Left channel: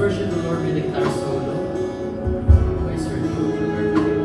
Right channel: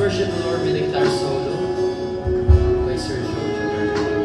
worship the Lord with a guitar solo by Sir Jojo Garcia.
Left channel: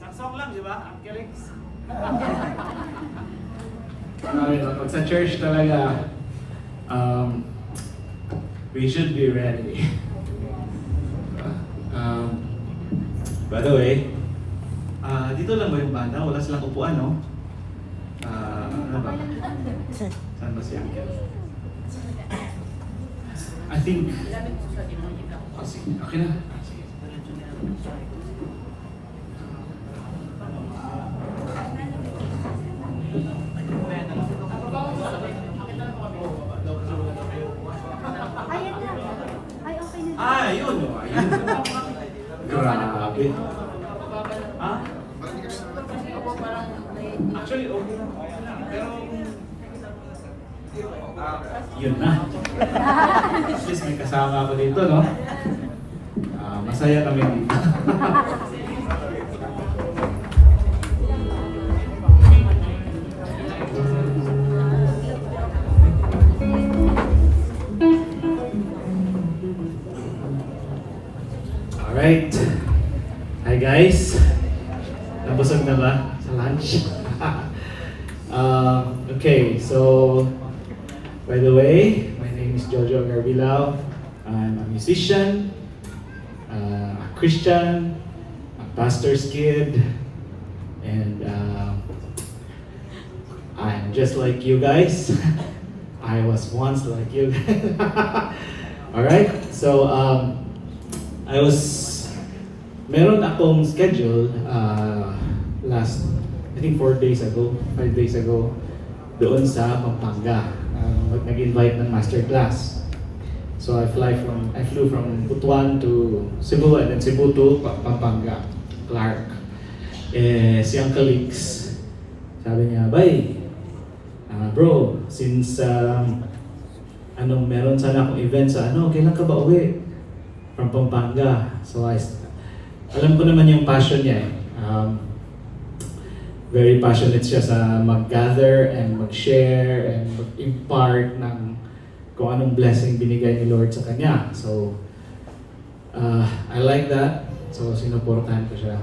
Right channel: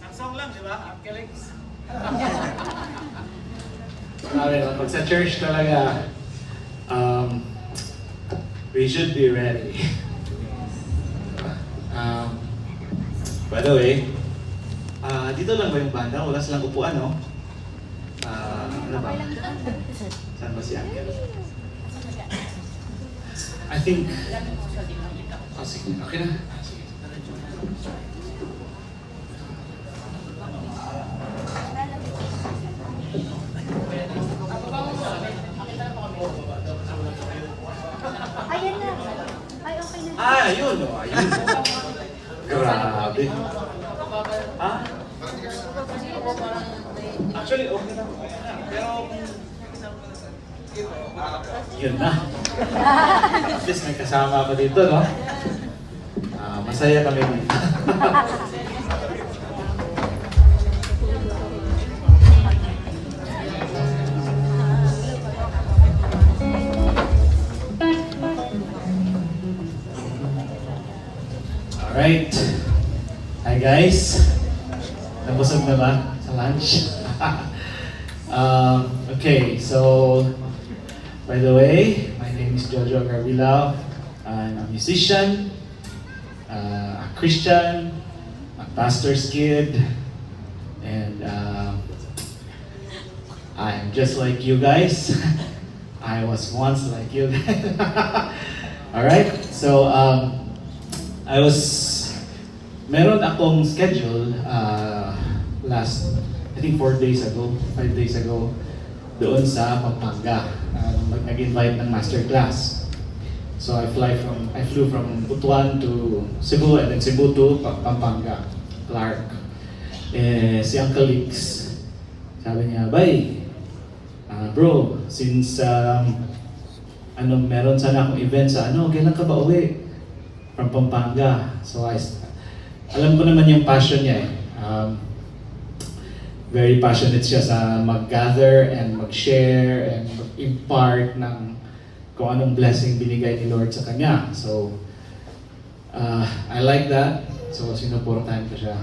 Saksong lang, di ba? Uncle Lex. Sabi no, pag sa church talaga, we should be ready. By the way, dito lang ba yung banda? Wala silang upuan, no? Ano ba? Saan ba si Uncle? I think... Oh, sige. Okay na. Sige. Yun. Ayun. Grabe. Ha? Actually, okay na. Pero... Yun na. At least may kasama ako dito, no? Masaya kami dito. Alright. Hi guys. Nabusog na ba sa lunch? Okay, so by the way, my name is Jojo Garbilao. I'm a musician, a Christian, a pastor's kid, and I'm just like you guys. I was once like you guys. Alright, so meron akong schedule last, I think 5 days ago, doon sa Pampanga. Nag-invite ng master class. So I flew from Butuan to Cebu and then Cebu to Pampanga, Clark. Si Uncle Lix, sabi niya, "Bay, bro, since meron sana akong event sa kailan ka ba uwi from Pampanga?" So alam ko naman yung passion niya eh. Very passionate siya sa mag-gather and mag-share and mag-impart ng kung anong blessing binigay ni Lord sa kanya. So, I like that. So, sinuportahan ko siya.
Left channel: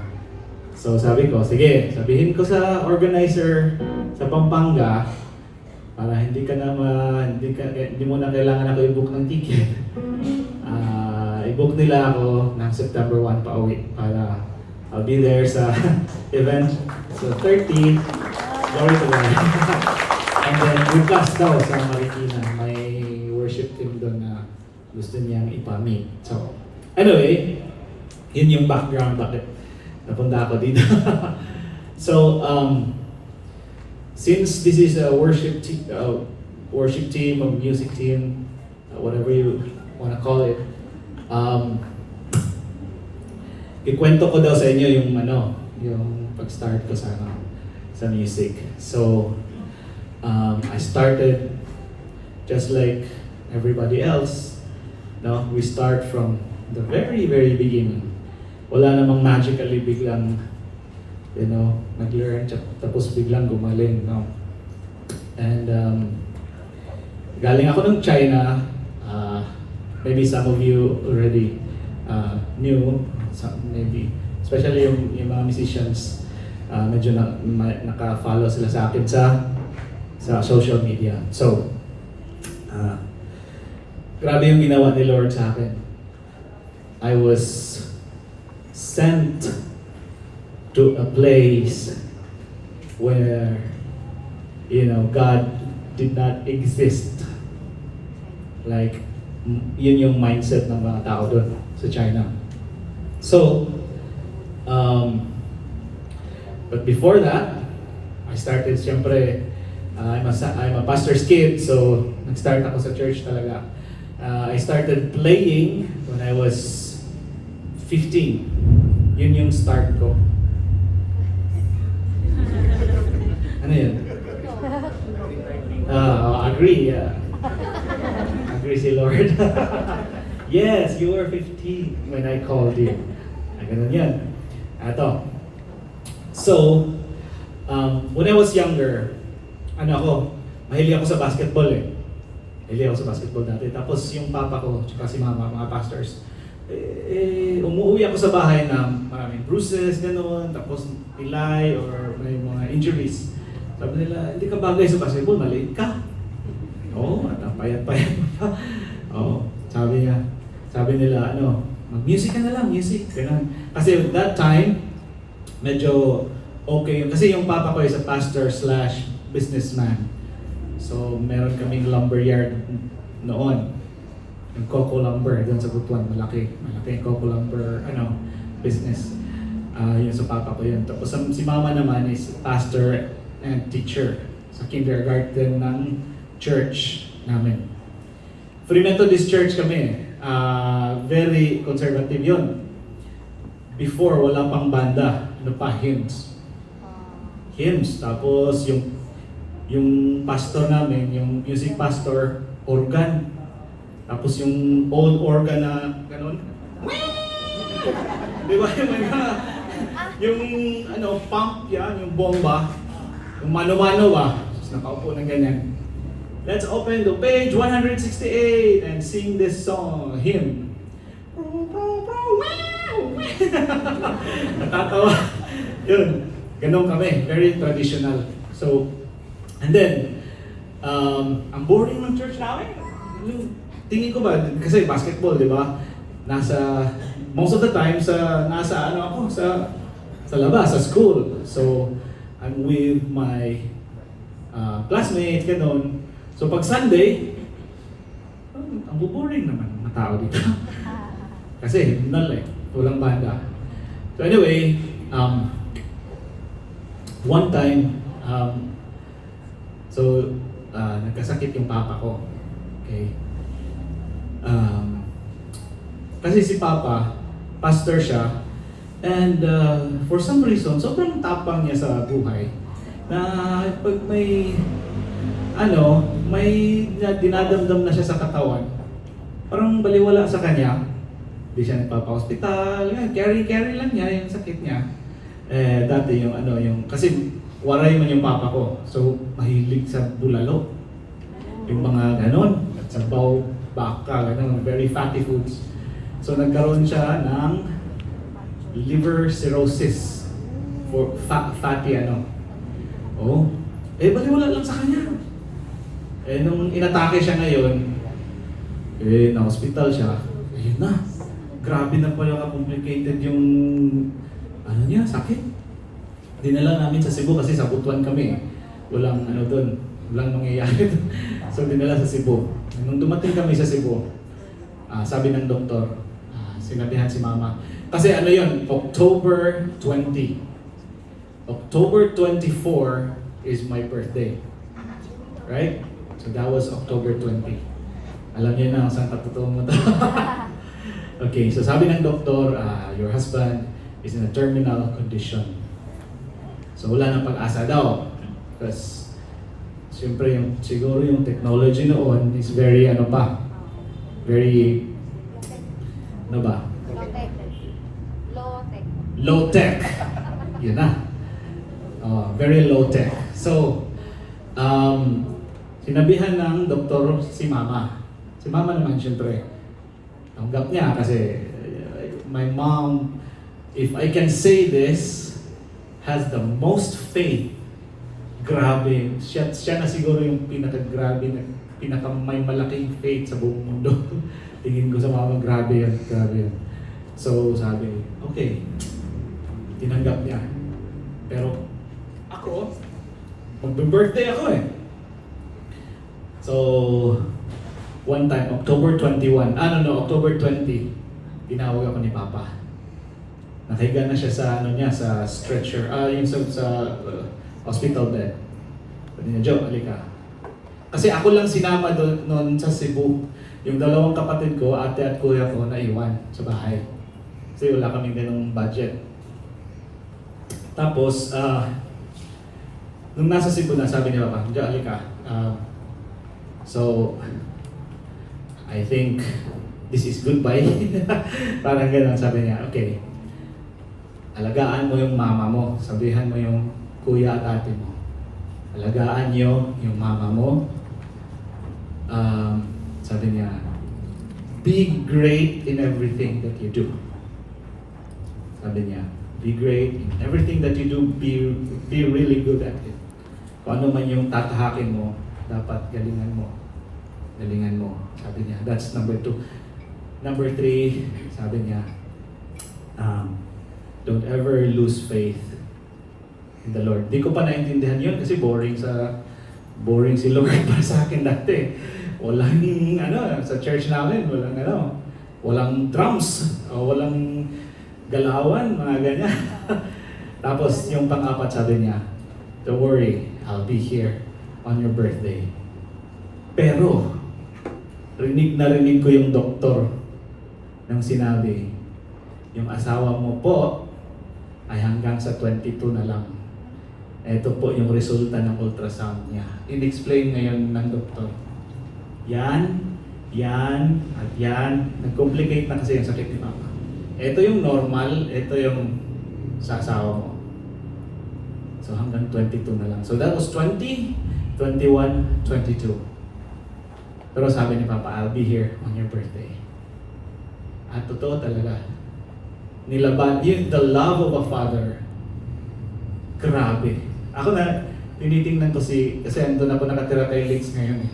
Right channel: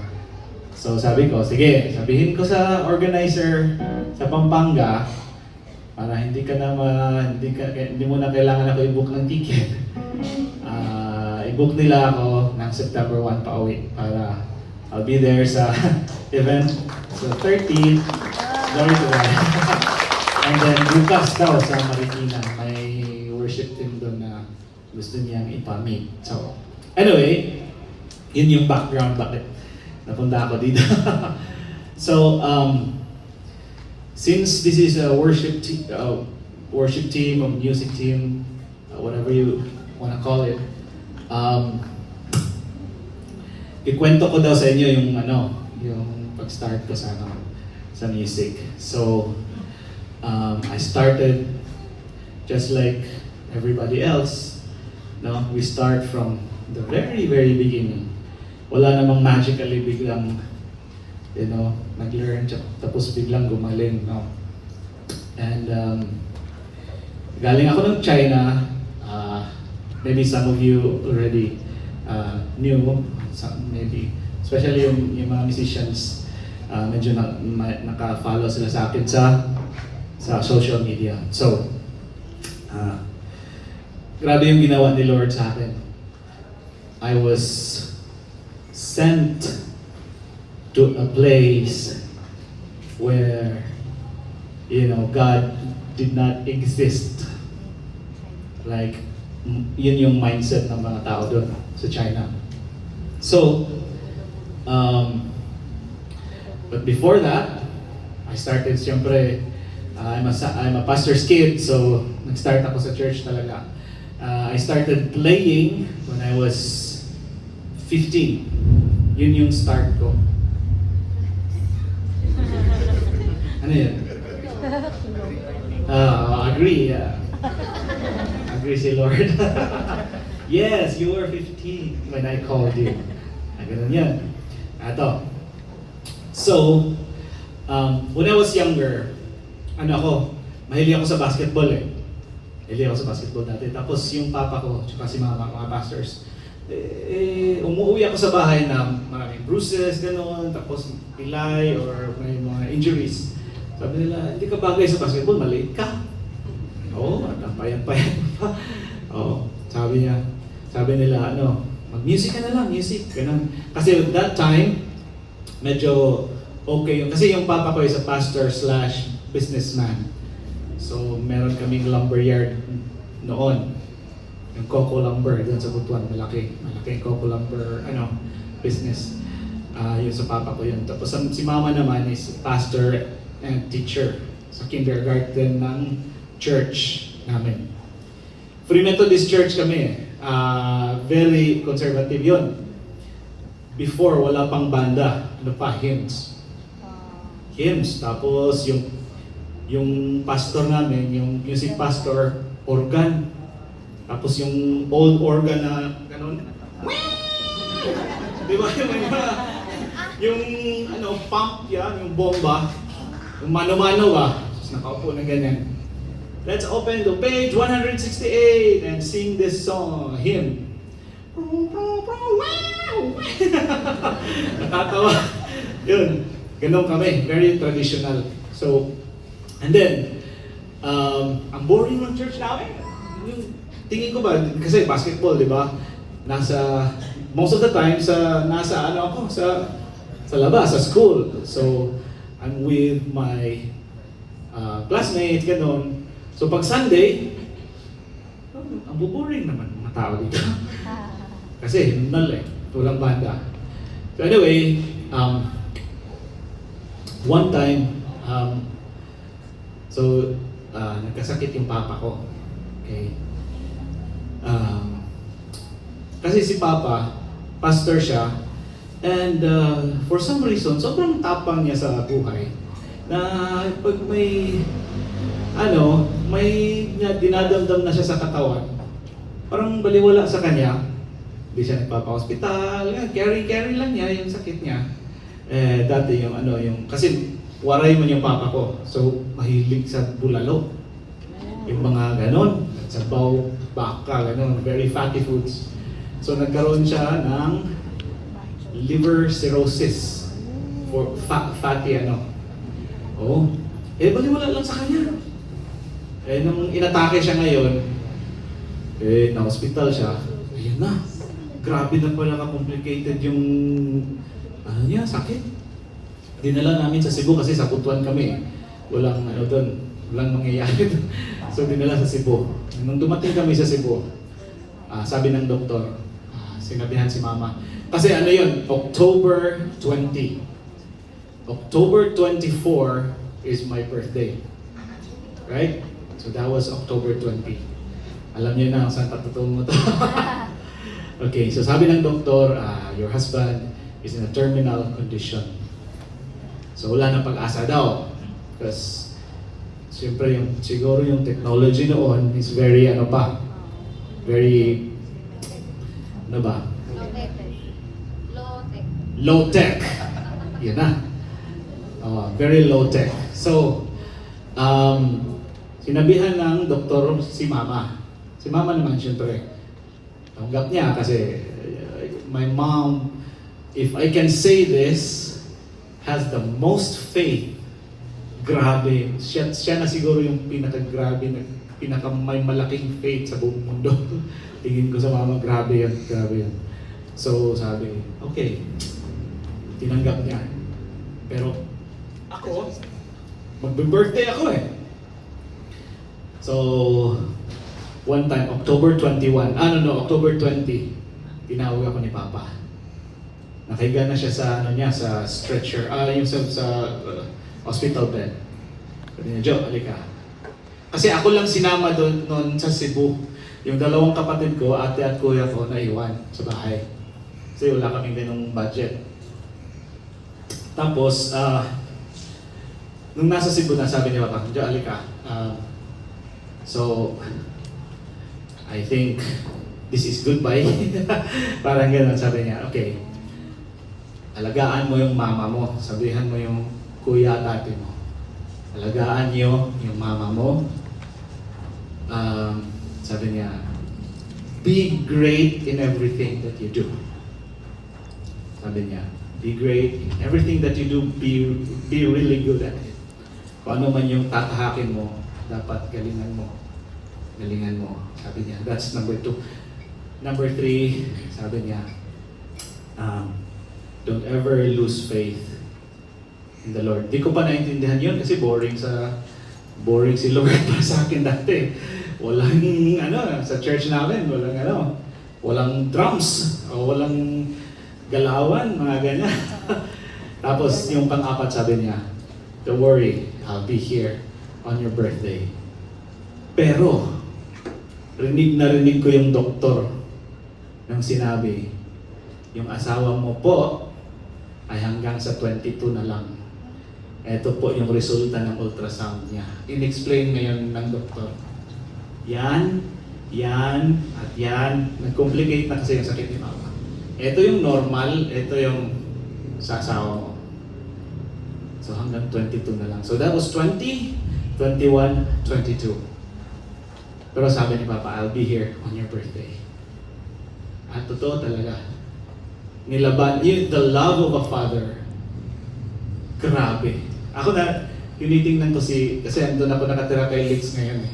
So, sabi ko, sige, sabihin ko sa organizer sa Pampanga para hindi mo na kailangan ako i-book ng ticket. I-book nila ako ng September 1 pa uwi para I'll be there sa event. So 13, glory to God. And then bukas daw sa Marikina, may worship team doon na gusto niyang ipamit. So anyway, yun yung background bakit napunta ako dito. So since this is a worship team or music team, whatever you want to call it, ikwento ko daw sa inyo yung yung pag-start ko sa music. So, I started just like everybody else. No, we start from the very, very beginning. Wala namang magically biglang, nag-learn tapos biglang gumaling, no. And galing ako ng China. Maybe some of you already knew, maybe, especially yung mga musicians, medyo naka-follow sila sa akin sa social media. So, grabe yung ginawa ni Lord sa akin. I was sent to a place where, God did not exist. Like, yun yung mindset ng mga tao doon sa China. So, but before that, I started, siyempre, I'm a pastor's kid, so nag-start ako sa church talaga. I started playing when I was 15. Yun yung start ko. Ano yun? Agree, yeah. Agree si Lord. Yes, you were 15 when I called you. Ganun yan. Ato. So, when I was younger, mahilig ako sa basketball eh. Mahilig ako sa basketball dati. Tapos yung papa ko, tsaka si mama, mga pastors, umuwi ako sa bahay na maraming bruises, gano'n, tapos pilay or may mga injuries. Sabi nila, hindi ka bagay sa basketball, maliit ka. Oo, payat-payat pa. Oo, sabi nila, mag-music ka na lang, music. Ganun. Kasi that time, medyo okay yun. Kasi yung papa ko is a pastor/businessman. So, meron kaming lumber yard noon. Yung Coco Lumber, doon sa Butuan, malaki yung Coco Lumber, business. Yun sa papa ko yun. Tapos si mama naman is pastor and teacher sa kindergarten ng church namin. Free Methodist Church kami. Very conservative yun. Before, wala pang banda. Hymns. Tapos yung pastor namin, yung music pastor, organ. Tapos yung old organ na gano'n. Di ba yung pump yan, yung bomba. Yung mano-mano ba? Nakaupo na ganyan. Let's open to page 168 and sing this song, hymn. Nakatawa. Yun. Ganun kami. Very traditional. So, and then, ang boring ng church namin. Yung tingin ko ba, kasi basketball, di ba? Most of the time, nasa sa labas, sa school. So, I'm with my classmates, ganun. So, pag Sunday, ang boring naman ng mga tao dito. Kasi, himnal eh. Walang banda. So anyway, one time, nagkasakit yung papa ko. Okay. Kasi si papa, pastor siya, and for some reason, sobrang tapang niya sa buhay, na pag may dinadamdam na siya sa katawan, parang baliwala sa kanya, hindi siya nagpapa-hospital, carry lang niya yung sakit niya. Dati kasi waray man yung papa ko, so mahilig sa bulalo. Yung mga ganon, sabaw, baka, ganon, very fatty foods. So nagkaroon siya ng liver cirrhosis, for fatty baliwala lang sa kanya. Nung inatake siya ngayon, na-hospital siya, ayun na. Grabe na pala ka-complicated yung sakit. Dinala namin sa Cebu kasi sa Butuan kami. Walang doon, walang mangyayari doon. So dinala sa Cebu. Nung dumating kami sa Cebu, sabi ng doktor, sinabihan si mama. Kasi October 20. October 24 is my birthday. Right? So that was October 20. Alam niyo na kung saan patutuon mo to. Okay, so sabi ng doktor, your husband is in a terminal condition. So wala na pag-asa daw. Because siyempre siguro yung technology noon is very very low tech. Yun na. Very low tech. So sinabihan ng doktor si mama. Si mama naman siyempre tanggap niya kasi my mom, if I can say this, has the most faith. Grabe. Siya na siguro yung pinaka-grabe, may malaking faith sa buong mundo. Tingin ko sa mama, grabe yan. So sabi, okay, tinanggap niya. Pero ako, mag-birthday ako eh. So, one time, October 21, October 20, tinawag ako ni Papa. Nakahiga na siya sa sa stretcher, yung sa hospital bed. Sabi niya, Joe, halika. Kasi ako lang sinama noon sa Cebu. Yung dalawang kapatid ko, ate at kuya ko, naiwan sa bahay. Kasi wala kaming ganong budget. Tapos, nung nasa Cebu na, sabi ni Papa, Joe, halika. So, I think this is goodbye. Parang gano'n sabi niya, okay, alagaan mo yung mama mo, sabihan mo yung kuya at ate mo. Alagaan niyo yung mama mo. Sabi niya, be great in everything that you do. Sabi niya, be great in everything that you do, be really good at it. Kung ano man yung tatahakin mo, dapat galingan mo. Sabi niya, that's number 2. Number 3, sabi niya, don't ever lose faith in the Lord. Di ko pa naintindihan yun kasi boring si Lord para sa akin dati. Walang sa church namin, walang drums, walang galawan, mga ganyan. Tapos yung pang-4 sabi niya, don't worry, I'll be here on your birthday. Pero, rinig ko yung doktor nang sinabi, yung asawa mo po ay hanggang sa 22 na lang. Ito po yung resulta ng ultrasound niya. In-explain ngayon ng doktor. Yan, at yan. Nag-complicate na kasi yung sakit ni Mama. Ito yung normal, ito yung sa asawa mo. So hanggang 22 na lang. So that was 20, 21, 22. Pero sabi ni Papa, I'll be here on your birthday. At totoo talaga. nilaban, yun, the love of a father. Grabe. Ako na, tinitingnan ko kasi andun ako nakatira kay Lex ngayon.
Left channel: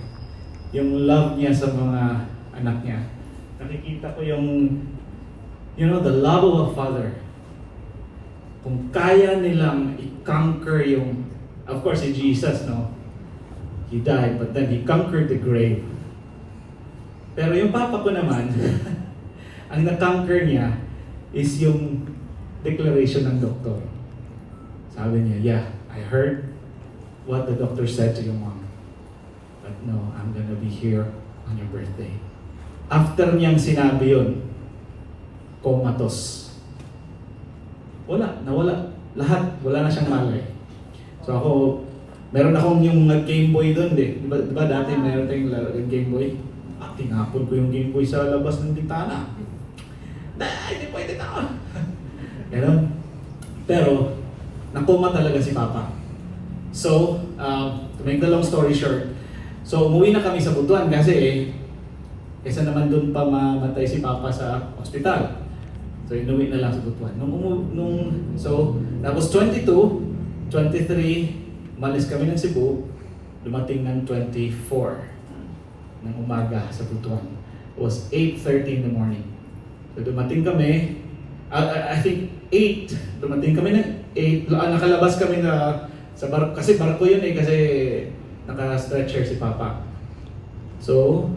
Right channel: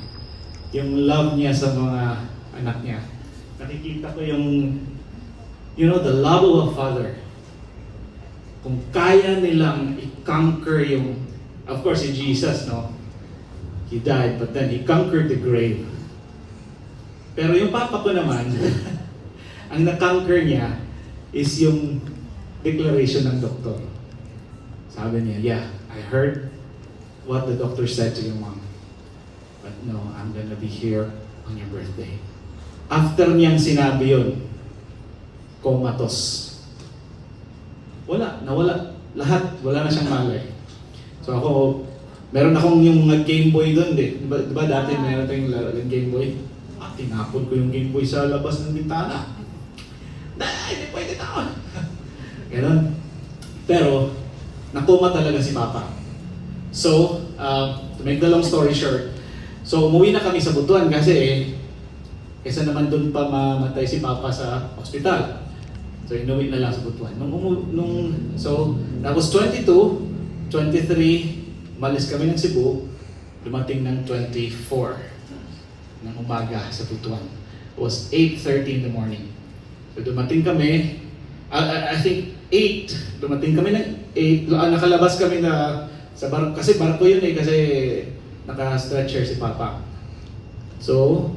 Yung love niya sa mga anak niya. Nakikita ko yung, you know, the love of a father. Kung kaya nilang i-conquer yung, of course, si Jesus, no? He died, but then He conquered the grave. Pero yung papa ko naman, ang na-conquer niya is yung declaration ng doktor. Sabi niya, yeah, I heard what the doctor said to your mom. But no, I'm gonna be here on your birthday. After niyang sinabi yun, comatose. Nawala. Lahat, wala na siyang malay. So ako, meron akong yung Game Boy doon diba dati mayroon tayong Game Boy? Tinapon ko yung Game Boy sa labas ng bintana. Hindi pwede ito. Ganon. Pero, nakuma talaga si Papa. So, to make the long story short, so umuwi na kami sa Butuan kasi kaysa naman doon pa mamatay si Papa sa ospital. So, inuwi na lang sa Butuan. So, tapos 22, 23, malis kami ng Cebu, dumating ng 24 ng umaga sa Butuan. It was 8:30 in the morning. So, dumating kami, I think 8, dumating kami ng 8, nakalabas kami na sa barko, kasi barko yun kasi naka-stretcher si Papa. So,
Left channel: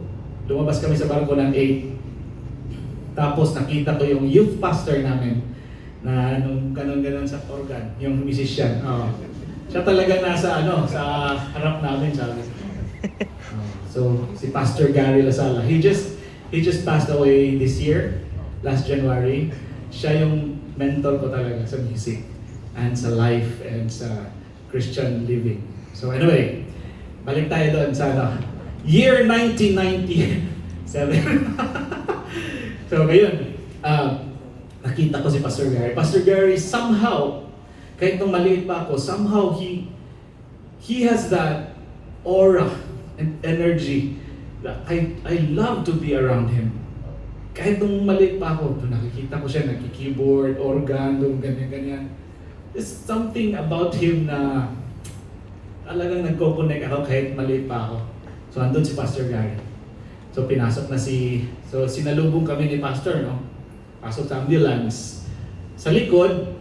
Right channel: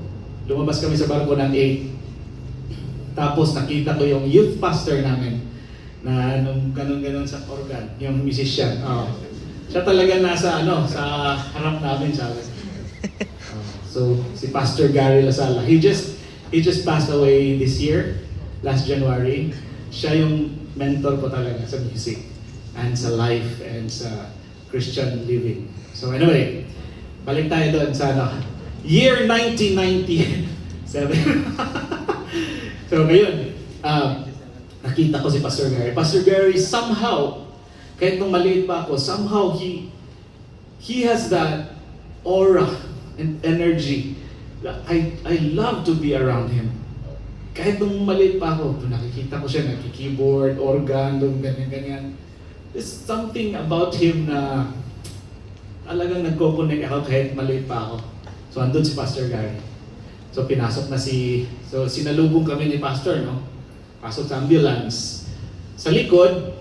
lumabas kami sa barko ng 8. Tapos nakita ko yung youth pastor namin na ganon sa organ, yung musician. Siya talaga nasa sa harap namin, sabi. So si Pastor Gary Lasala, he just passed away this year, last January. Siya yung mentor ko talaga sa music and sa life and sa Christian living. So anyway, balik tayo doon sa year 1997. So ngayon, nakita ko si Pastor Gary. Pastor Gary somehow, kahit nung maliit pa ako, somehow he has that aura and energy. I love to be around him. Kahit nung maliit pa ako, nakikita ko siya nagki-keyboard, organ, ganyan-ganyan. There's something about him na talagang nagko-connect ako kahit maliit pa ako. So andun si Pastor Gary. So pinasok na so sinalubong kami ni Pastor, no? Pasok sa ambulance. Sa likod,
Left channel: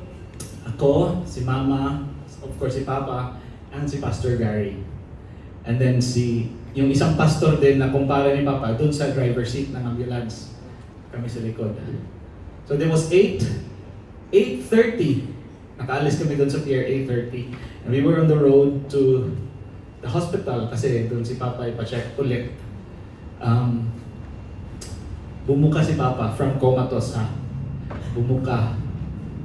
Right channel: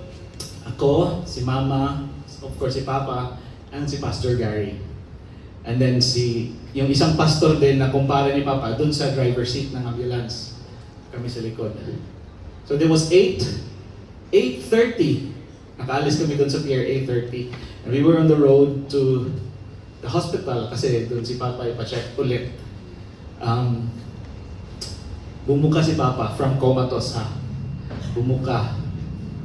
ako, si Mama, of course si Papa, and si Pastor Gary. And then yung isang pastor din na kumpara ni Papa, dun sa driver seat ng ambulance. Kami sa likod. So there was 8:30. Nakaalis kami dun sa pier 8:30. And we were on the road to the hospital kasi dun si Papa ipa-check ulit. Bumuka si Papa from comatose, ha? Bumuka.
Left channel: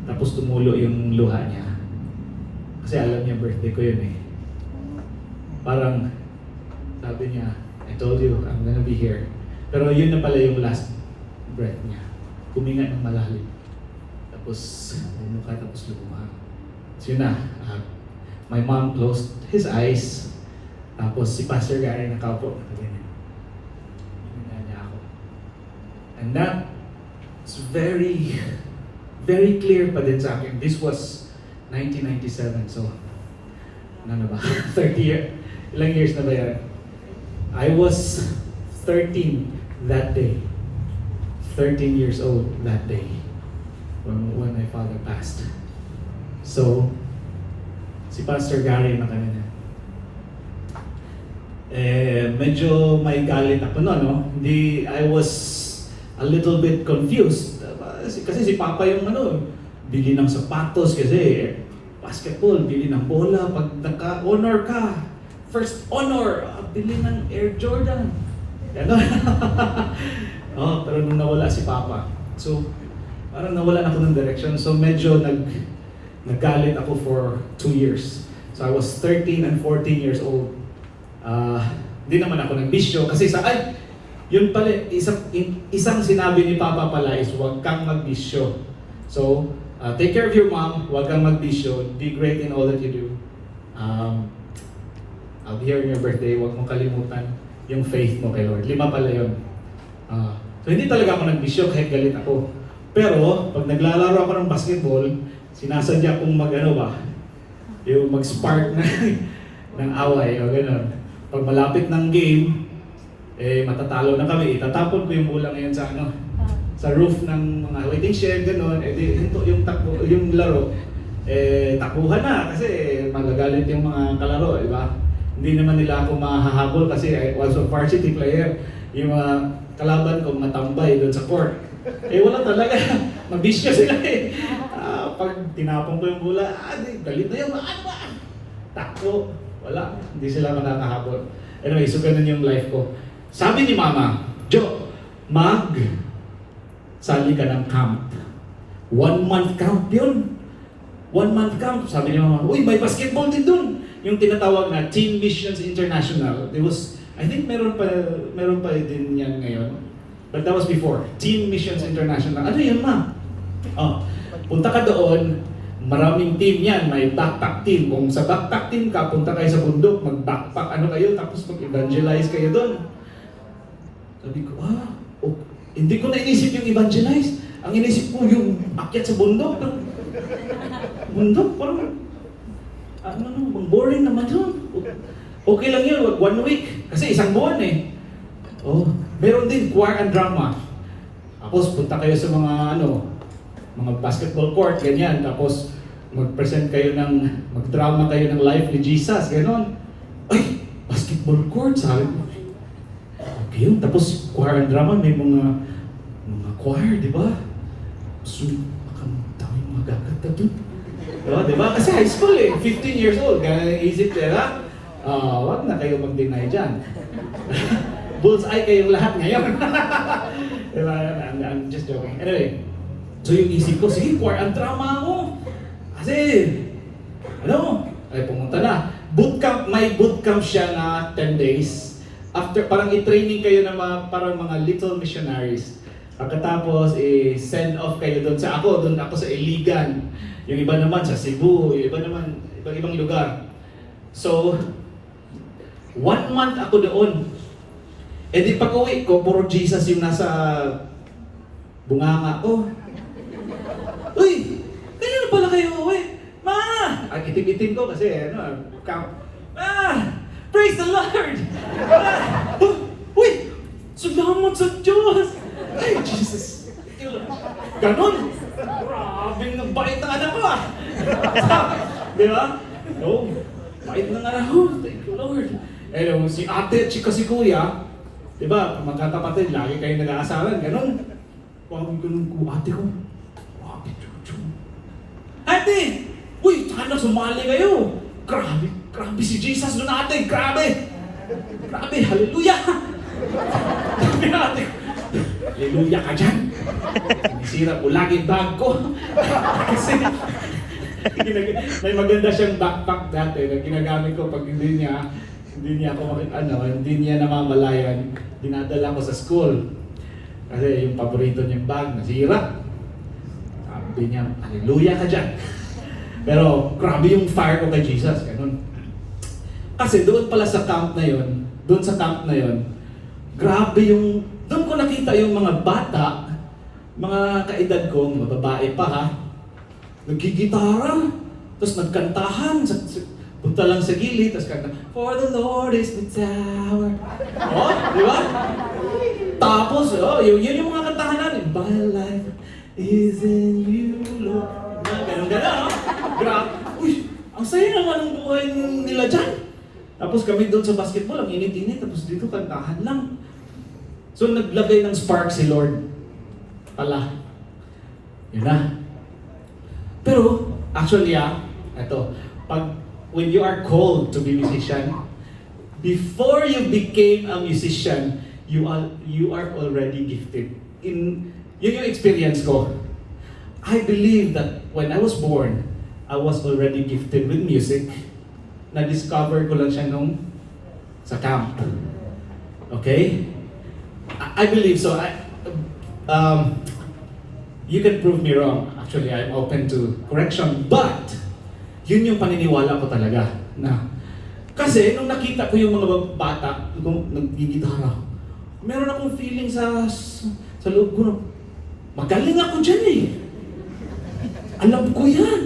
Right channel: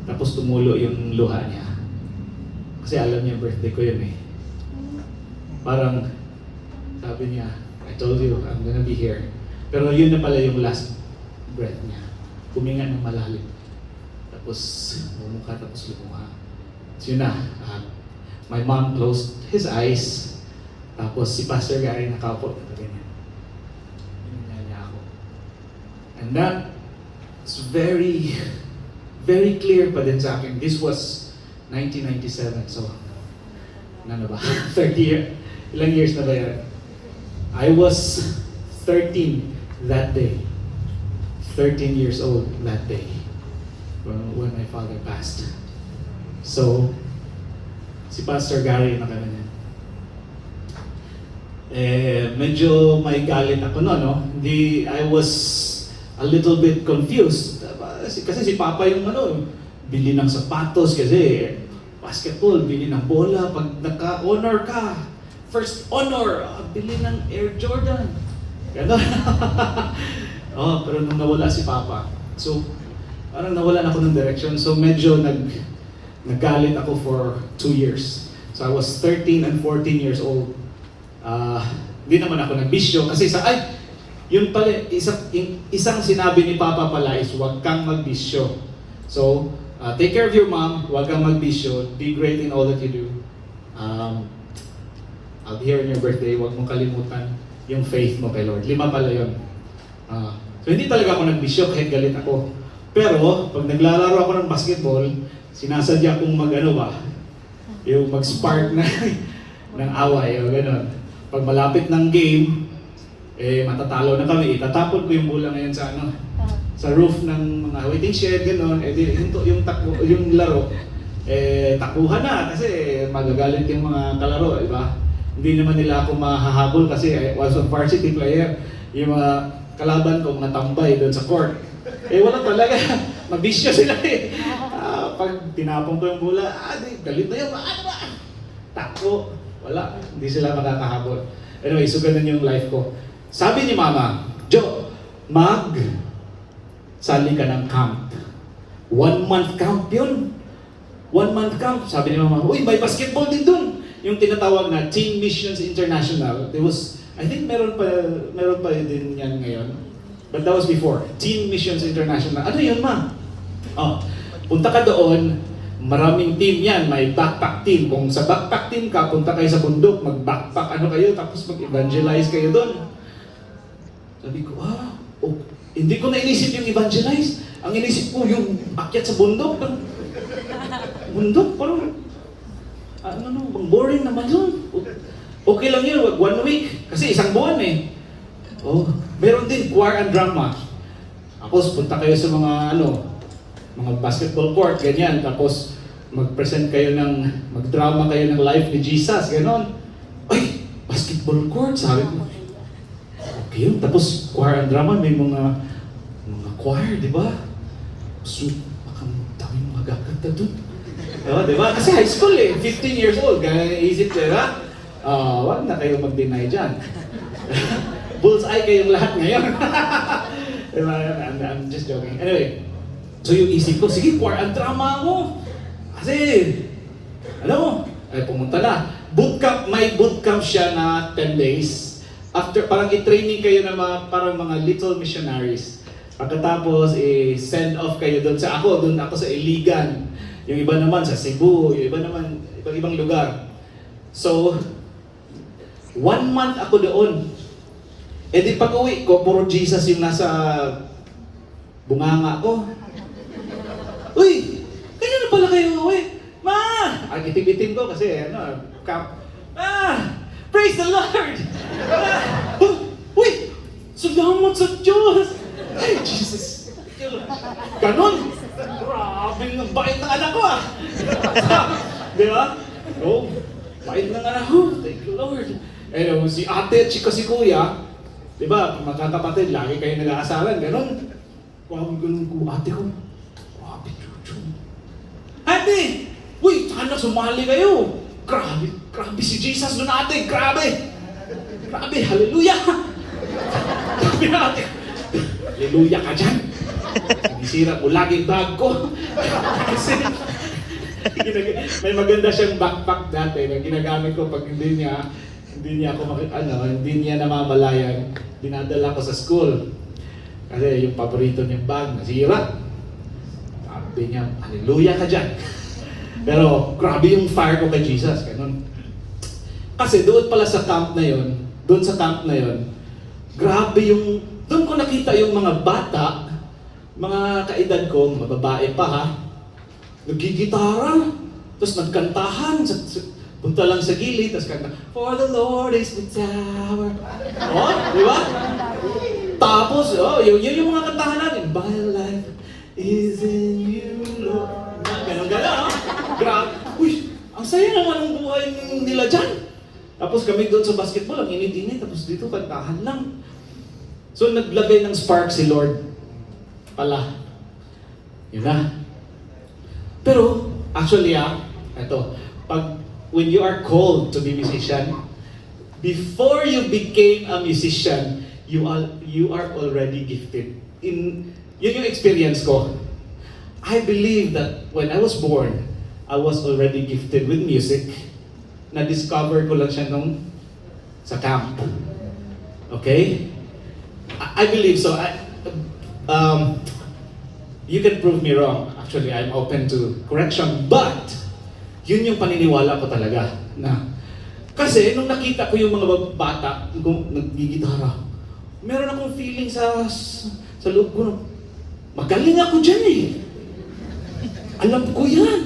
Tapos tumulo yung luha niya. Kasi alam niya birthday ko yun eh. Parang sabi niya, I told you, I'm gonna be here. Pero yun na pala yung last breath niya. Huminga ng malalim. Tapos bumuka, tapos lumuha. So yun na. My mom closed his eyes. Tapos si Pastor Gary nakaupo. Ganyan. And that is very, very clear pa din sa akin. This was 1997, so ano na ba? 30 years? Ilang years na ba yan? I was 13 that day. 13 years old that day when my father passed. So, si Pastor Gary na niya. Medyo may galit ako no? I was a little bit confused. Kasi si Papa yung bili ng sapatos kasi basketball, bili ng bola, pag naka-honor ka, first honor, bili ng Air Jordan. Gano'n. Pero nung nawala si Papa, so parang nawalan ako ng direction. So medyo naggalit ako for 2 years. So I was 13 and 14 years old. Hindi naman ako nagbisyo kasi yun pala, isang sinabi ni Papa pala is huwag kang magbisyo. So, take care of your mom, huwag kang magbisyo, be great in all that you do. I'll be here on your birthday, huwag mong kalimutan yung faith mo kay Lord. 5 pala yun. So, hindi talaga ako nagbisyo kahit galit ako. Pero, pag naglalaro ako ng basketball, sinasadya kong yung mag-spark na ng away o gano'n. Pag malapit ng game, matatalo na kami. Itatapon ko yung bola ngayon sa roof ng mga waiting shed, gano'n. Yung laro, takuhan na kasi magagalit yung mga kalaro, di ba? Hindi naman nila ako mahahabol kasi I was a varsity player. Yung mga kalaban ko, mga tambay doon sa court. Wala talaga. Mabisyo sila pag tinapon ko yung bola, galit na yun, ano ba? Takbo. Wala. Hindi sila makakahabol. Anyway, so ganun yung life ko. Sabi ni Mama, Jo, sali ka ng camp. 1 month camp yun. 1 month camp. Sabi ni Mama, uy, may basketball din dun. Yung tinatawag na Teen Missions International. I think meron pa din yan ngayon. But that was before. Teen Missions International. Ano yun, Ma? Punta ka doon, maraming team yan. May backpack team. Kung sa backpack team ka, punta kayo sa bundok, mag-backpack kayo, tapos mag-evangelize kayo doon. Sabi ko, hindi ko na inisip yung evangelize. Ang inisip ko yung akyat sa bundok. Bundok, parang, boring naman yun. Okay lang yun, 1 week. Kasi isang buwan meron din choir and drama. Tapos punta kayo sa mga basketball court, ganyan. Tapos mag-present kayo mag-drama kayo ng life ni Jesus, gano'n. Ay, basketball court, sabi ko. Okay yun. Tapos choir and drama, may mga choir, di ba? So, baka daming magaganda dun. Di ba? Kasi high school 15 years old. Isip nila, wag na kayo mag-deny dyan. Bullseye kayong lahat ngayon. Diba? I'm just joking. Anyway, so yung isip ko, sige, choir and drama ako. Kasi, pumunta na. May bootcamp siya na 10 days. After, parang i-training kayo na parang mga little missionaries. Pagkatapos, send off kayo doon ako sa Iligan. Yung iba naman sa Cebu, yung iba naman, ibang lugar. So, 1 month ako doon. Di pag uwi ko, puro Jesus yung nasa bunganga ko. Uy! Kaya na pala kayo uwi? Ma! Itim-itim ko kasi, praise the Lord! Uy! Salamat sa Diyos! Ay, Jesus! Ganon! Grabe ng bait ng anak ko Di ba? Bait ng anak ko. Thank you, Lord. Si ate at si kuya, di ba, magkakapatid, lagi kayo nag-aasaran, gano'n. Ganun ko, ate ko. Grabe, Jojo. Ate! Uy, sana sumali kayo. Grabe si Jesus doon, ate. Grabe, hallelujah. Grabe na, ate. Hallelujah ka dyan. Sinisira ko lagi bag ko. Kasi, may maganda siyang backpack dati na ginagamit ko pag hindi niya namamalayan, dinadala ko sa school. Kasi yung paborito niyang bag, nasira. Sabi niya, hallelujah ka dyan. Pero grabe yung fire ko kay Jesus. Ganun. Kasi doon pala sa camp na yun, grabe doon ko nakita yung mga bata, mga kaedad ko, mga babae pa nagigitara, tapos nagkantahan, punta lang sa gilid, tapos kanta, for the Lord is the tower. Di ba? Tapos, yun yung mga kantahan natin. My life is in you, Lord. Ganon. Grabe. Uy, ang saya naman ang buhay nila dyan. Tapos kami doon sa basketball, ang init-init, tapos dito kantahan lang. So naglagay ng spark si Lord. Pala. Yun na. Pero, actually when you are called to be musician, before you became a musician, you are already gifted. Yun yung experience ko. I believe that when I was born, I was already gifted with music. Na-discover ko lang siya sa camp. Okay? I believe so. You can prove me wrong. Actually, I'm open to correction. But, yun yung paniniwala ko talaga. Kasi, nung nakita ko yung mga bata, nagigitara, meron akong feeling sa loob ko, magaling ako dyan eh. Alam ko yan.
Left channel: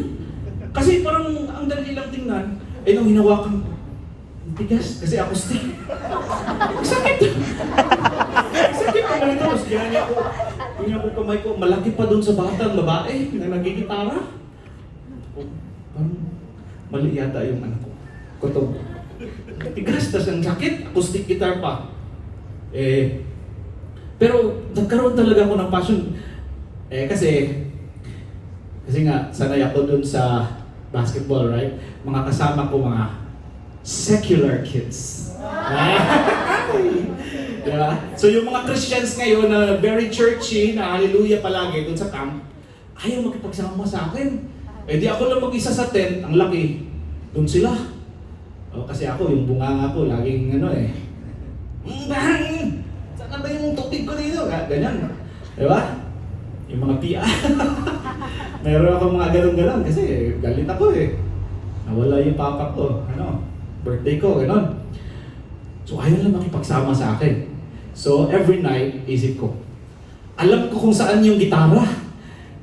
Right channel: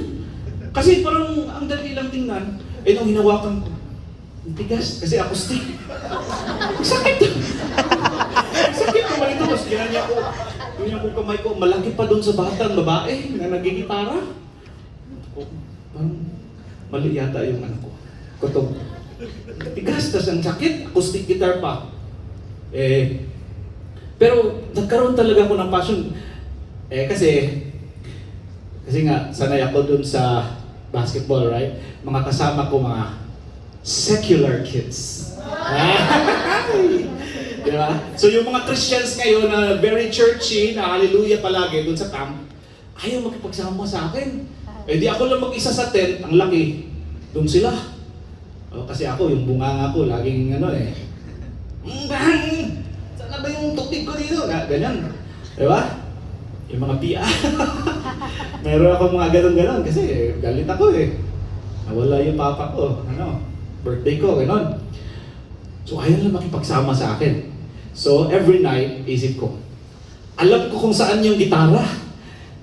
Kasi parang ang dali lang tingnan, nung hinawakan ko, ang tigas, kasi acoustic. Sakit! Sakit naman ito, mas ganyan ako kamay ko, malaki pa doon sa batang babae na nagigitara. Parang mali yata yung ano ko. Kutog. Tigas, tas ang sakit, acoustic guitar pa. Pero nagkaroon talaga ako ng passion. Kasi nga, sanay ako dun sa basketball, right? Mga kasama ko, mga secular kids. Diba? So yung mga Christians ngayon na very churchy, na hallelujah palagi dun sa camp, ayaw makipagsama sa akin. Di ako lang mag-isa sa tent, ang laki. Dun sila. Kasi ako, yung bunganga ko, laging saan ba yung tubig ko dito? Ganyan. Diba? Yung mga pia. Meron ako mga ganun-ganun kasi galit ako eh. Nawala yung papa ko. Birthday ko, gano'n. So ayaw lang makipagsama sa akin. So every night, isip ko, alam ko kung saan yung gitara.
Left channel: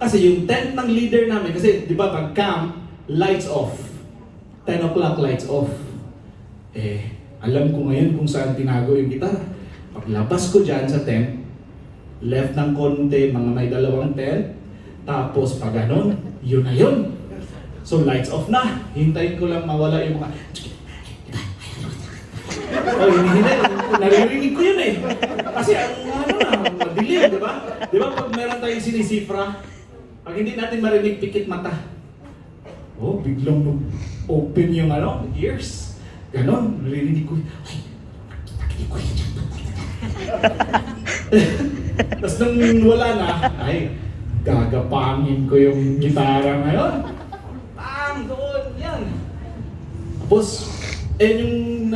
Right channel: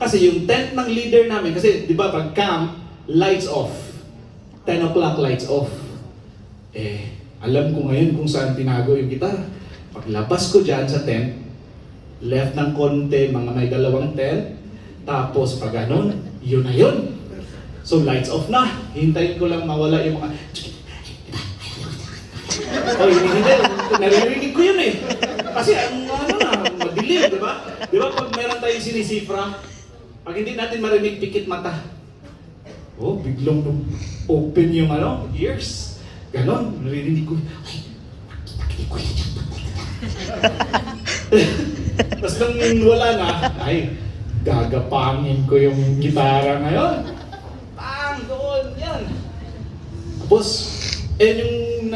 Kasi yung tent ng leader namin, kasi di ba pag camp, lights off. 10 o'clock lights off. Alam ko ngayon kung saan tinago yung gitara. Paglabas ko dyan sa tent, left ng konti, mga may 2 tent, tapos pag ganon, yun na yun. So lights off na. Hintayin ko lang mawala yung mga... hindi. Naririnig ko yun eh. Kasi madilim, di ba? Di ba pag meron tayong sinisifra, pag hindi natin marinig, pikit mata. Biglang open yung ears. Ganon, naririnig ko. Pakinig ko yun. Tapos nung wala na, gagapangin ko yung gitara ngayon. Doon, yan. Tapos, yung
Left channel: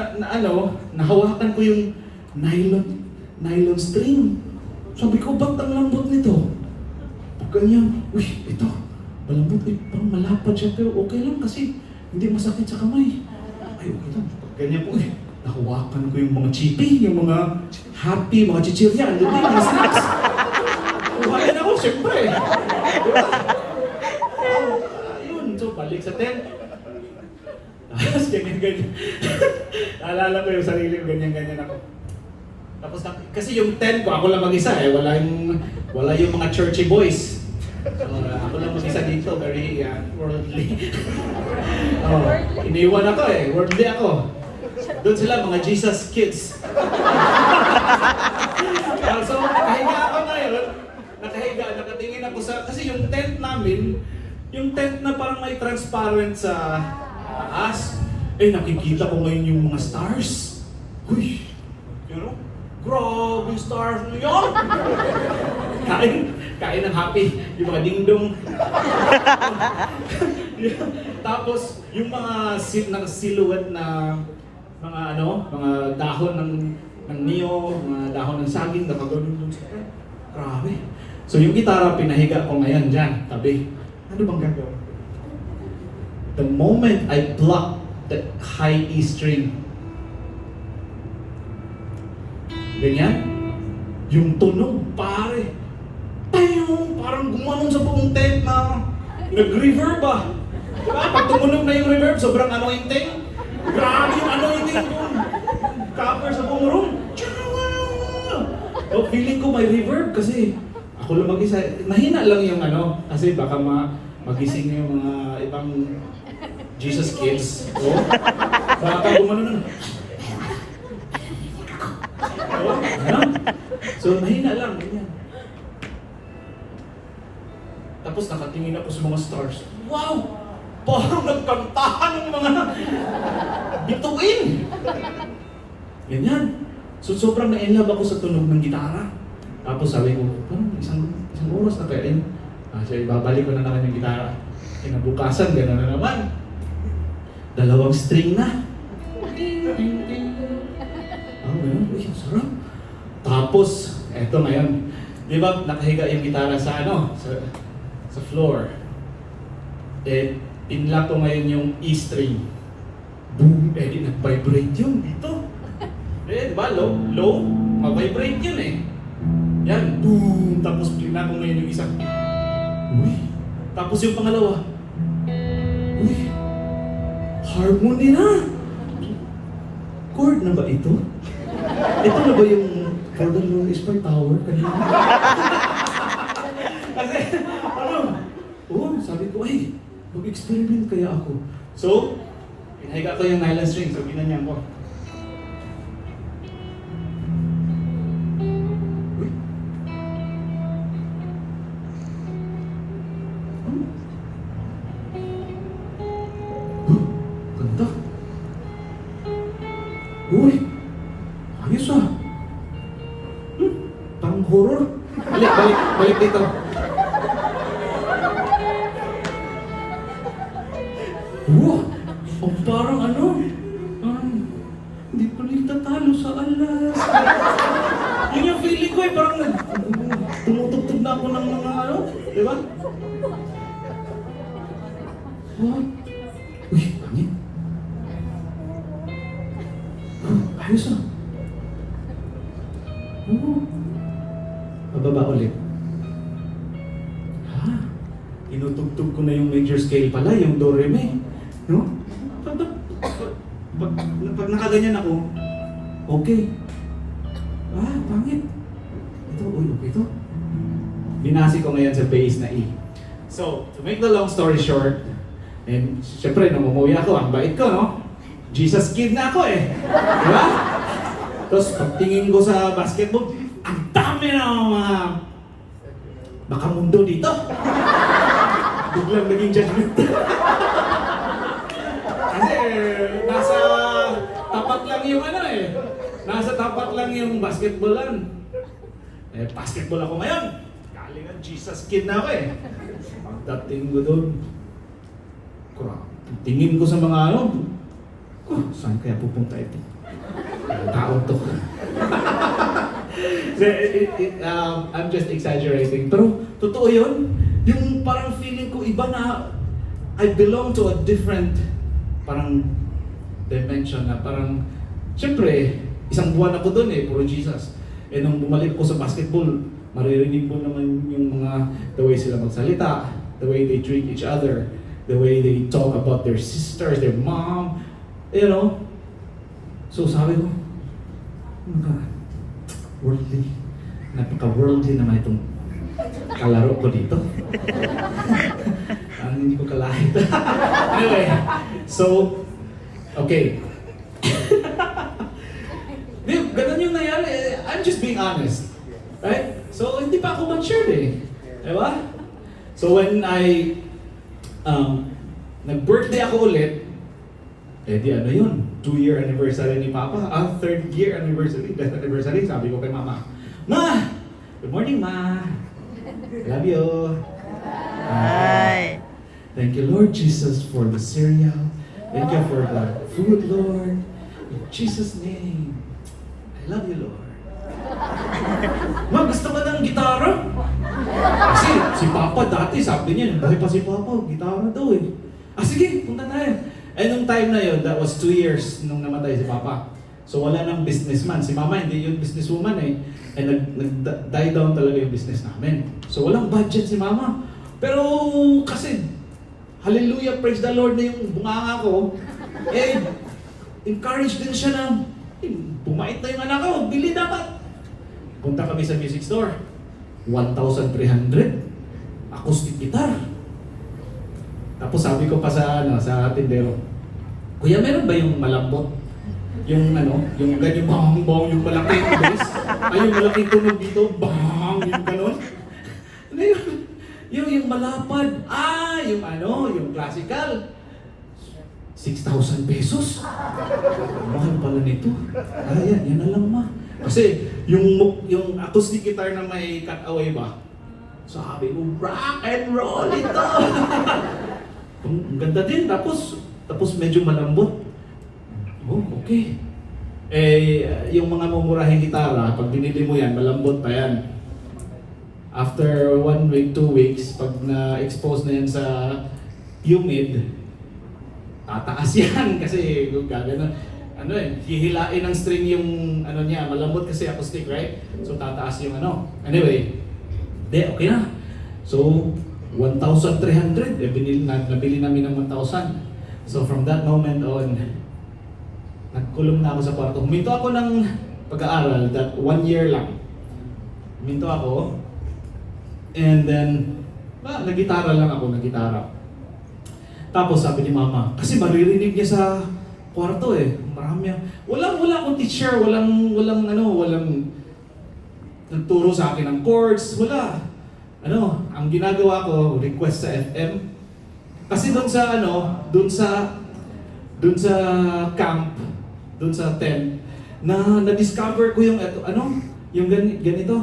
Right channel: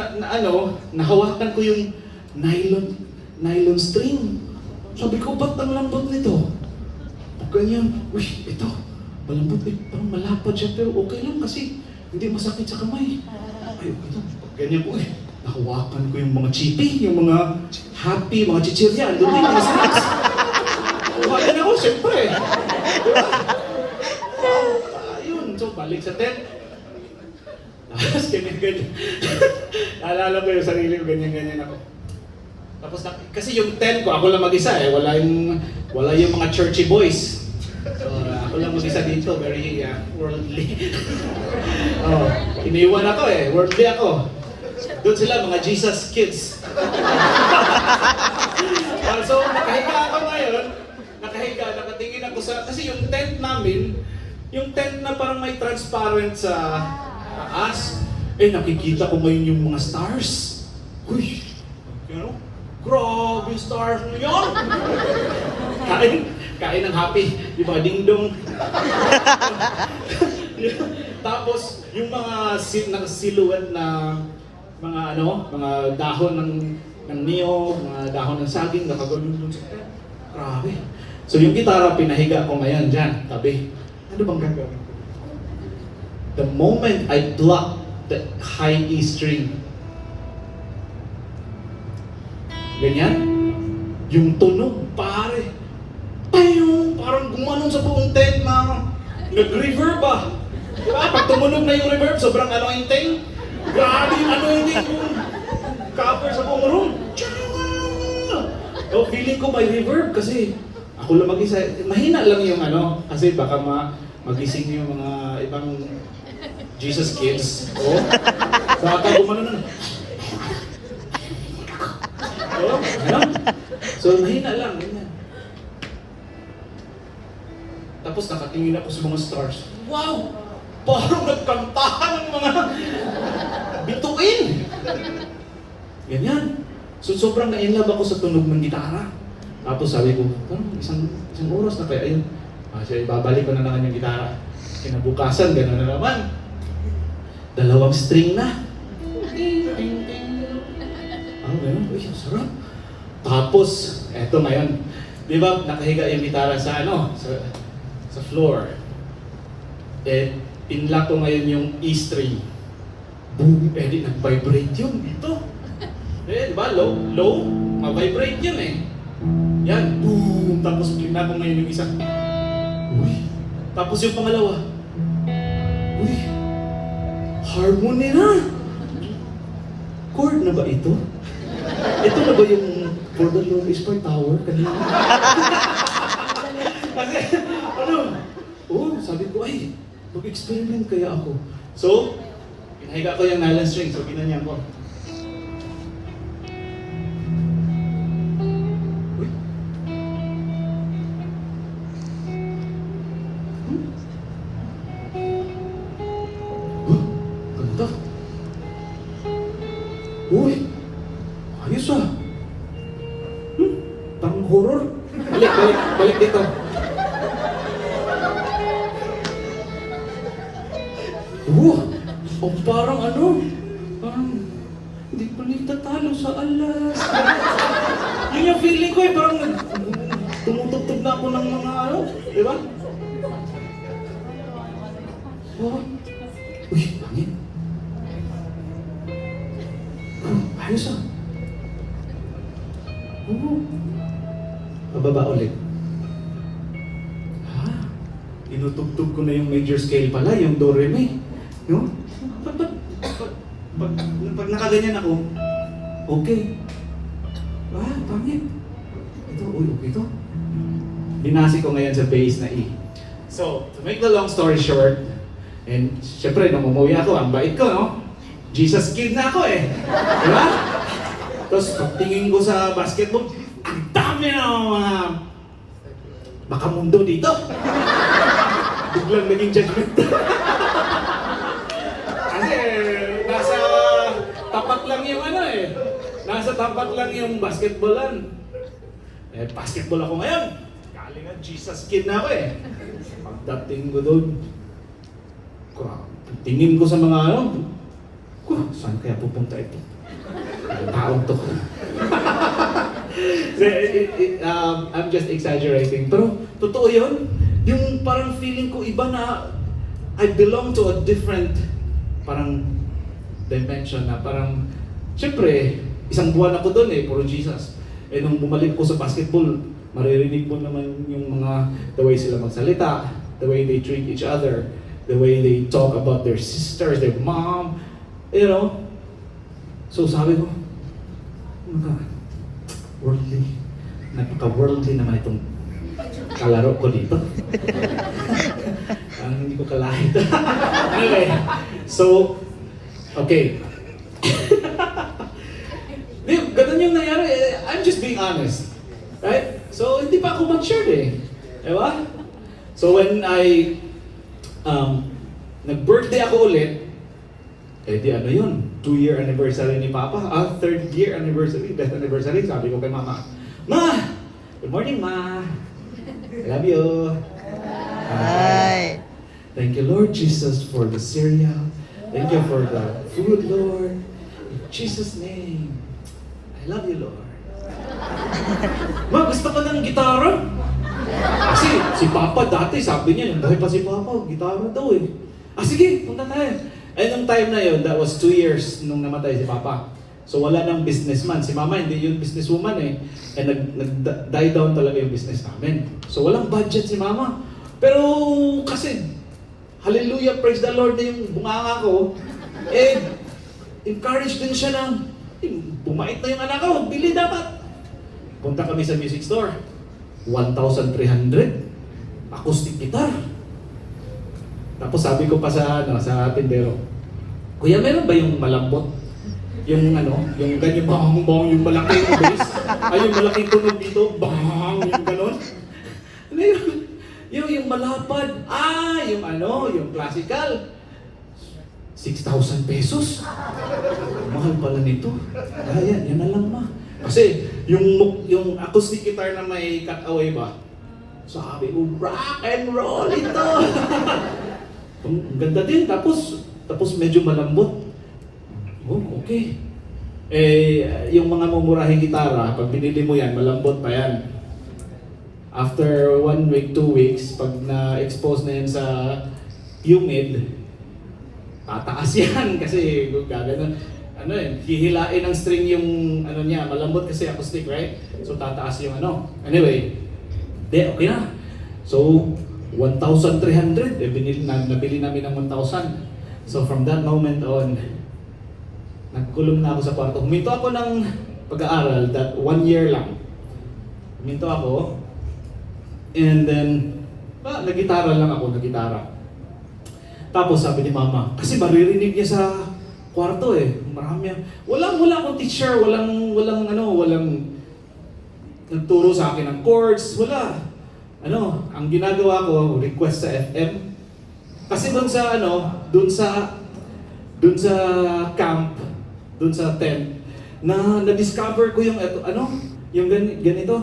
nahawakan ko yung nylon string. Sabi ko, ba't ang lambot nito? Pag ganyan, ito, malambot parang malapad siya, pero okay lang kasi hindi masakit sa kamay. Okay lang. Pag ganyan po, nahawakan ko yung mga chippy, yung mga happy, mga chichirya, andun din, mga snacks. Kuhain ako, siyempre. Diba? So, balik sa tent. Tapos, ganyan-ganyan. Naalala ko yung sarili ko, ganyan-ganyan ako. Tapos, kasi yung tent ko, ako lang mag-isa wala yung mga churchy boys. So, ako lang mag-isa dito, very worldly. Iniwan ako worldly ako. Doon sila, mga Jesus kids. So, nakahiga ako ngayon, nakatingin ako kasi yung tent namin, yung tent na parang may transparent sa taas, nakikita ko ngayon yung mga stars. Grabe yung stars na yun! Kain ng happy, yung mga dingdong. Tapos, yung mga silhouette na mga dahon ng niyog, mga dahon ng saging, nakagulong doon sa tent. Grabe. So yung gitara, pinahiga ko ngayon dyan, tabi. Ano bang gagawin ko? The moment I pluck the high E string, ganyan, yung tunog, pare, parang gumanon sa buong tent na nag-reverb ba? Diba? Pag tumunog na yung reverb, sobrang anointing. Grabe yung anointing yung cover sa buong room. Feeling ko may reverb kasi ako lang mag-isa. Mahina lang yung kasi baka magising yung mga ibang Jesus kids. Baka gumano nun. So, mahina lang, ganyan. Tapos nakatingin ako sa mga stars. Wow! Parang nagkantahan ng mga bituin! Ganyan. So, sobrang na-inlove ako sa tunog ng gitara. Tapos sabi ko, parang isang oras na kaya yun. Kasi ibabalik ko na naman yung gitara. Kinabukasan, gano'n na naman. 2 string na. Ganun. Uy, sarap. Tapos, eto ngayon. Di ba, nakahiga yung gitara sa sa floor. Pinlock ko ngayon yung E string. Boom! Di nag-vibrate yun dito. Di ba, low, ma-vibrate yun Yan, boom! Tapos linabong na yung isa. Uy! Tapos yung pangalawa. Uy! Harmony na! Chord na ba ito? Ito na ba yung For the Lord is my tower kanina? Kasi, sabi ko, ay, mag-experiment kaya ako. So, pinahiga ko yung nylon string, so ginanyan ko. Uy! Ganda! Uy! Ayos ah! Parang horror. Balik dito. Parang parang hindi pa nagtatalo sa alas. Yun yung feeling ko parang tumutugtog na ako ng mga di ba? Uy, pangit. Ayos ah. Pababa ulit. Inutugtog ko na yung major scale pala, yung do re mi. No? Pag nakaganyan ako, okay. Pangit. Okay to. Binasi ko ngayon sa bass na E. So, to make the long story short, and syempre, nung umuwi ako, ang bait ko, no? Jesus kid na ako eh. Di ba? Tapos, pagtingin ko sa basketball, ang dami na mga baka mundo dito. Biglang naging judgment. Kasi nasa tapat lang yung nasa tapat lang yung basketballan. Basketball ako ngayon. Galing ang Jesus kid na ako eh. Pagdating ko doon, tingin ko sa mga saan kaya pupunta ito? Ang taong to. I'm just exaggerating. Pero totoo yun. Yung parang feeling ko iba na I belong to a different parang dimension na parang syempre, isang buwan ako doon puro Jesus. Nung bumalik ko sa basketball, maririnig mo naman yung mga the way sila magsalita, the way they treat each other, the way they talk about their sisters, their mom, So sabi ko, oh my God, napaka-worldly naman itong kalaro ko dito. Hindi ko kalahit. Anyway, so, okay. Ganun yung nangyari. I'm just being honest. Right? So, hindi pa ako matured Diba? So, when I nag-birthday ako ulit, di yun? 2-year anniversary ni Papa. 3rd year anniversary, death anniversary. Sabi ko kay Mama, Ma! Good morning, Ma! I love you! Hi! Thank you, Lord Jesus, for the cereal. Thank you for the food, Lord. In Jesus' name, I love you, Lord. Ma, gusto ko ng gitara? Kasi si Papa dati, sabi niya, buhay pa si Papa, gitara daw sige, punta tayo. Nung time na yun, that was 2 years nung namatay si Papa. So wala nang businessman. Si Mama hindi yung businesswoman nag-die down talaga yung business namin. So walang budget si Mama. Pero kasi, hallelujah, praise the Lord na yung bunganga ko, encourage din siya na, bumait na yung anak ko, bili dapat. Punta kami sa music store. 1,300 acoustic guitar. Tapos sabi ko pa sa tindero, Kuya, meron ba yung malambot? Yung yung ganyan bang yung malaking bass? Yung malaking tunog dito, bang, yung ganon? Yung malapad, yung classical. 6,000 pesos. Mahal pala nito. Yan na lang, Ma. Kasi yung acoustic guitar na may cut-away ba? Sabi ko, rock and roll ito! Ang ganda din, tapos medyo malambot. Okay. Yung mga mumurahing gitara, pag binili mo yan, malambot pa yan. After 1 week, 2 weeks, pag na-expose na yan sa humid, tataas yan kasi gagana. ano hihilain ng string yung ano niya, malambot kasi acoustic, right? So tataas yung ano. Anyway, okay na. So 1,300, nabili namin ng 1,000. So from that moment on, nagkulong na ako sa kwarto. Huminto ako ng pag-aaral, that 1 year lang. Huminto ako, and then, nagitara lang ako, nagitara. Tapos sabi ni mama, kasi maririnig niya sa kwarto marami. Wala akong teacher, walang nagturo sa akin ng chords, wala. Ang ginagawa ko, request sa FM. Kasi doon sa camp, doon sa tent, na-discover ko yung yung ganito.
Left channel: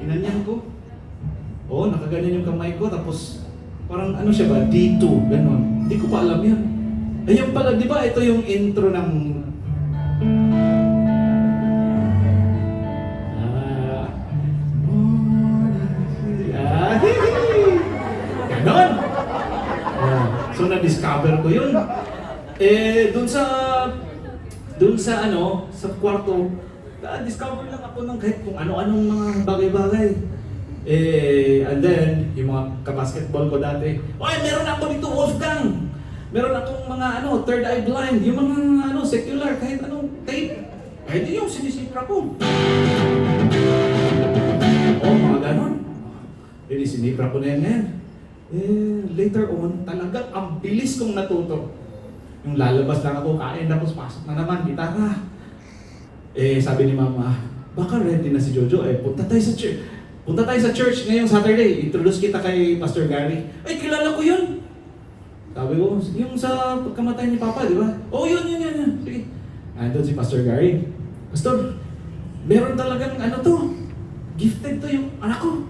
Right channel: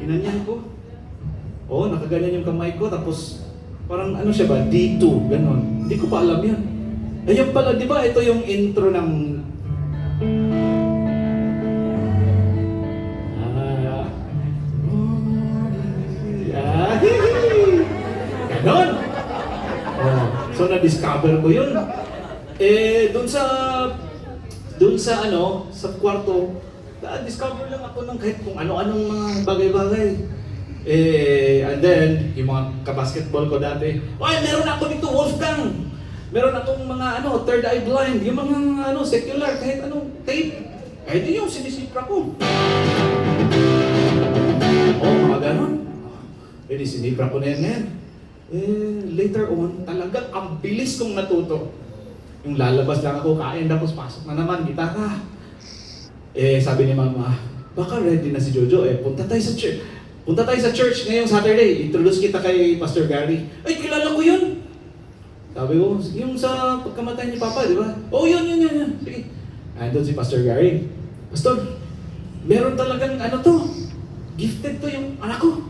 Ginanyan ko. Nakaganyan yung kamay ko, tapos parang siya ba, D2, ganon. Hindi ko pa alam yan. Ayun pala, di ba, ito yung intro ng ganon. So na-discover ko yun. Doon sa kwarto, discover lang ako ng kahit kung ano-anong mga bagay-bagay. And then, yung mga kabasketball ko dati, meron ako dito, Wolfgang! Meron akong mga third eye blind, yung mga secular, kahit anong tape. Kahit yun yung sinisipra ko. Mga ganon. Sinipra ko na yan. Later on, talagang ang bilis kong natuto. Yung lalabas lang ako, kain, tapos pasok na naman, gitara. Sabi ni mama, baka ready na si Jojo, punta tayo sa church. Punta tayo sa church ngayong Saturday. Introduce kita kay Pastor Gary. Ay, kilala ko yun. Sabi ko, yung sa pagkamatay ni Papa, di ba? Yun. Sige. Andun si Pastor Gary. Pastor, meron talagang gifted to yung anak ko.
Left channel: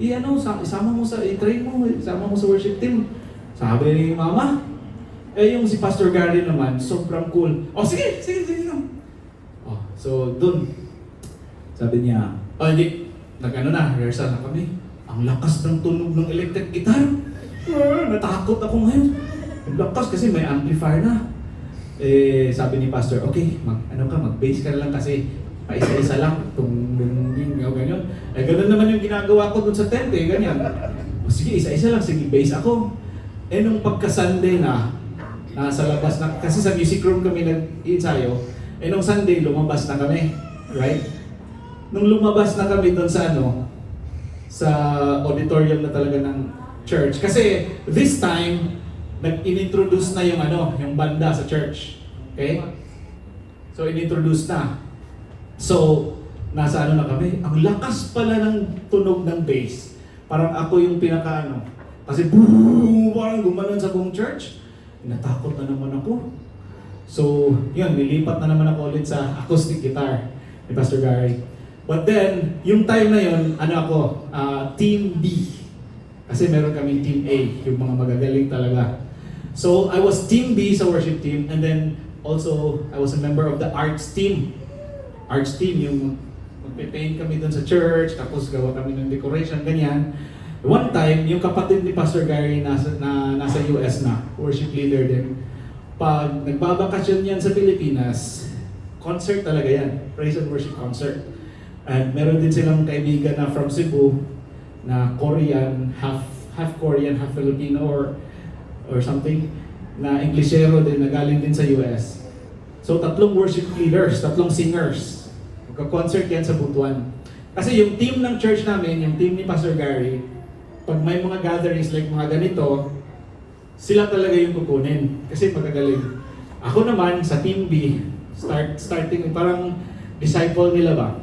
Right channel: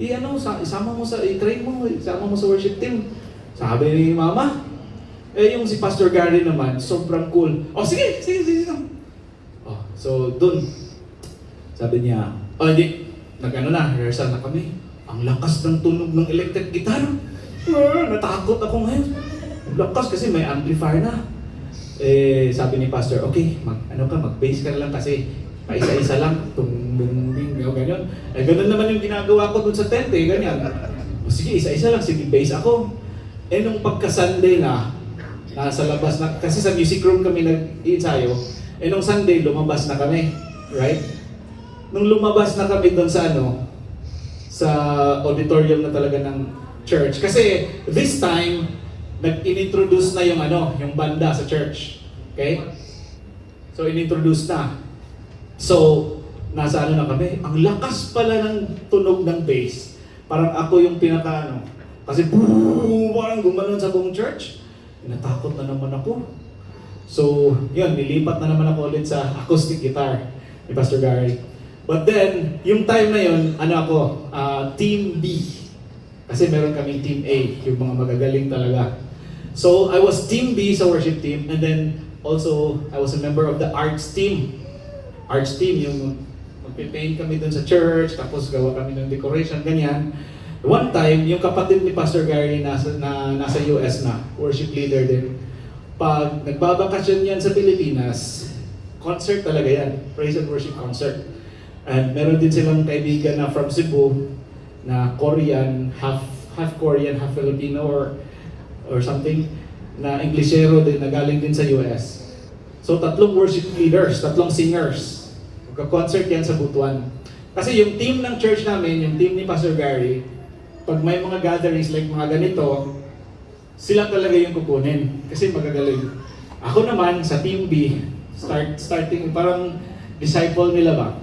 Isama mo i-train mo, isama mo sa worship team. Sabi ni mama. Yung si Pastor Gary naman, sobrang cool. Sige. So, dun, sabi niya, rehearsal na kami. Ang lakas ng tunog ng electric guitar. Natakot ako ngayon. Ang lakas kasi may amplifier na. Sabi ni Pastor, okay, mag-bass ka na lang kasi paisa-isa lang. Ganyan. Ganun naman yung ginagawa ko dun sa tent ganyan. Sige, isa-isa lang, sige, bass ako. Nung pagka-Sunday na, nasa labas na, kasi sa music room kami nag-iensayo, nung Sunday, lumabas na kami, right? Nung lumabas na kami doon sa sa auditorium na talaga ng church. Kasi this time, nag-introduce na yung yung banda sa church. Okay? So, inintroduce na. So, nasa na kami, ang lakas pala ng tunog ng bass. Parang ako yung pinaka kasi boom, parang gumanon sa buong church. Natakot na naman ako. So, yun, nilipat na naman ako ulit sa acoustic guitar ni Pastor Gary. But then, yung time na yun, Team B. Kasi meron kaming Team A, yung mga magagaling talaga. So, I was Team B sa worship team, and then also, I was a member of the arts team. Arts team, yung magpipaint kami dun sa church, tapos gawa kami ng decoration, ganyan. One time, yung kapatid ni Pastor Gary nasa US na, worship leader din. Pag nagbabakasyon yan sa Pilipinas, concert talaga yan, praise and worship concert. And meron din silang kaibigan na from Cebu, na Korean, half Korean, half Filipino or something, na Englishero din, na galing din sa US. So 3 worship leaders, 3 singers. Magka-concert yan sa Butuan. Kasi yung team ng church namin, yung team ni Pastor Gary, pag may mga gatherings like mga ganito, sila talaga yung kukunin. Kasi magagaling. Ako naman, sa Team B, starting, parang disciple nila ba?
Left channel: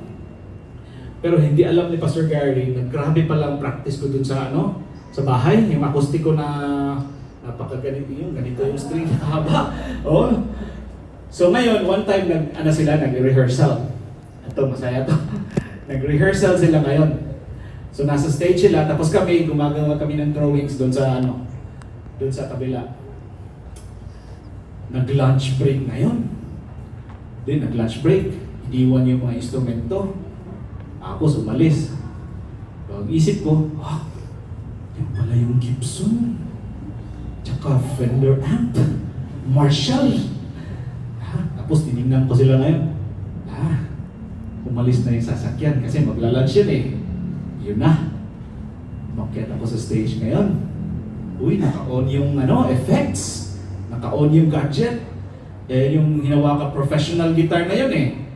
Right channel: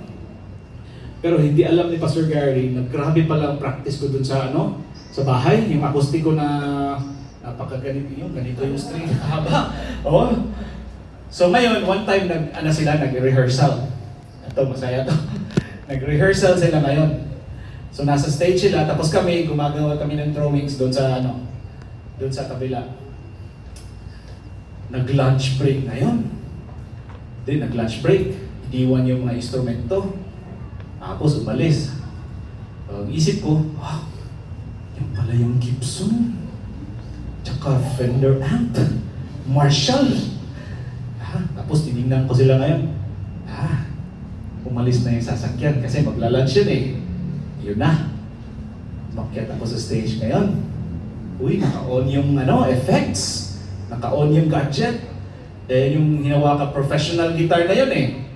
Pero hindi alam ni Pastor Gary, naggrabe pala ang practice ko dun sa sa bahay, yung akustiko na napakaganito ganito yung string, haba. So ngayon, one time nag-rehearsal. Ito, masaya to. Nag-rehearsal sila ngayon. So nasa stage sila, tapos gumagawa kami ng drawings doon sa doon sa kabila. Nag-lunch break na yun. Then nag-lunch break, iniwan yung mga instrumento. Ako umalis. So, isip ko, yung pala yung Gibson. Tsaka Fender amp. Marshall. Tapos tinignan ko sila ngayon. Umalis na yung sasakyan kasi magla-lunch yun eh. Yun na. Makyat ako sa stage ngayon. Uy, naka-on yung effects. Naka-on yung gadget. Yung hinawakan professional guitar na yun eh.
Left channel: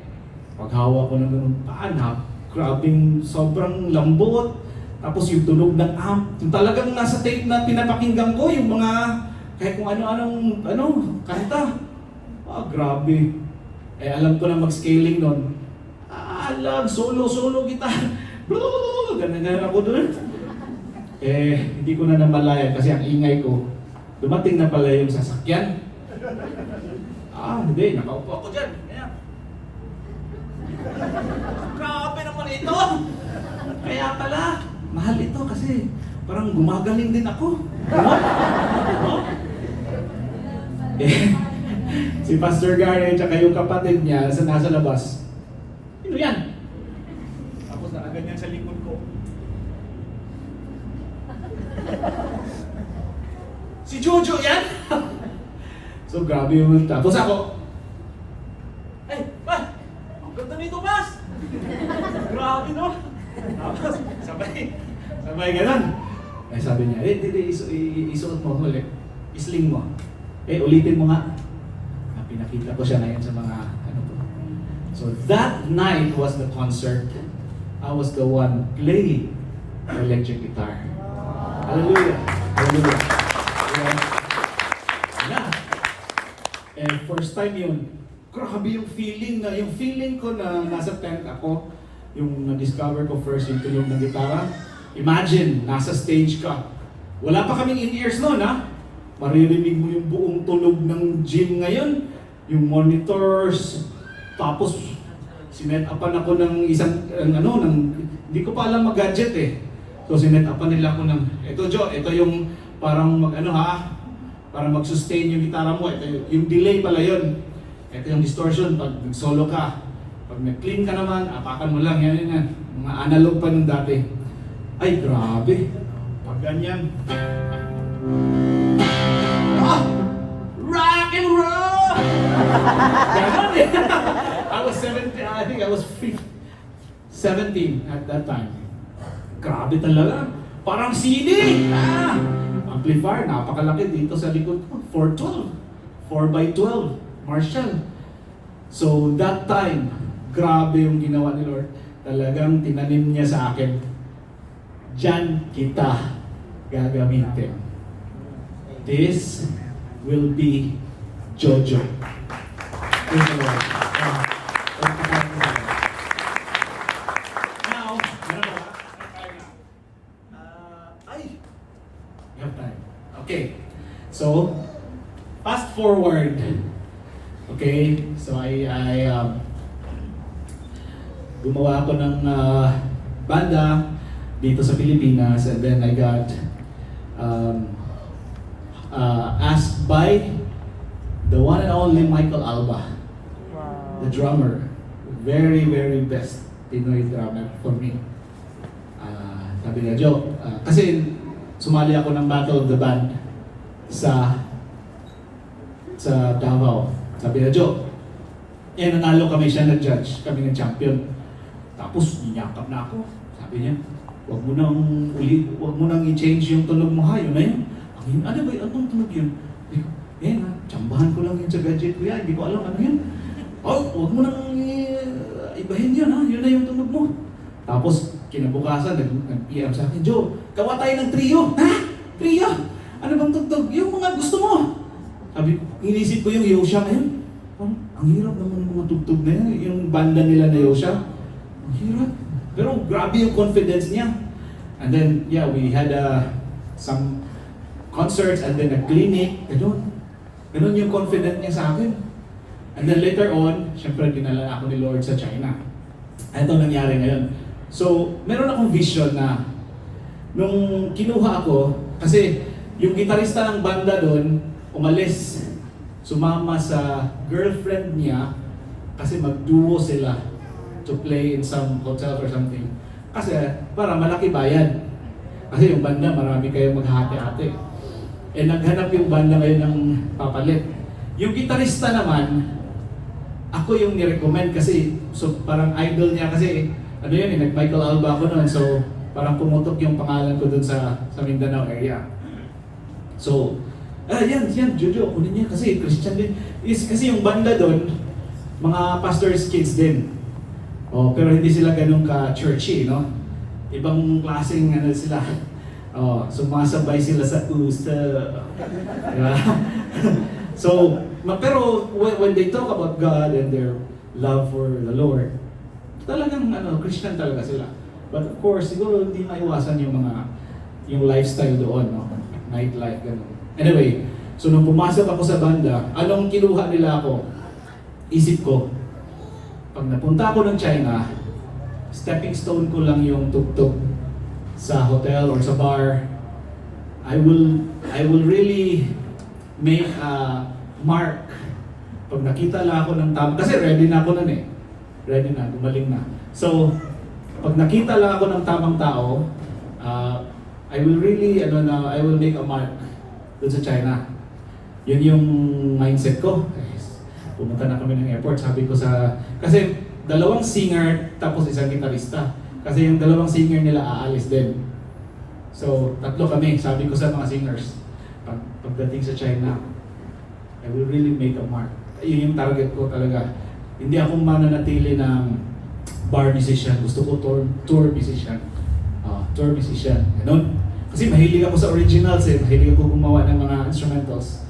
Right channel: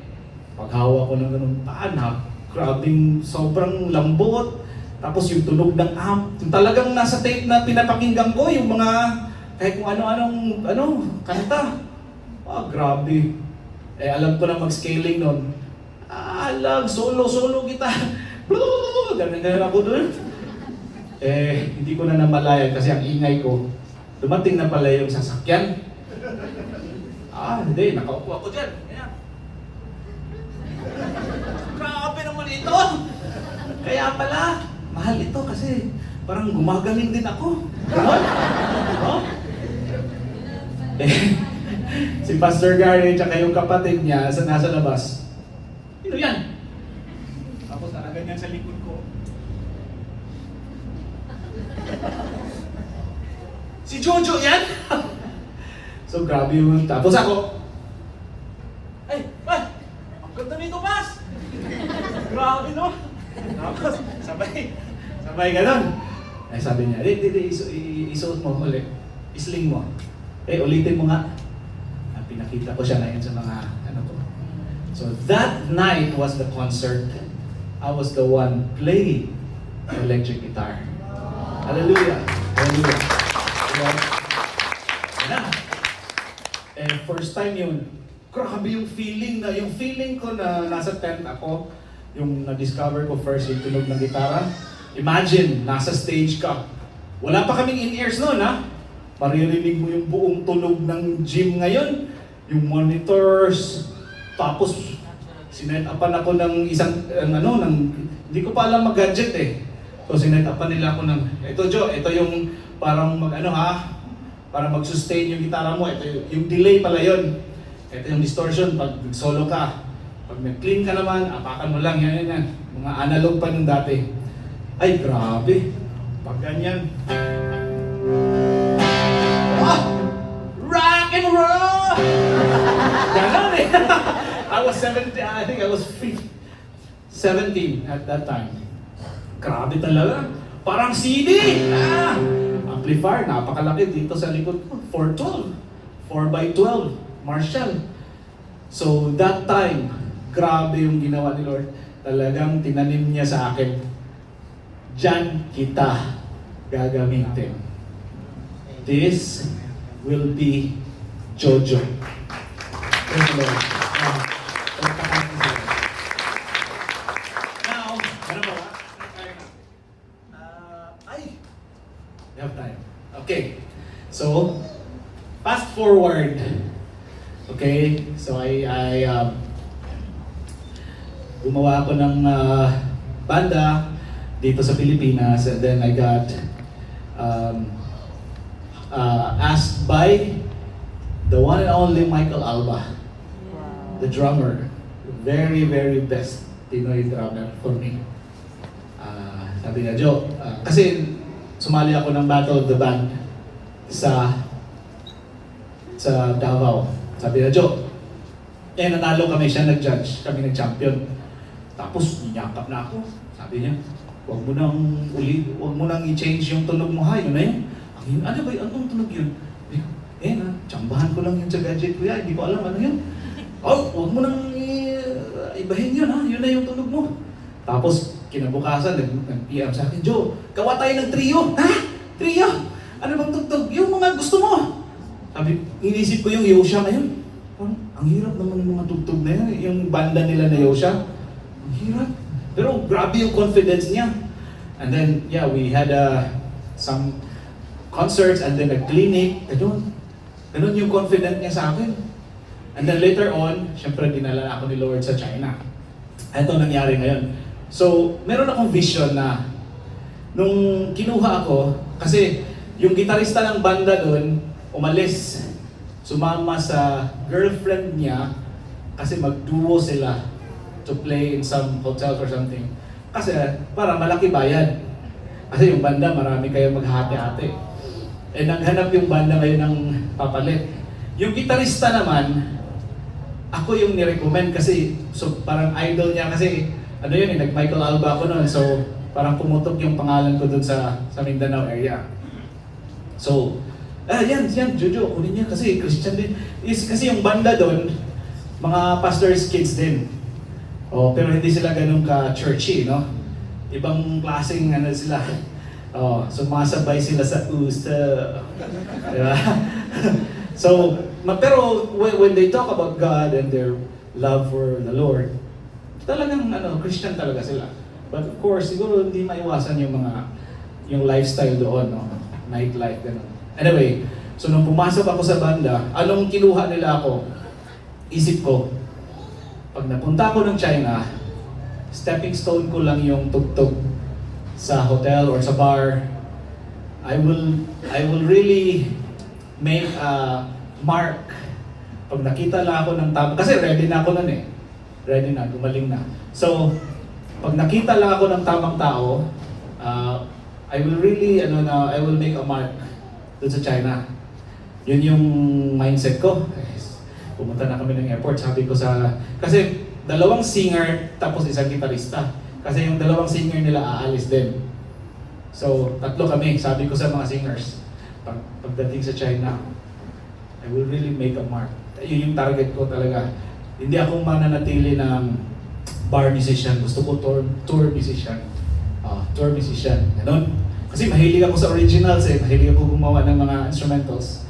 Paghawa ko ng ganun, grabing sobrang lambot. Tapos yung tunog ng amp, yung talagang nasa tape na pinapakinggan ko, yung mga kahit kung ano-anong kanta. Grabe. Alam ko na mag-scaling nun. Solo guitar. Ganun ako dun. Hindi ko na namalayan kasi ang ingay ko. Dumating na pala yung sasakyan. Hindi. Nakaupo ako dyan. Kaya. Grabe naman ito. Kaya pala, mahal ito kasi parang gumagaling din ako. Ganon? No? Si Pastor Gary at yung kapatid niya nasa labas. Sino yan? Tapos nakaganyan sa likod ko. Si Jojo yan? So grabe yun. Tapos ako, Pas! Ang ganda nito, Pas! Grabe no? Tapos sabay ganon. Sabi niya, isuot mo ulit. Isling mo. Ulitin mo nga. Pinakita ko siya na yun sa mga to. So that night was the concert. I was the one playing the electric guitar. Hallelujah. Hallelujah. First time yun, grabe yung feeling ko na nasa tent ako, yung na-discover ko first yung tunog ng gitara. Imagine, nasa stage ka. Wala pa kaming in-ears noon ha. Maririnig mo yung buong tunog ng gym ngayon, yung monitors, tapos sinet-upan ako ng isang, hindi ko pa alam mag-gadget eh. So sinet-upan nila ako ng, ito yung parang para mag-sustain yung gitara mo, ito yung delay pala yun. Ito yung distortion pag solo ka. Pag nag-clean ka naman, apakan mo lang, yan. Mga analog pa nung dati. Ay, grabe. Pag ganyan. Rock and roll! Ganon eh. I was 17, I think I was 17 at that time. Grabe talaga. Parang CD! Amplifier, napakalaki dito sa likod ko. 412. 4x12. Marshall. So that time, grabe yung ginawa ni Lord. Talagang tinanim niya sa akin. Diyan kita gagamitin. This will be Jojo. Thank you, Lord. Now, ano ba? We have time. Okay. So, fast forward. Okay? So, gumawa ako ng banda dito sa Pilipinas, and then I got asked by the one and only Michael Alba, the drummer, very, very best Pinoy drummer for me. Sabi niya, Joe, kasi sumali ako ng Battle of the Band sa Davao. Sabi niya, Joe, nanalo kami, siya nag-judge, kami nag-champion. Tapos, inyakap na ako. Sabi niya, huwag mo nang i-change yung tunog mo ha, yun na yun. Ano ba yun? Anong tunog yun? Tsambahan ko lang yun sa gadget ko yan, hindi ko alam ano yun. Huwag mo nang ibahin yun ha, yun na yung tunog mo. Tapos, kinabukasan, nag-PM sa akin, Joe, gawa tayo ng trio. Ha? Trio? Ano bang tugtog? Yung mga gusto mo. Sabi, inisip ko yung Yosha ngayon. Ang hirap naman ng mga tugtog na yun, yung banda nila na Yosha. Ang hirap. Pero grabe yung confidence niya. And then, we had some concerts and then a clinic. Ganun yung confident niya sa akin. And then later on, syempre dinala ako ni Lord sa China. Ito nangyari ngayon. So, meron akong vision na nung kinuha ako, kasi yung gitarista ng banda doon, umalis, sumama sa girlfriend niya kasi mag-duo sila to play in some hotel or something. Kasi para malaki bayad. Kasi yung banda, marami kayong maghati-hati. Naghanap yung banda ngayon ng papalit. Yung gitarista naman, ako yung nirecommend kasi, so parang idol niya kasi, ano yun nag-Michael Alba ako noon, so parang pumutok yung pangalan ko dun sa Mindanao area. So, yan, Jojo, kunin niya kasi Christian din. Kasi yung banda doon, mga pastor's kids din. Oh, pero hindi sila ganun ka-churchy, no? Ibang klaseng ano sila. Oh, sumasabay sila sa usta. Diba? So, pero when they talk about God and their love for the Lord, talagang Christian talaga sila. But of course, siguro hindi maiwasan yung lifestyle doon, no? Nightlife, gano'n. Anyway, so nung pumasok ako sa banda, anong kinuha nila ako? Isip ko, pag napunta ako ng China, stepping stone ko lang yung tugtog sa hotel or sa bar. I will really make a mark. Pag nakita lang ako ng tama, kasi ready na ako nun eh. Ready na, gumaling na. So, pag nakita lang ako ng tamang tao, I will really, I will make a mark doon sa China. Yun yung mindset ko. Pumunta na kami ng airport, sabi ko kasi dalawang singer tapos isang gitarista. Kasi yung dalawang singer nila aalis din. So, tatlo kami, sabi ko sa mga singers, pagdating sa China, I will really make a mark. Yun yung target ko talaga. Hindi ako mananatili ng bar musician. Gusto ko tour musician. Tour musician. Ganun. Kasi mahilig ako sa originals eh. Mahilig ako gumawa ng mga instrumentals.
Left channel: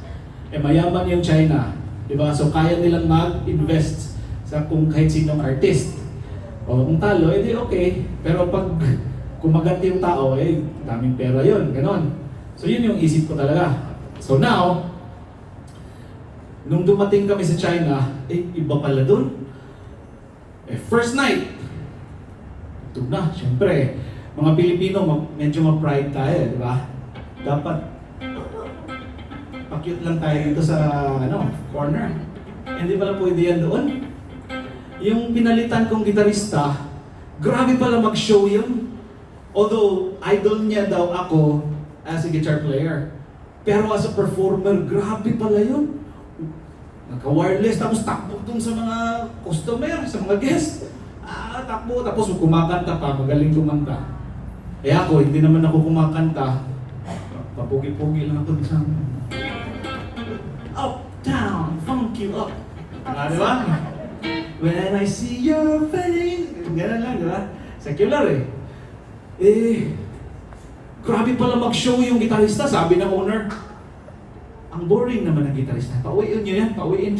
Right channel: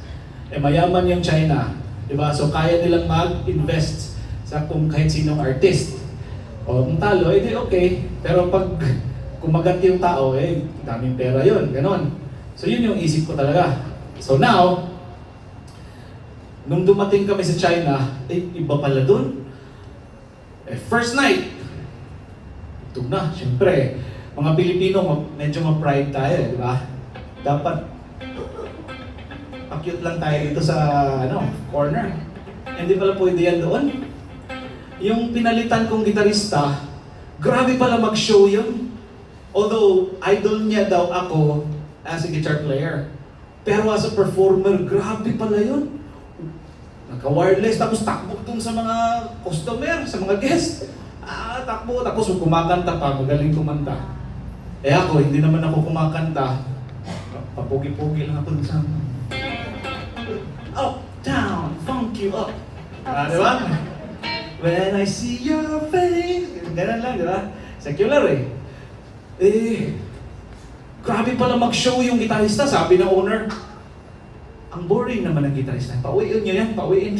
Mayaman yung China. Diba? So kaya nilang mag-invest sa kung kahit sinong artist. O kung talo, edi okay. Pero pag kumaganti yung tao, daming pera yun. Ganon. So yun yung isip ko talaga. So now, nung dumating kami sa China, iba pala dun. First night, ito na, syempre, mga Pilipino, medyo ma-pride tayo, di ba? Dapat, pa-cute lang tayo dito sa, corner. Hindi pala pwede yan doon. Yung pinalitan kong gitarista, grabe pala mag-show yun. Although, idol niya daw ako as a guitar player. Pero as a performer, grabe pala yun. Nagka-wireless, tapos takbo dun sa mga customer, sa mga guest. Takbo, tapos kumakanta pa, magaling kumanta. Ako, hindi naman ako kumakanta. Papugi-pugi lang ako dun sa up, down, funk you up. Diba? When I see your face, ganun lang, diba? Secular grabe pala mag-show yung gitarista, sabi ng owner. Ang boring naman ng gitarista. Pauwiin nyo yan, pauwiin.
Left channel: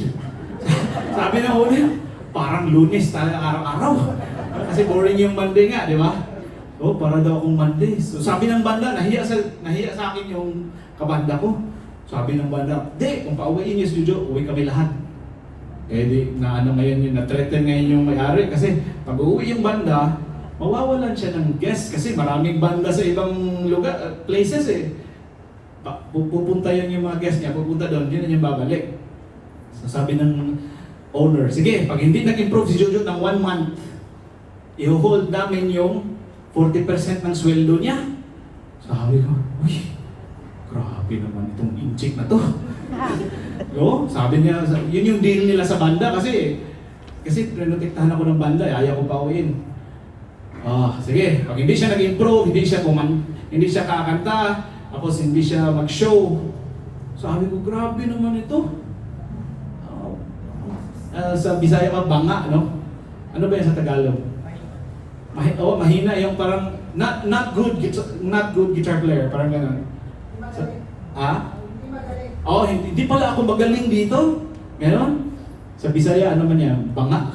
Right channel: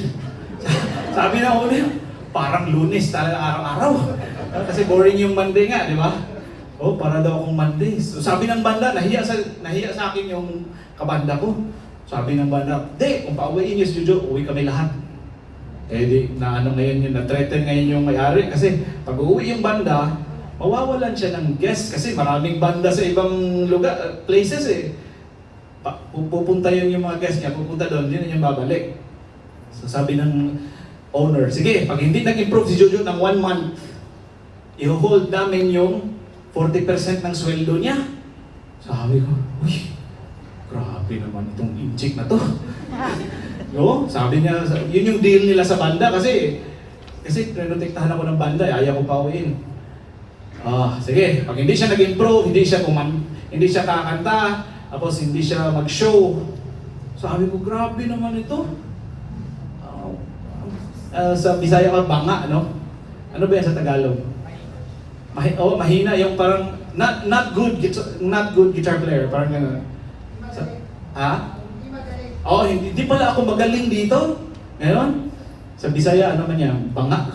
Sabi ng owner, parang Lunes talaga araw-araw. Kasi boring yung Monday nga, di ba? Para daw akong Monday. So sabi ng banda, nahiya sa akin yung kabanda ko. Sabi ng banda, kung pauwiin nyo sa studio, uwi kami lahat. Ngayon yun, na-threaten ngayon yung may-ari. Kasi pag uwi yung banda, mawawalan siya ng guest. Kasi maraming banda sa ibang lugar, places pupunta yun yung mga guest niya, pupunta doon, yun yung babalik. So sabi ng owner, sige, pag hindi nag-improve si Jojo ng 1 month, i-hold namin yung 40% ng sweldo niya. Sabi ko, uy, grabe naman itong injik na to. No? Sabi niya, yun yung deal nila sa banda kasi renotektahan ako ng banda, ayaw ko pa uwiin. Sige, pag hindi siya nag-improve, hindi siya kakanta, tapos hindi siya mag-show. Sabi ko, grabe naman ito. Sa Bisaya banga, no? Ano ba yan sa Tagalog? Mahina yung parang not good guitar player, parang gano'n. Hindi pala ako magaling dito. Ganon? Sa Bisaya, ano man yan? Banga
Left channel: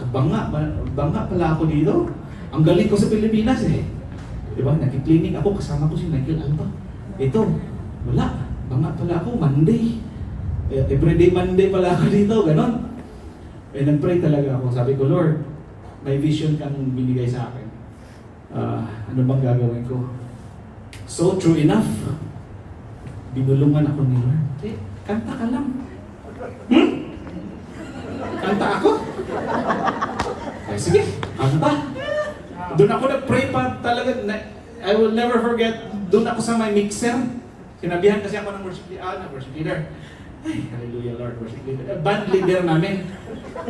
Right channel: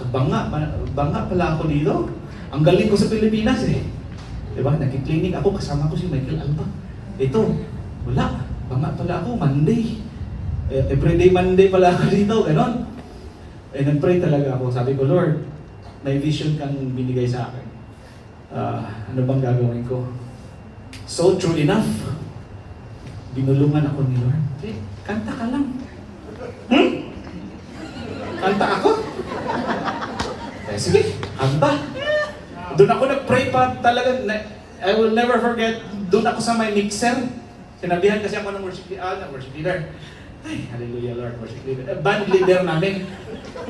pala ako dito. Ang galing ko sa Pilipinas Diba? Nagki-clinic ako, kasama ko si Michael Alba. Ito, wala. Banga pala ako, Monday. Everyday Monday pala ako dito, ganon. Nag-pray talaga ako. Sabi ko, Lord, may vision kang binigay sa akin. Ano bang gagawin ko? So, true enough, binulungan ako ni Lord. Kanta ka lang. Kanta ako? Sige, kanta. Doon ako nag-pray pa talaga. I will never forget. Doon ako sa may mixer. Sinabihan kasi ako ng worship leader. Ay, hallelujah Lord, worship leader. Band leader namin.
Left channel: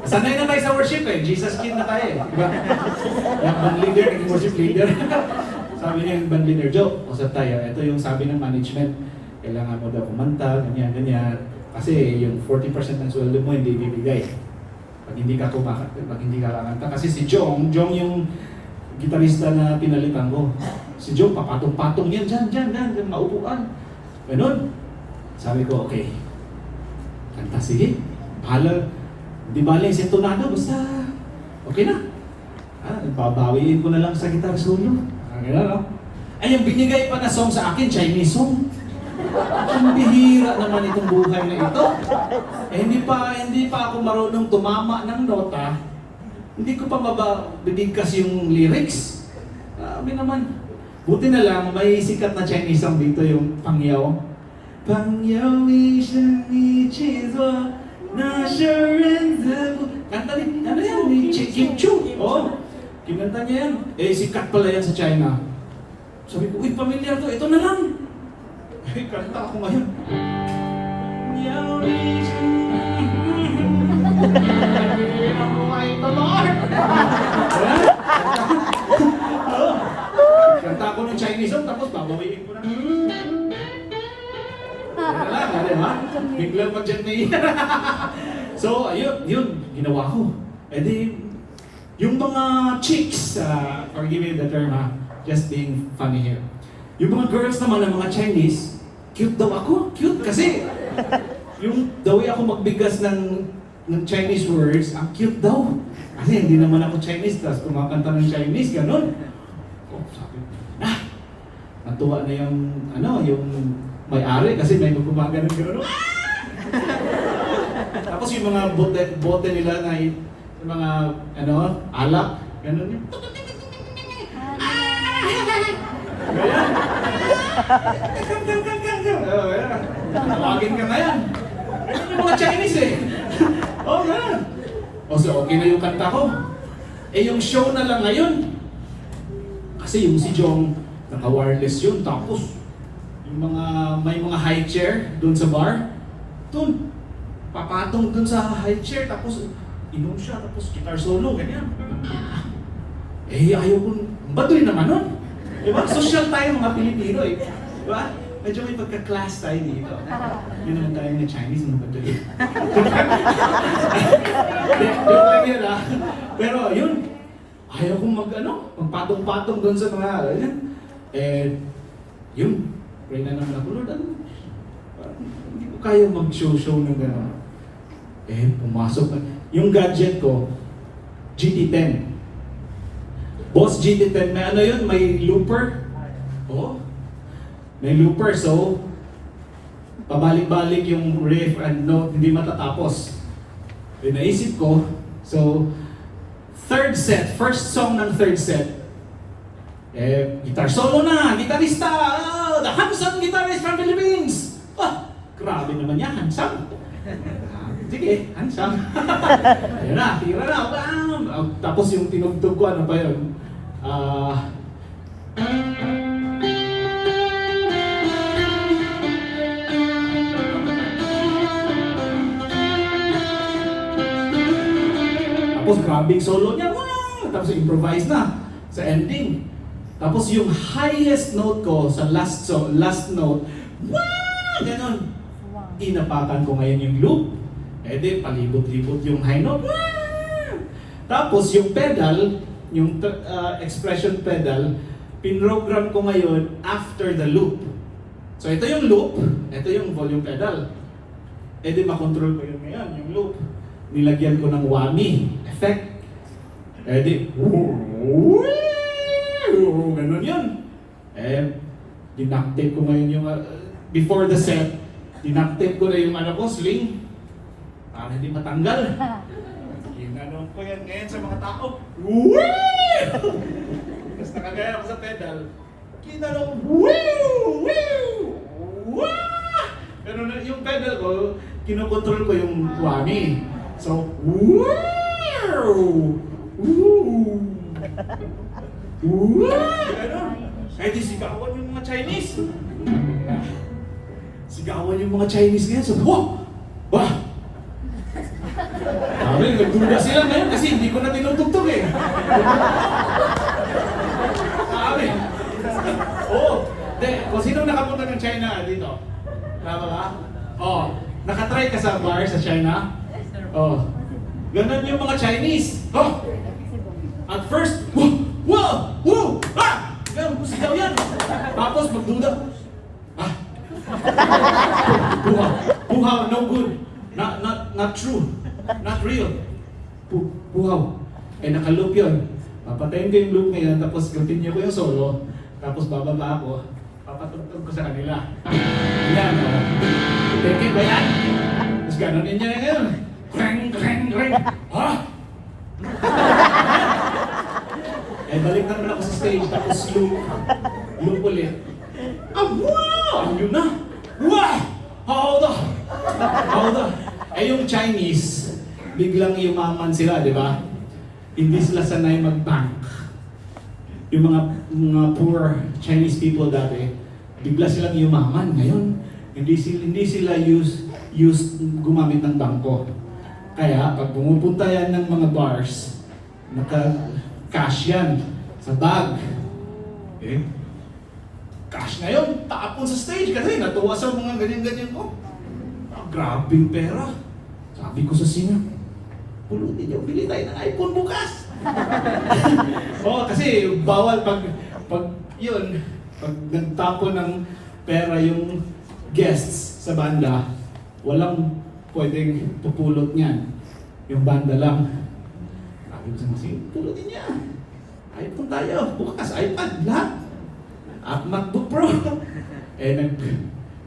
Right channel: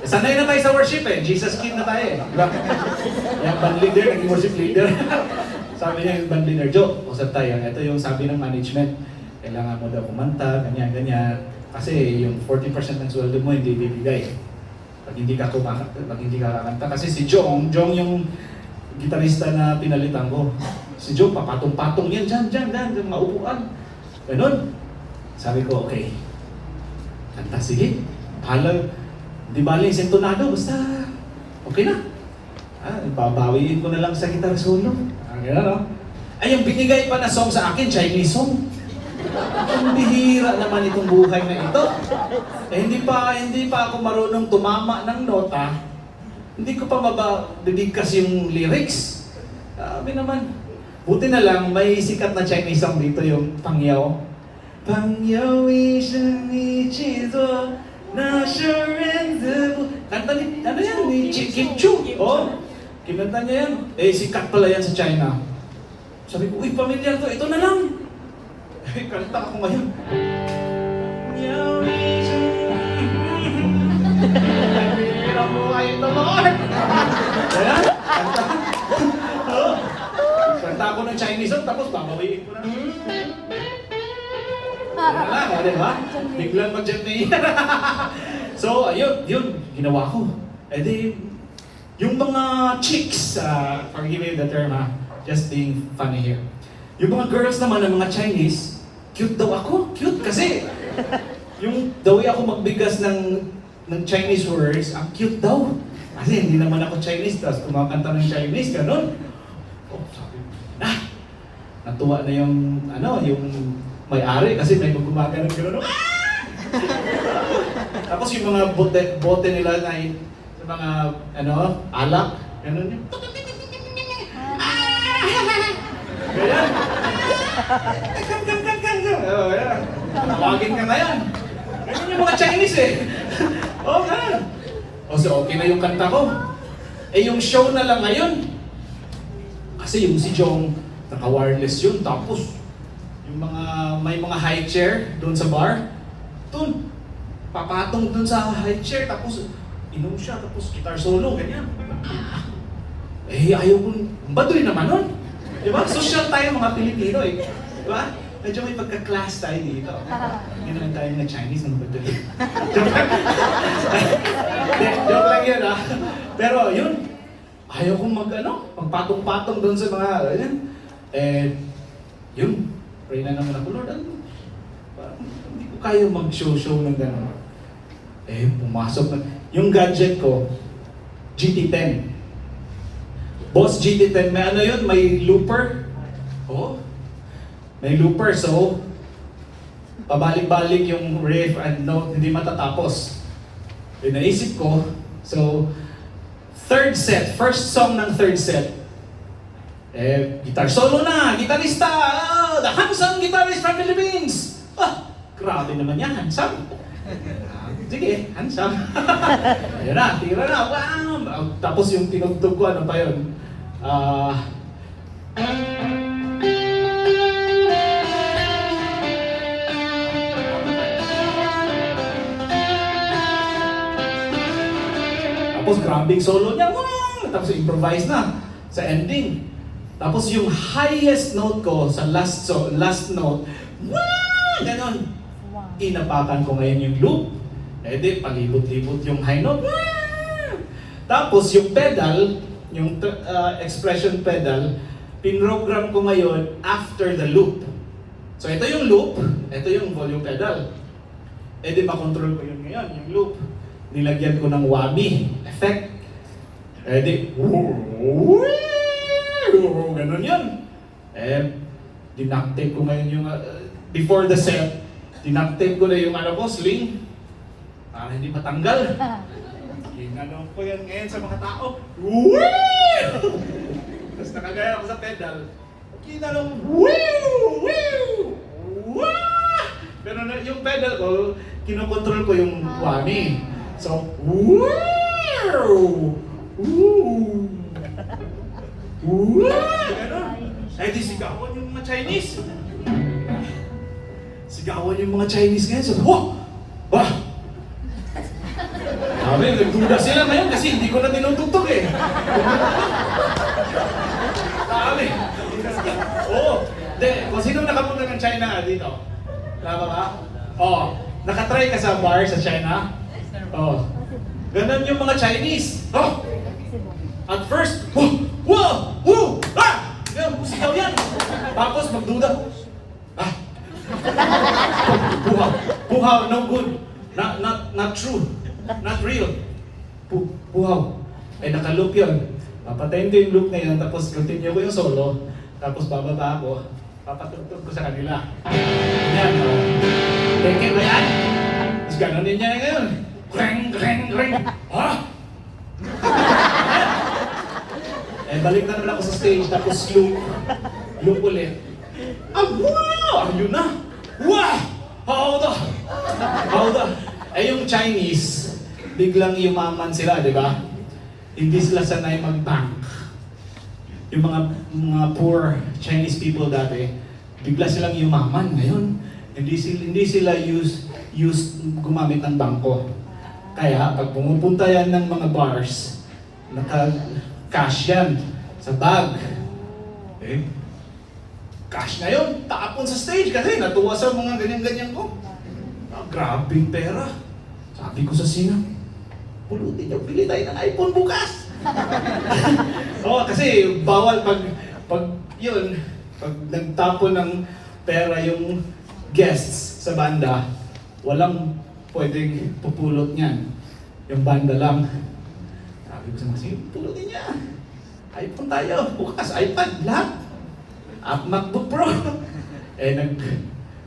Sanay na tayo sa worship eh. Jesus King na tayo eh. Diba? Yung band leader, naging worship leader. Sabi niya yung band leader, Joe, usap tayo. Ito yung sabi ng management. Kailangan mo daw kumanta, ganyan, ganyan. Kasi yung 40% ng sweldo mo hindi bibigay. Pag hindi ka kakanta. Kasi si Jong yung gitarista na pinalitan ko. Si Jong, papatong-patong yan, dyan, maupuan. Ganun. Sabi ko, okay. Kanta, sige. Bahala. Di bali, sintonado, basta okay na. Babawiin ko na lang sa guitar solo. Ganun, no? Ay, yung binigay pa na song sa akin, Chinese song. Ang bihira naman itong buhay na ito. Hindi pa ako marunong tumama ng nota. Hindi ko pa mabibigkas yung lyrics. Sabi naman, buti na lang, may sikat na Chinese song dito, yung Pangyaw. Pangyaw isang ichizo na shurenzu. Kanta ni, ano yan, ni Kim Chu. Oh, kinanta niya yan. Eh, sikat pala yan sa China. Sabi ko, uy, pamilyar to, ito na lang. Eh, kanta ako ngayon. Pangyaw isang Pinamuhay the Lord! Ayan, kanta. Oh, kanta ako ng Chinese song, tapos babawiin ko na. Yan lang, di ba? Biglang mag-jeti. So, yun, ginawa ko. E di, yung mga chicks, forgive me the term ha, just being funny here. Yung mga girls naman ng mga Chinese, cute daw ako. Cute kasi, yung daw ako magbigas ng Chinese words, ang cute daw. Kasi hindi naman ako Chinese, tapos kumakanta ng Chinese, ganun. Oh, sabi ko, natuwa na yung, yung may-ari kasi may magkumagano gano'n. Tapos yung mga bote nila na yung mga alak, gano'n yung ganyan. Ganyan. Tawagin ka na yan. Ganyan yung mga Chinese eh. Oh, ganyan. So okay na yung kanta ko. Eh yung show na lang ngayon. Kasi yung si Jong, naka-wireless yun. Tapos may mga high chair doon sa bar. Doon, papatong doon sa high chair, tapos inom siya, tapos guitar solo, ganyan. Eh, ayaw kong, baduy naman nun. Diba? Social tayo mga Pilipino eh. Diba? Medyo may pagka-class tayo dito. Hindi naman tayo na Chinese, mga baduy. Joke lang yun ha. Pero yun, ayaw kong magpatong-patong doon sa mga, ganyan. Eh, yun. Pray na naman ako, Lord, hindi ko kaya mag-show ng gano'n. Eh, pumasok na. Yung gadget ko, GT10. Boss GT10, may yun? May looper. Oh, may looper. So, pabalik-balik yung riff and note, hindi matatapos. Eh, naisip ko, so, first song ng third set, guitar solo na, gitarista, the handsome guitarist from Philippines. Grabe naman yan, handsome. Sige, handsome. Ayun na, tira na, wow. Tapos yung tinugtog ko, ano pa yun? Tapos grabe yung solo niya, wow. Tapos improvise na sa ending. Tapos yung highest note ko sa last note, wow! Ganon. Inapakan ko ngayon yung loop. Eh di, palibot-libot yung high note. Wow! Tapos yung pedal, yung expression pedal, pinrogram ko ngayon after the loop. So ito yung loop, ito yung volume pedal. Eh di, makontrol ko yun ngayon, yung loop. Nilagyan ko ng whammy effect. Eh di, ganun yun. Eh, dinactape ko ngayon yung, before the set, dinactape ko na yung sling, para hindi matanggal. Ginanong ko yan ngayon sa mga tao. Tapos nakagaya ako sa pedal. Ginanong, pero yung pedal ko, kinokontrol ko yung whammy. So, Ganon. Eh di sigawan yung mga Chinese. Sigawan yung mga Chinese ngayon. Sabi, oh! Wah! Sabi, nagduda sila ngayon kasi hindi ko na tinutugtog eh. Sabi. Oo. De, kung sinong nakapunta ng China dito? Tama ba? Oo. Nakatry ka sa bar sa China? Oo. Ganun yung mga Chinese. Oh! At first, wow! Woo! Ah! Ganun, sigaw yan. Tapos magduda. Ah! Buhaw. Buhaw, no good. Not true. Not real. Buhaw. Eh, naka-loop yun. Papatayin ko yung loop ngayon, tapos continue ko yung solo, tapos bababa ako, papatugtog ko sa kanila. Yan, o. Thank ba yan? Tapos ganonin niya ngayon. Kreng, kreng, kreng. Ha? Eh, balik na naman ako sa stage, tapos loop ulit. Ah, wow! Ayun na! Wow! Hold on! Hold on! Eh, yung Chinese, biglang yumaman sila, di ba? Hindi sila sanay mag-bank. Yung mga poor Chinese people dati, bigla silang yumaman. Ngayon, hindi sila used gumamit ng bangko. Kaya, pag pumupunta yan ng mga bars, naka-cash yan sa bag. Eh, cash na yun, tapon sa stage kasi natuwa sa mga ganyan-ganyan ko. Ah, grabing pera. Sabi ko sa singer, pulutin niyo, bili tayo ng iPhone bukas. Oo, kasi bawal pag nagtapon ng pera yung guests sa banda, walang pwedeng pupulot niyan. Yung banda lang. Sabi ko sa mga singer, pulutin niya. iPhone tayo, bukas, iPad, lahat. MacBook Pro. Eh,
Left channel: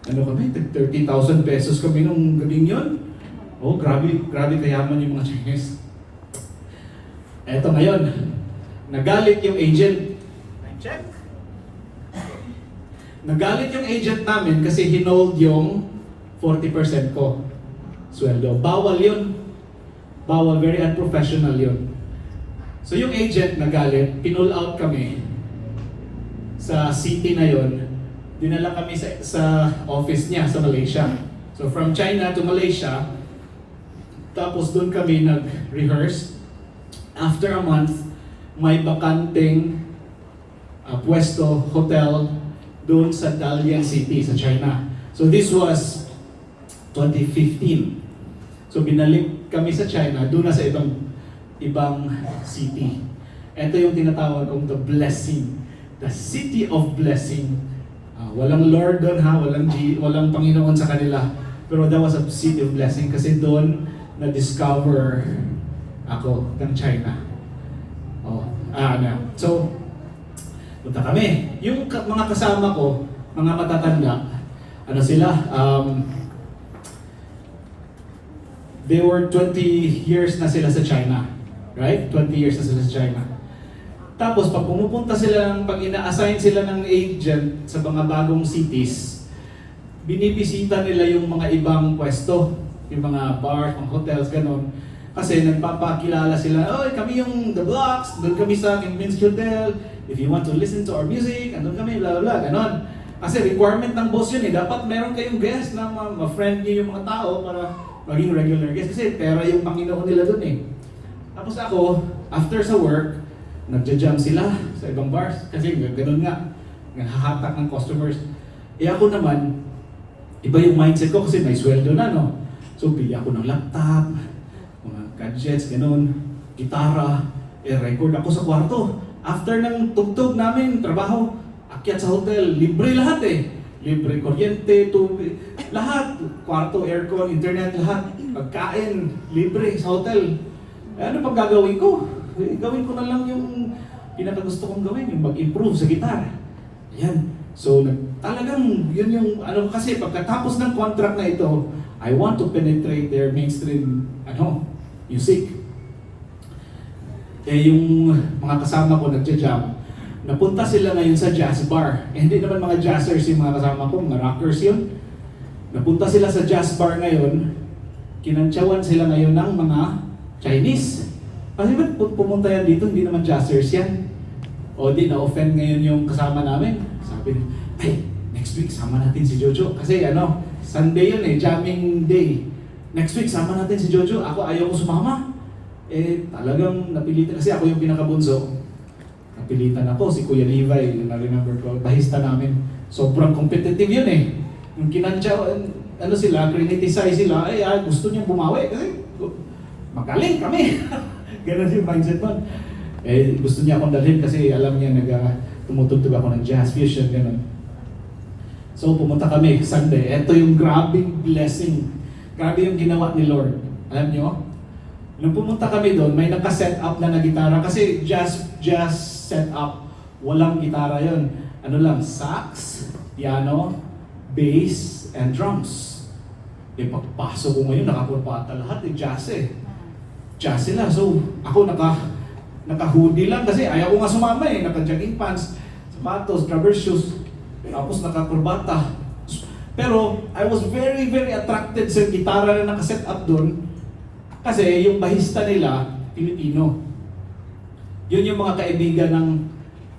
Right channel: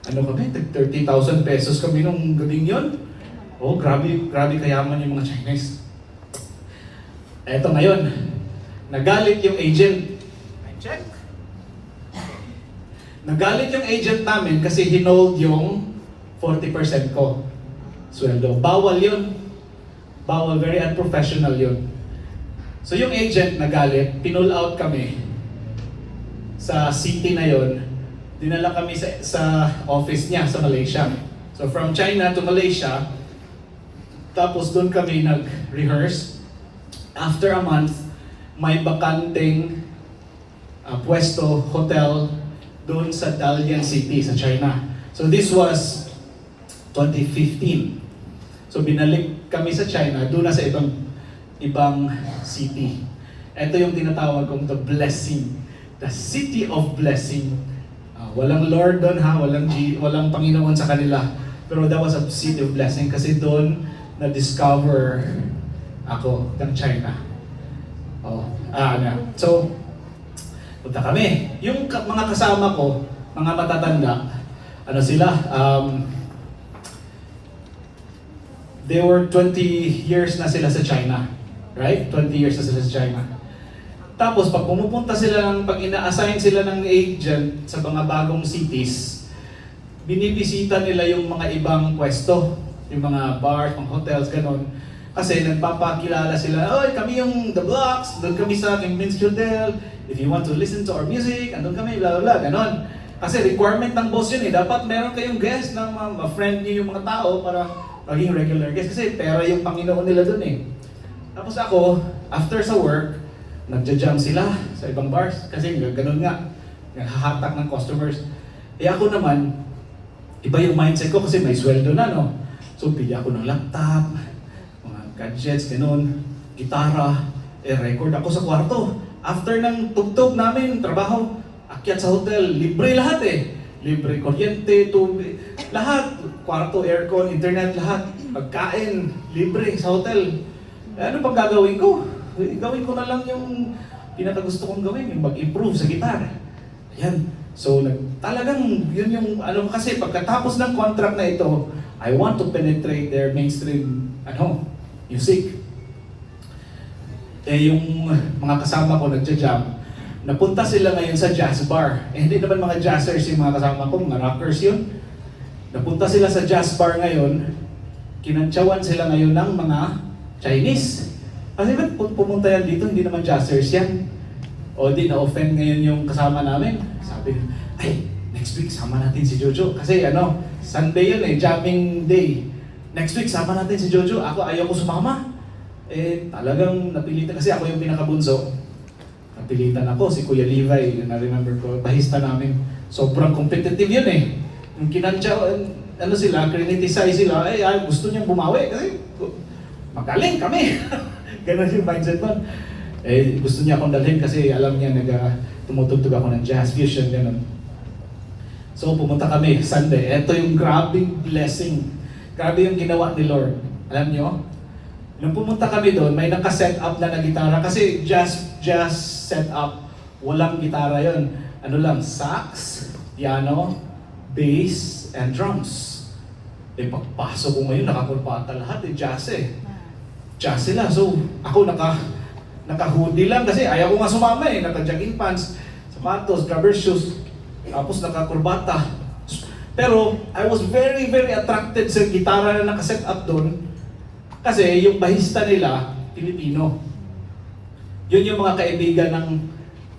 kami, 30,000 pesos kami nung gabing yun. Oh, grabe kayaman yung mga Chinese. Eto ngayon, nagalit yung agent. Time check. Nagalit yung agent namin kasi hinold yung 40% ko sweldo. Bawal yun. Bawal, very unprofessional yun. So yung agent nagalit, pinull out kami sa city na yun. Dinala kami sa office niya sa Malaysia. So from China to Malaysia, tapos doon kami nag-rehearse. After a month, may bakanteng pwesto, hotel, doon sa Dalian City, sa China. So this was 2015. So binalik kami sa China, doon na sa ibang city. Ito yung tinatawag kong the blessing. The city of blessing. Walang Lord doon ha, walang Panginoon sa kanila. Pero that was a city of blessing kasi doon na-discover ako ng China. So, punta kami. Yung mga kasama ko, mga matatanda, ano sila? They were 20 years na sila sa China. Right? 20 years na sila sa China. Tapos, pag pumupunta sila, pag ina-assign sila ng agent sa mga bagong cities, binibisita nila yung mga ibang pwesto. Yung mga bars, mga hotels, ganun. Kasi nagpapakilala sila, oy, kami yung The Blocks, doon kami sa Minsk Hotel, if you want to listen to our music, andun kami, blah, blah, blah, ganun. Kasi requirement ng boss yun eh, dapat meron kayong guest na ma-friend nyo yung mga tao para maging regular guest. Kasi pera yung Panginoon nila doon eh. Tapos ako, after sa work, nagja-jam sila sa ibang bars, kasi ganun nga, hahatak ng customers. Eh ako naman, iba yung mindset ko kasi may sweldo na, no? So, bili ako ng laptop, mga gadgets, ganun, gitara, record ako sa kwarto. After ng tugtog namin, trabaho, akyat sa hotel, libre lahat eh. Libre kuryente, tubig, lahat. Kwarto, aircon, internet, lahat. Pagkain, libre sa hotel. Ano pag gagawin ko? Gawin ko na lang yung pinakagusto kong gawin, yung mag-improve sa gitar. Ayan. So, talagang yun yung, kasi pagkatapos ng contract na ito, I want to penetrate their mainstream, music. Eh, yung mga kasama ko nagja-jam, napunta sila ngayon sa jazz bar. Eh, hindi naman mga jazzers yung mga kasama ko, mga rockers yun. Napunta sila sa jazz bar ngayon, kinantsawan sila ngayon ng mga Chinese. Kasi ba't pumunta yan dito, hindi naman jazzers yan. O di, na-offend ngayon yung kasama namin. Sabi nila, ay, next week sama natin si Jojo. Kasi Sunday yun eh, jamming day. next week sama natin si Jojo. Ako ayaw ko sumama. Talagang napilitan kasi ako yung pinakabunso. Napilitan ako, si Kuya Levi, yun na-remember ko, bahista namin. Sobrang competitive yun eh. Yung kinantya, sila, criticize sila, gusto niyang bumawi kasi magaling kami. Ganun yung mindset mo. Gusto niya akong dalhin kasi alam niya tumutugtog ako ng jazz fusion, ganun. So pumunta kami Sunday. Ito yung grabing blessing. Grabe yung ginawa ni Lord. Alam niyo? Nung pumunta kami doon, may naka-set up na gitara kasi jazz set up. Walang gitara yon. Ano lang, sax, piano, bass, and drums. Pagpasok ko ngayon, nakakurpata lahat, jazz eh. Jazz sila. So, ako naka-hoodie lang kasi ayaw ko nga sumama eh. Naka-jogging pants, sapatos, rubber shoes, tapos naka-kurbata. Pero, I was very, very attracted sa gitara na naka-set up doon kasi yung bahista nila, Pilipino. Yun yung mga kaibigan ng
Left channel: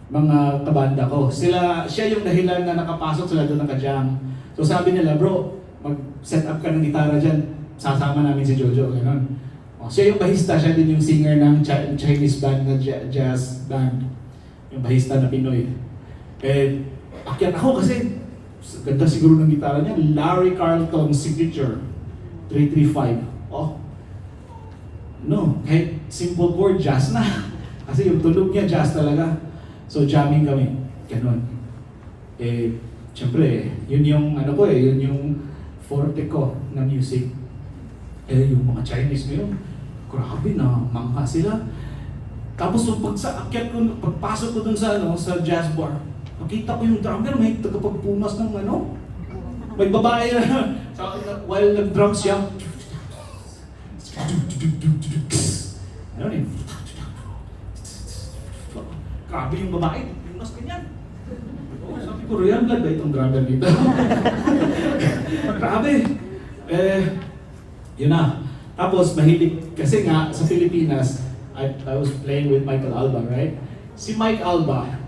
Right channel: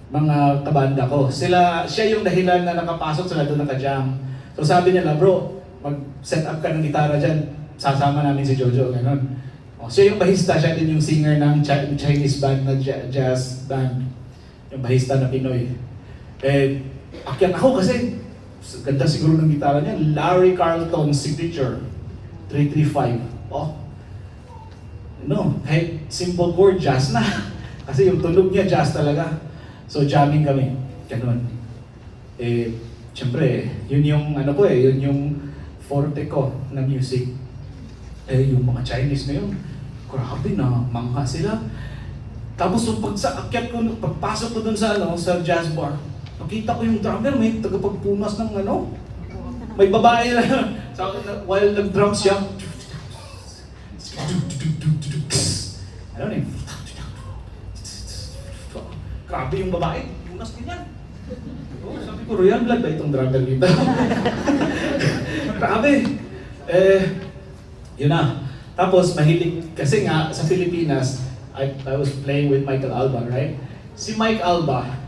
mga kabanda ko. Siya yung dahilan na nakapasok sila doon naka-jam. So sabi nila, bro, mag-set up ka ng gitara dyan, sasama namin si Jojo, gano'n. Siya yung bahista, siya din yung singer ng Chinese band na jazz band. Yung bahista na Pinoy. Akyat ako kasi, ganda siguro ng gitara niya, Larry Carlton Signature 335. Kahit simple chord, jazz na. Kasi yung tunog niya, jazz talaga. So jamming kami, gano'n. Siyempre, yun yung yun yung forte ko na music. Yung mga Chinese ngayon, grabe na, mangka sila. Tapos pagpasok ko dun sa jazz bar, nakita ko yung drummer, may tagapagpumas ng may babae na, while nag-drum siya, grabe yung babae, punas ganyan. Sabi ko, Royal Blood ba itong drummer dito? Grabe. Yun na. Tapos mahilig, kasi nga sa Pilipinas, I was playing with Michael Alba, right? Si Mike Alba,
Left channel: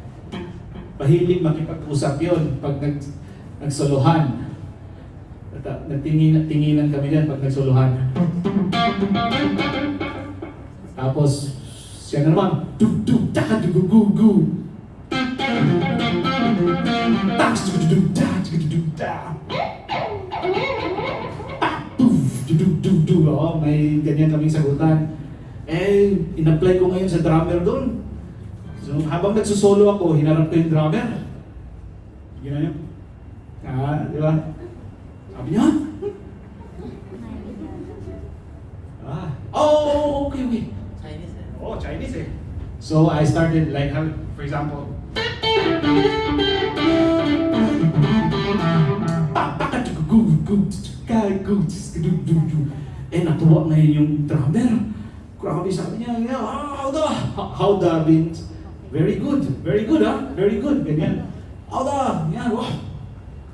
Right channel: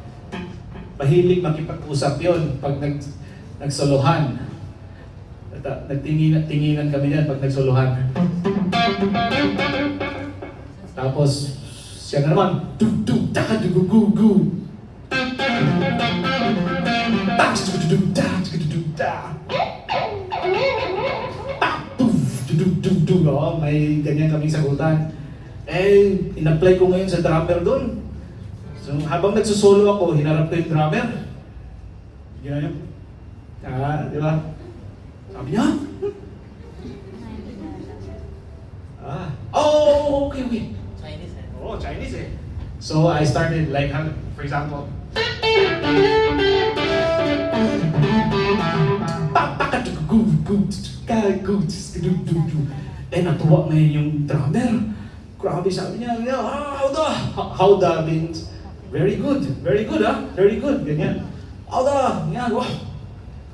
mahilig makipag-usap yun pag nagsolohan. Nagtinginan kami yan pag nagsolohan. Tapos, siya na naman, may ganyan kaming sagutan. In-apply ko ngayon sa drummer doon. So, habang nagsusolo ako, hinarap ko yung drummer. Gano'n yun. Di ba? Sabi niya, okay. Chinese eh. Chinese eh. So, I started like, for example, natuwa ngayon yung drummer. Grabe, sabi niya, howda means very good, very good very good, ganyan. Howda, yan,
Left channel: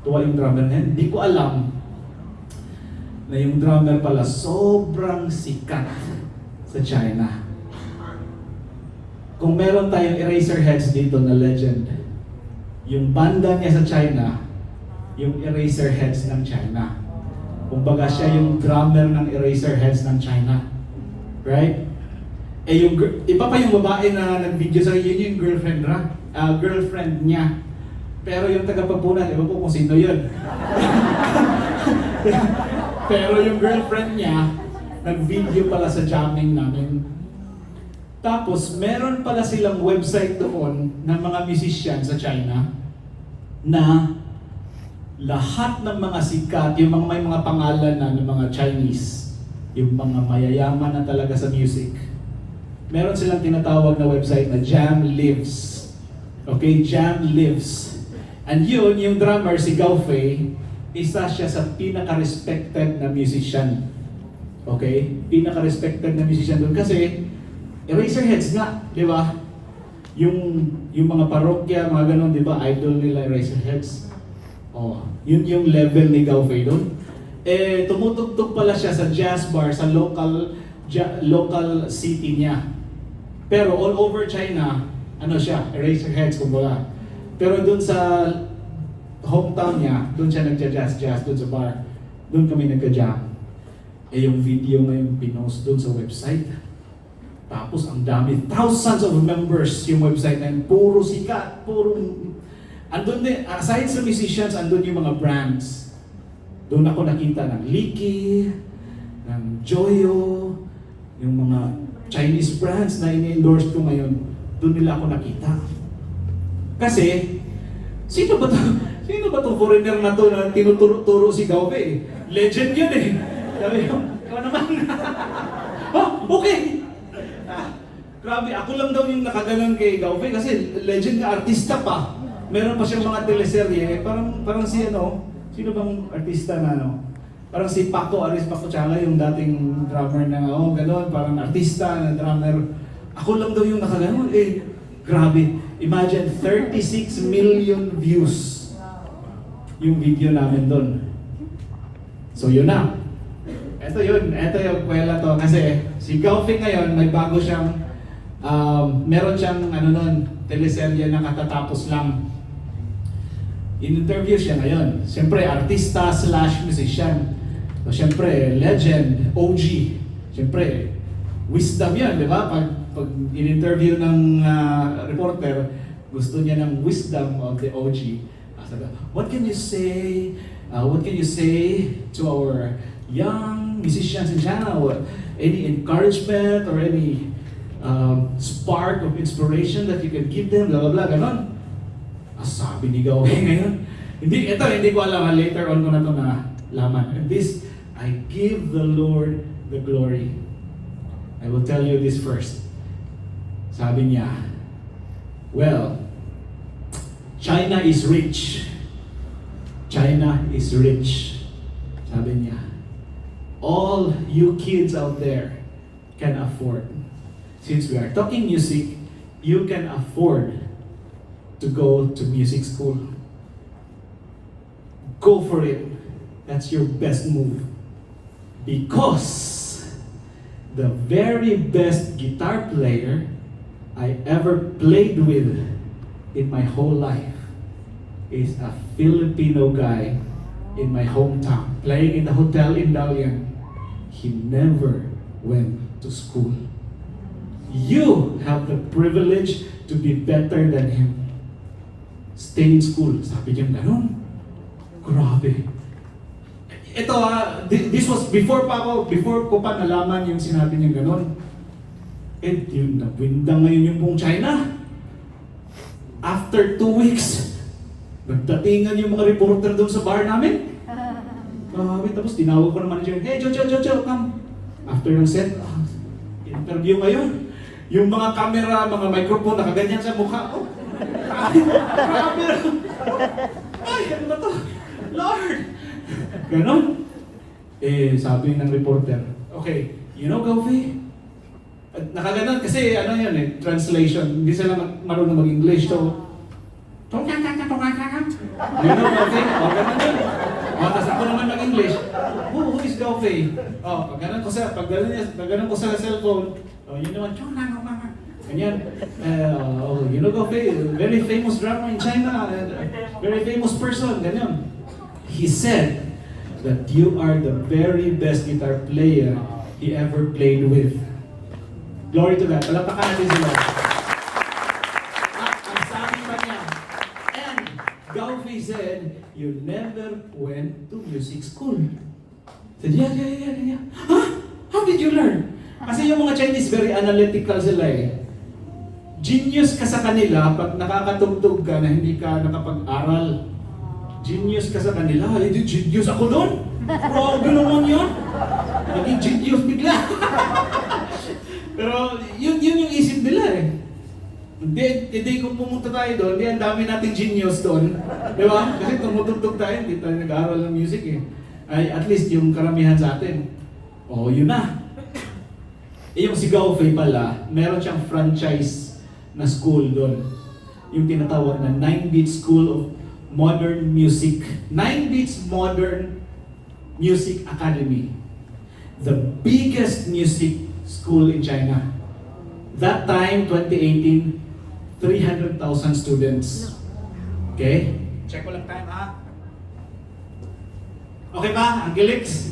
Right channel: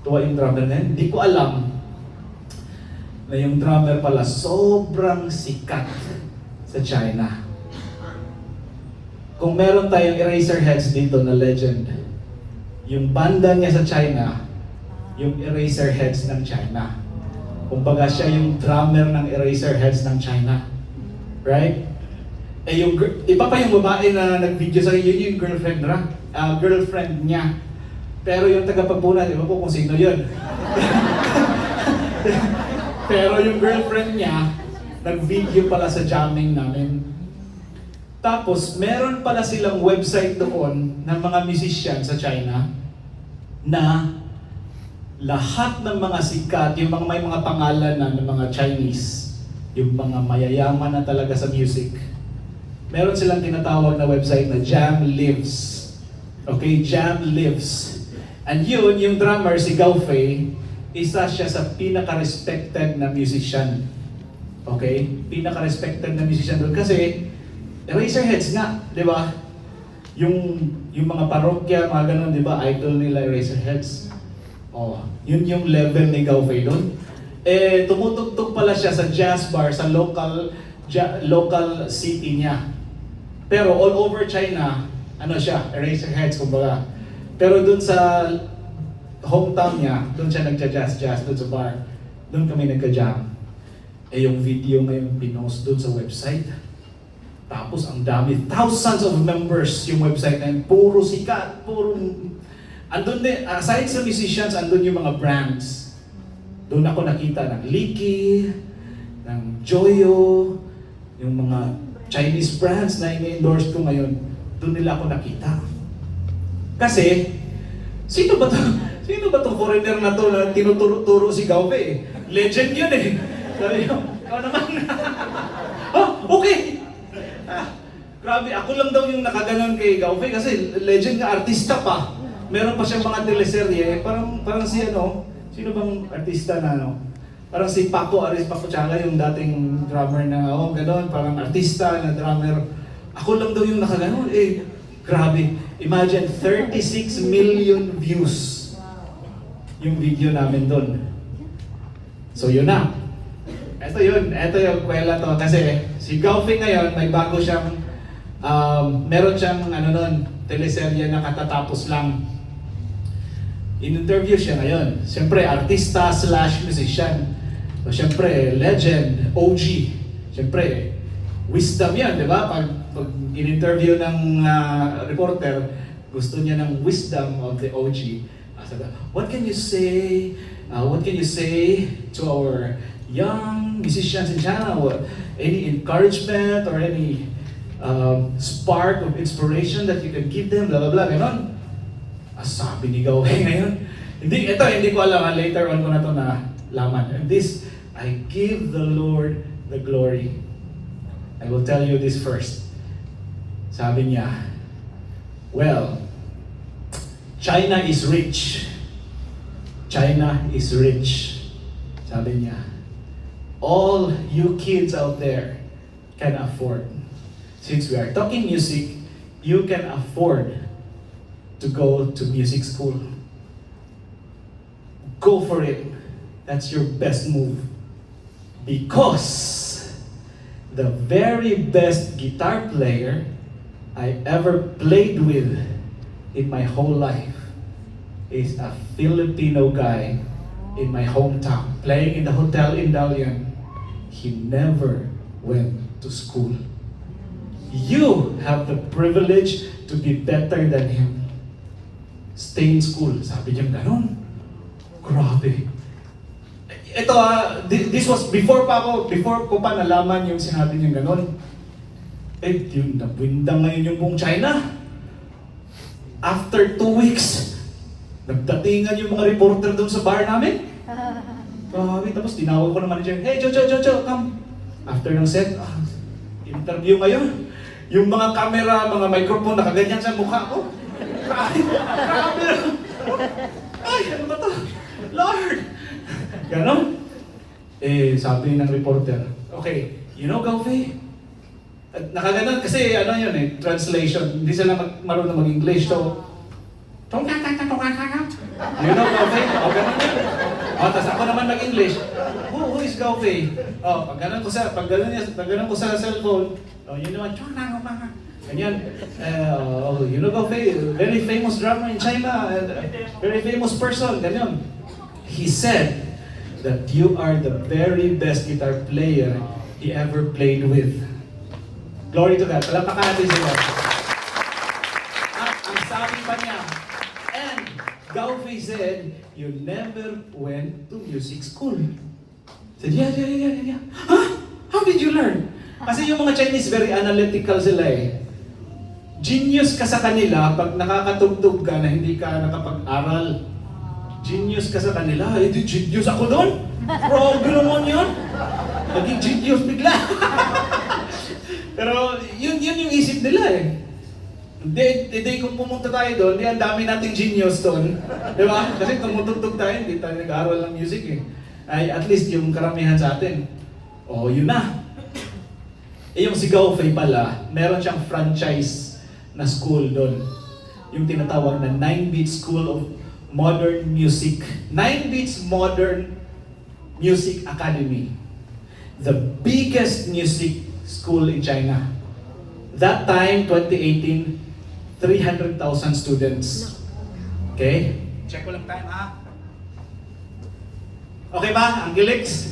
tuwa yung drummer na yan. Hindi ko alam na yung drummer pala sobrang sikat sa China. Kung meron tayong Eraserheads dito na legend, yung banda niya sa China, yung Eraserheads ng China. Kumbaga siya yung drummer ng Eraserheads ng China. Right? Iba pa yung babae na nag-video sa yun yung girlfriend niya. Pero yung tagapagpunan, iba po kung sino yun. Pero yung girlfriend niya, nag-video pala sa jamming namin. Tapos, meron pala silang website doon ng mga musician sa China na lahat ng mga sikat, yung may mga pangalan na ng mga Chinese, yung mga mayayaman na talaga sa music, meron silang tinatawag na website na Jam Lives. Okay, Jam Lives. And yun, yung drummer, si Gao Fei, isa siya sa pinaka-respected na musician. Okay? Pinaka-respected na musician doon kasi Eraserheads nga, di ba? Yung mga parokya, mga ganun, di ba? Idol nila Eraserheads. Yun yung level ni Gao Fei doon. Tumutugtog pala siya sa jazz bar sa local city niya. Pero all over China, siya, Eraserheads, kumbaga. Pero doon sa hometown niya, doon siya nagja-jazz doon sa bar. Doon kami nagka-jam. Eh yung video ngayon pinost doon sa website. Tapos ang dami, thousands of members yung website na yun. Puro sikat, puro... Andun din, aside sa musicians, andun yung mga brands. Doon ako nakita ng Leaky, ng Joyo, yung mga Chinese brands na ini-endorse ko ngayon. Doon nila ako nakita. Kasi, sino ba to? Sino ba tong foreigner na to na tinuturo si Gaupe? Legend yun eh. Sabi ko, ikaw naman. Okay. Grabe, ako lang daw yung nakaganon kay Gaupe kasi legend na artista pa. Meron pa siyang mga teleserye, parang si sino bang artista na Parang si Paco Chala, yung dating drummer na, ganon, parang artista na drummer. Ako lang daw yung nakaganon. Grabe. Imagine, 36 million views yung video namin doon. So yun na. Ito yung kwela to. Kasi si Gaufe ngayon, may bago siyang, meron siyang teleserye na katatapos lang. In-interview siya ngayon. Siyempre, artista / musician. So siyempre, legend, OG. Siyempre, wisdom yan, di ba? Pag in-interview ng reporter, gusto niya ng wisdom of the OG. What can you say? What can you say to our young musicians in China? Any encouragement or any spark of inspiration that you can give them? Blah, blah, blah, ganon. Sabi ni Gaupe ngayon. Hindi ko alam. Later on ko na ito nalaman. And this, I give the Lord the glory. I will tell you this first. Sabi niya, well, China is rich. China is rich. Sabi niya, all you kids out there can afford. Since we are talking music, you can afford to go to music school. Go for it. That's your best move. Because the very best guitar player I ever played with in my whole life is a Filipino guy in my hometown, playing in the hotel in Dalian. He never went to school. You have the privilege to be better than him. Stay in school. Sabi niya ganon. Grabe. Ito this was before ko pa nalaman yung sinabi niya ganon. Yun, nabwindang ngayon yung buong China. After 2 weeks, nagdatingan yung mga reporter doon sa bar namin. Grabe, tapos tinawag ko naman siya, hey, Joe, come. After ng set, interview ngayon. Yung mga camera, mga microphone, nakaganyan sa mukha ko. Grabe. Ay, ano ba to? Lord! Ganon. Sabi ng reporter, okay, you know, Gaufe? Nakaganon kasi translation. Hindi sila marunong mag-English. So, you know, Gaufe? Ganon yun. Tapos ako naman mag-English. Who is Gaufe? Pag ganon ko sa cellphone, you know, ganyan. You know, Gaufe, very famous drummer in China, and very famous person, ganyan. He said that you are the very best guitar player he ever played with. Glory to God. Palapakan natin sila. At ang sabi pa niya, and Gaufe said, you never went to music school. Said, yeah. Huh? How did you learn? Kasi yung mga Chinese, very analytical sila eh. Genius ka sa kanila pag nakakatugtog ka na hindi ka nakapag-aral. Genius ka sa kanila. Genius ako doon? Grabe naman yun. Naging genius bigla. Pero yun yung isip nila eh. Hindi kung pumunta tayo doon, ang dami nating genius doon. Di ba? Kasi tumutugtog tayo, hindi tayo nag-aaral ng music eh. Ay, at least yung karamihan sa atin. Yun na. Yung si Gaufe pala, meron siyang franchise na school doon. Yung tinatawag na 9 Beat School of Modern Music. 9 Beats Modern Music Academy. The biggest music school in China. That time, 2018, 300,000 students. Okay? Check ko lang time, ha? Okay ba, Angelix?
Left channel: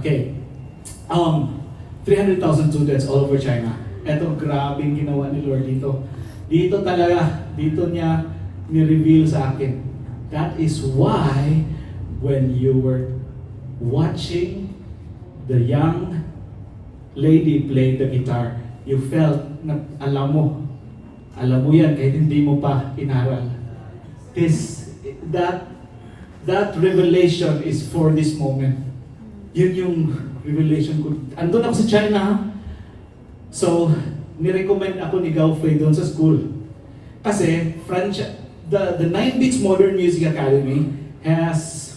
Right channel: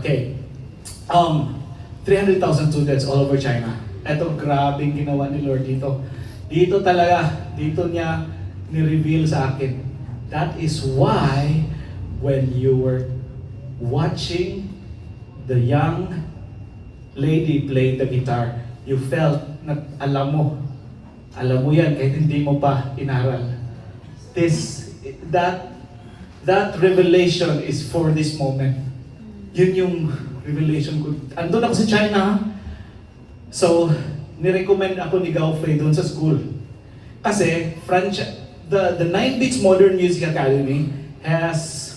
Okay. 300,000 students all over China. Eto, grabing ginawa ni Lord dito. Dito talaga, dito niya ni-reveal sa akin. That is why when you were watching the young lady play the guitar, you felt na alam mo yan kahit hindi mo pa inaral. That revelation is for this moment. Yun yung revelation ko. Andun ako sa China, ha? So, nirecommend ako ni Gao Fei doon sa school. Kasi, the 9 Beats Modern Music Academy has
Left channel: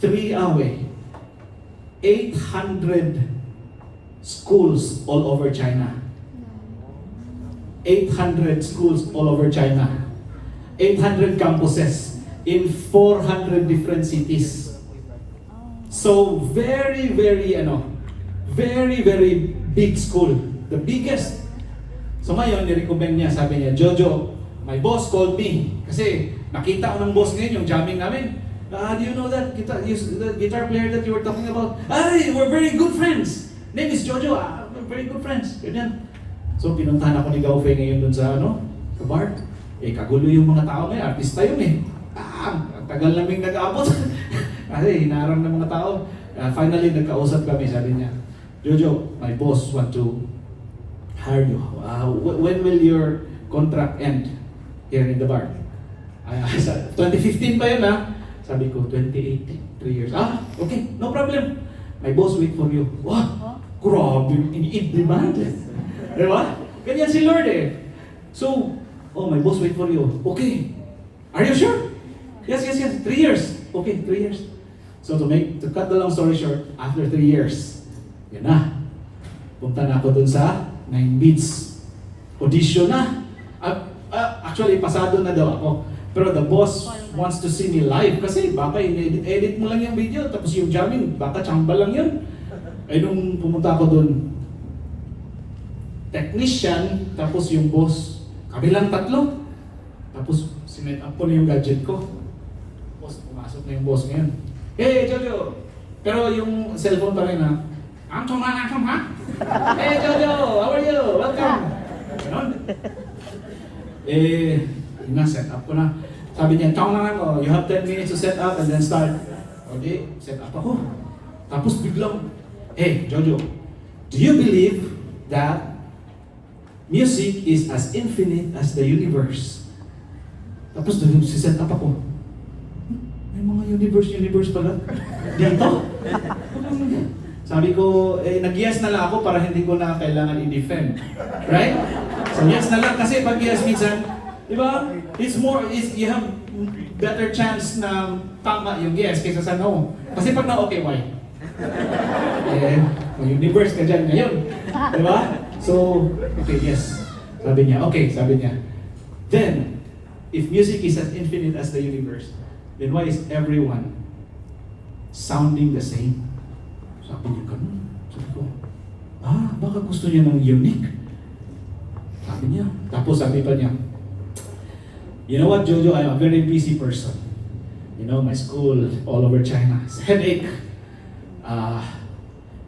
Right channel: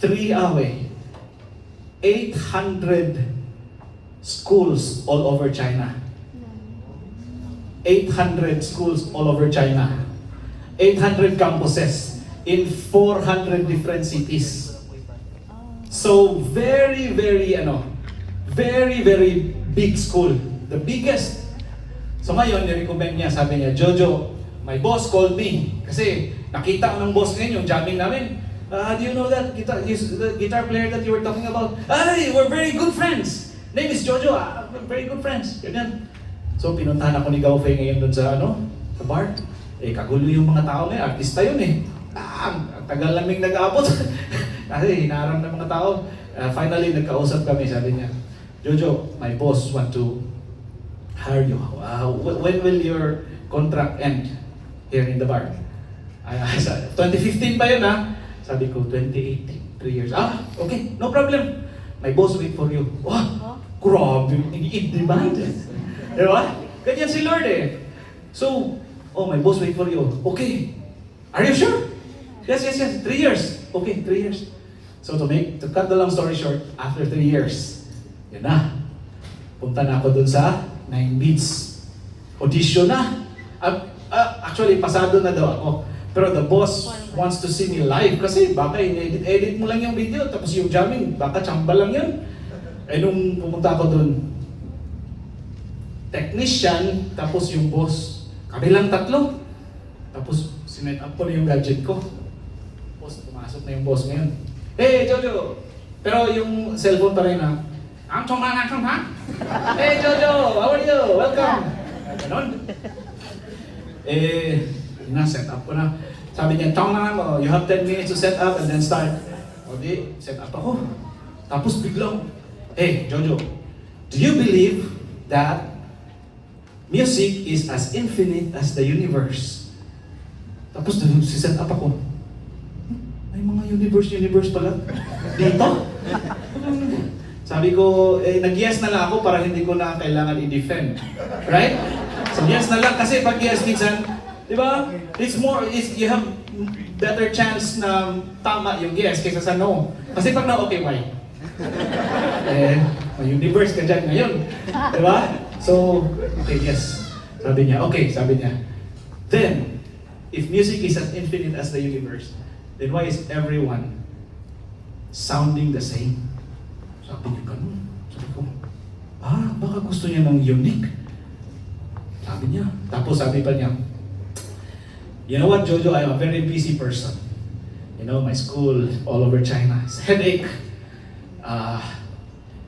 800 schools all over China. 800 schools all over China. 800 campuses in 400 different cities. So, very big school. The biggest. So ngayon, ni-recommend niya, sabi niya, Jojo, my boss called me. Kasi nakita ko ng boss ngayon yung jamming namin. Do you know that the guitar player that you were talking about? Ay, we're very good friends. Name is Jojo. We're very good friends. Ganyan. So pinuntahan ako ni Gao Fei ngayon dun sa sa bar. Kagulo yung mga tao ngayon. Artista yun eh. Ang tagal naming nag-aabot. Kasi hinarang ng mga tao. Finally, nagkausap kami. Sabi niya, Jojo, my boss want to hire you. When will your contract end here in the bar? 2015 ba yun ha? Sabi ko, 2018, 3 years. Okay, no problem. My boss wait for you. Wow, grabe, in-demand. Diba? Ganyan si Lord eh. So, my boss wait for you. Okay. Are you sure? Yes. 3 years. Okay, 3 years. So to cut the long story short, after 3 years, yun na. Punta na ako dun sa 9 Beats. Audition na. Actually, pasado na daw ako. Pero the boss wants to see me live kasi baka edit mo lang yung video tapos yung jamming, baka chamba lang yun. Nung pumunta ako dun, technician, tapos yung boss, kami lang tatlo. Tapos sinet up ko na yung gadget ko. Tapos pumasok na yung boss ngayon. Hey, Jojo! Pero yung cellphone pa rin ha. Ang chong ha? Hey, Jojo! How are you? Welcome! Ganon. Set up ko na. Sabi niya, chong lang ako. You have 10 minutes to set up and then start. Okay, set up ako. Tapos biglang, hey, Jojo, do you believe that music is as infinite as the universe? Tapos set up ako. May mga universe pala. Dito? Sabi ko, nag-yes na lang ako para hindi ko na kailangan i-defend. Right? So yes na lang kasi pag yes minsan, di ba? You have better chance na tama yung yes kaysa sa no. Kasi pag na okay, why? May universe ka dyan ngayon. Di ba? So, okay, yes. Sabi niya, then, if music is as infinite as the universe, then why is everyone sounding the same? Sabi niya ganun. Sabi ko, baka gusto niya ng unique. Sabi niya. Tapos sabi pa niya, you know what, Jojo, I'm a very busy person. You know, my school all over China. It's a headache.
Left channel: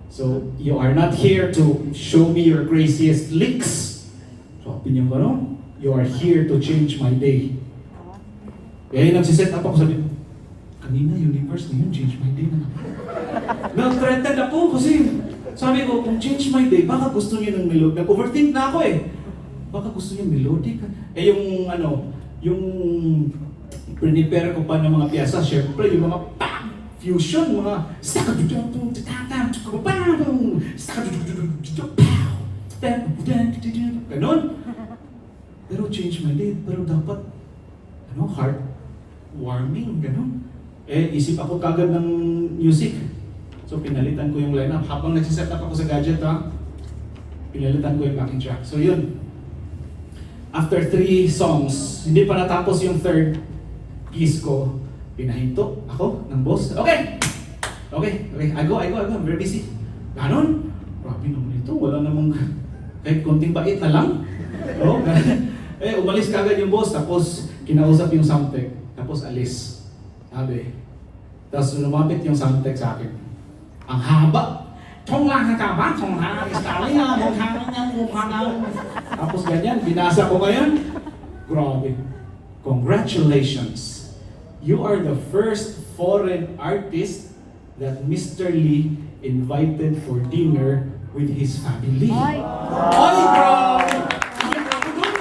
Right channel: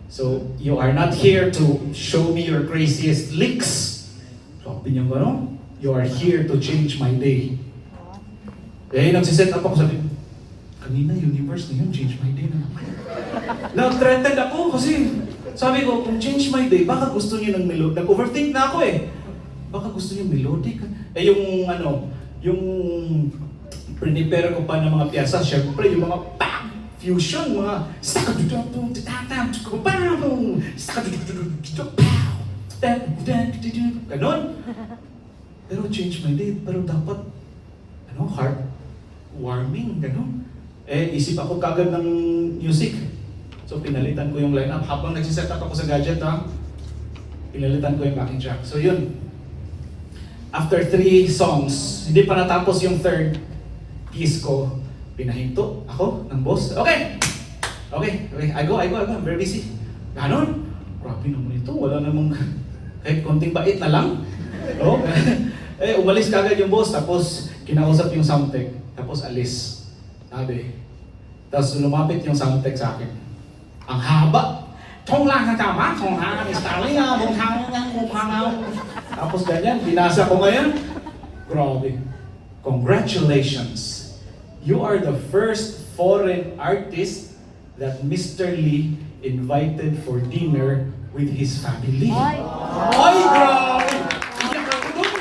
So you are not here to show me your craziest licks. Sabi niya ganun. You are here to change my day. Kaya nagsiset up ako, sabi, kanina universe na yun, change my day na naman. Nag-threatened ako kasi sabi ko, kung change my day, baka gusto niyo ng melody. Nag-overthink na ako eh. Baka gusto niyo melodic. Yung prepare ko pa ng mga piyasa, syempre yung mga fusion, mga ganon. Pero change my day, pero dapat heart-warming, ganon. Isip ako kagad ng music. So pinalitan ko yung lineup. Habang nagsiset up ako sa gadget, pinalitan ko yung backing track. So yun. After 3 songs, hindi pa natapos yung third piece ko, pinahinto ako ng boss. Okay, I go. I'm very busy. Ganon. Grabe naman ito. Wala namang kahit konting bait na lang. No? Umalis kagad yung boss, tapos kinausap yung sound tech, tapos alis. Sabi, Tapos lumapit yung sound tech sa akin. Ang haba. Tapos ganyan, binasa ko ngayon. Grabe. Congratulations. You are the first foreign artist that Mr. Lee invited for dinner with his family. Ay. Ay, grabe! Iyak ako dun.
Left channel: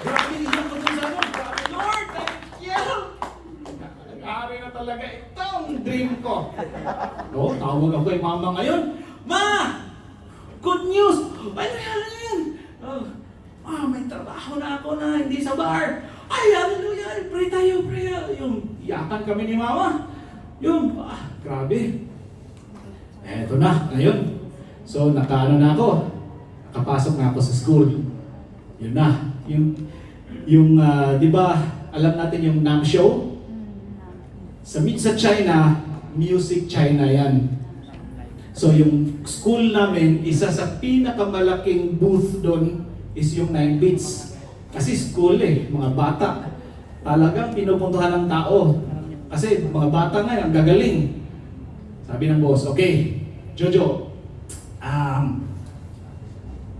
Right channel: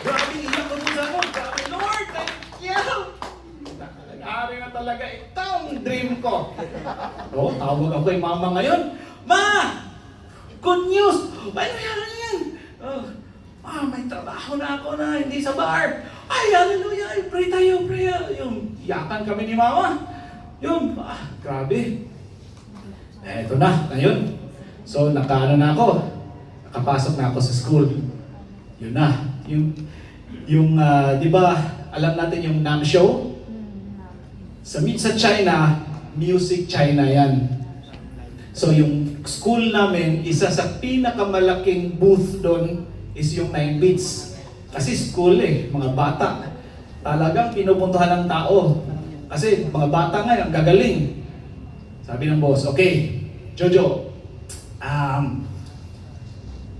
Grabe, iyak ko dun sa ano. Grabe, Lord, thank you! Nangyari na talaga itong dream ko. Oo, tawag ako kay mama ngayon. Ma! Good news! Ano yan? Oh, may trabaho na ako na hindi sa bar. Ay, hallelujah! Pray tayo, pray. Yung iyakan kami ni mama. Yung, grabe. Eto na, ngayon. So, nakaano na ako. Nakapasok na ako sa school. Yun na. Yung di ba, alam natin yung NAM show? Sa China, Music China yan. So, yung school namin, isa sa pinakamalaking booth doon is yung 9 Beats. Kasi school mga bata. Talagang pinupuntahan ng tao. Kasi mga bata nga, ang gagaling. Sabi ng boss, okay, Jojo,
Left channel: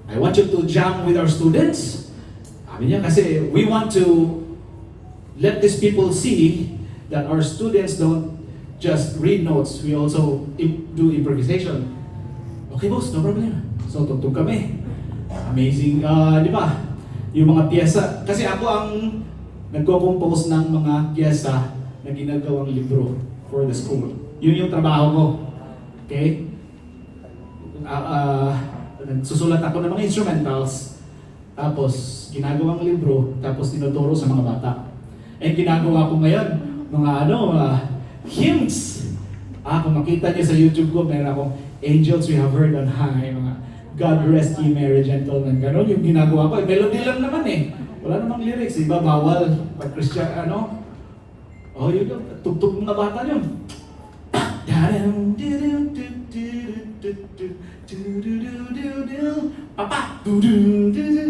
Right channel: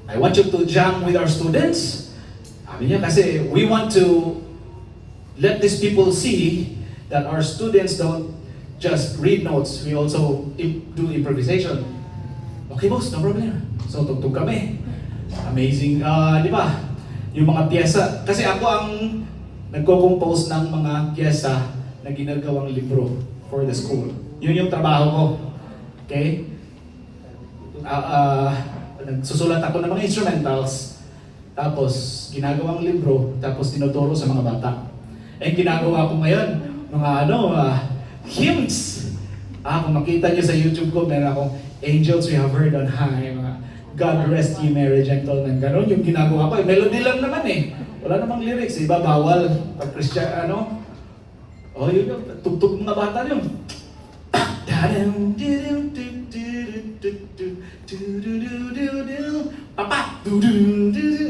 I want you to jam with our students. Sabi niya kasi we want to let these people see that our students don't just read notes, we also do improvisation. Okay boss, no problem. So tugtog kami. Amazing, di ba? Yung mga piyesa, kasi ako ang nagko-compose ng mga piyesa na ginagawang libro for the school. Yun yung trabaho ko. Okay? Nagsusulat ako ng mga instrumentals, tapos ginagawang libro, tapos tinuturo sa mga bata. Ginagawa ko ngayon, mga hymns. Kung makita niyo sa YouTube ko, meron akong Angels We Have Heard on High, mga God Rest Ye Merry Gentlemen, gano'n yung ginagawa ko. Melody lang naman wala namang lyrics, iba bawal pag Christian, yun yung tugtog mga bata yun. Papa!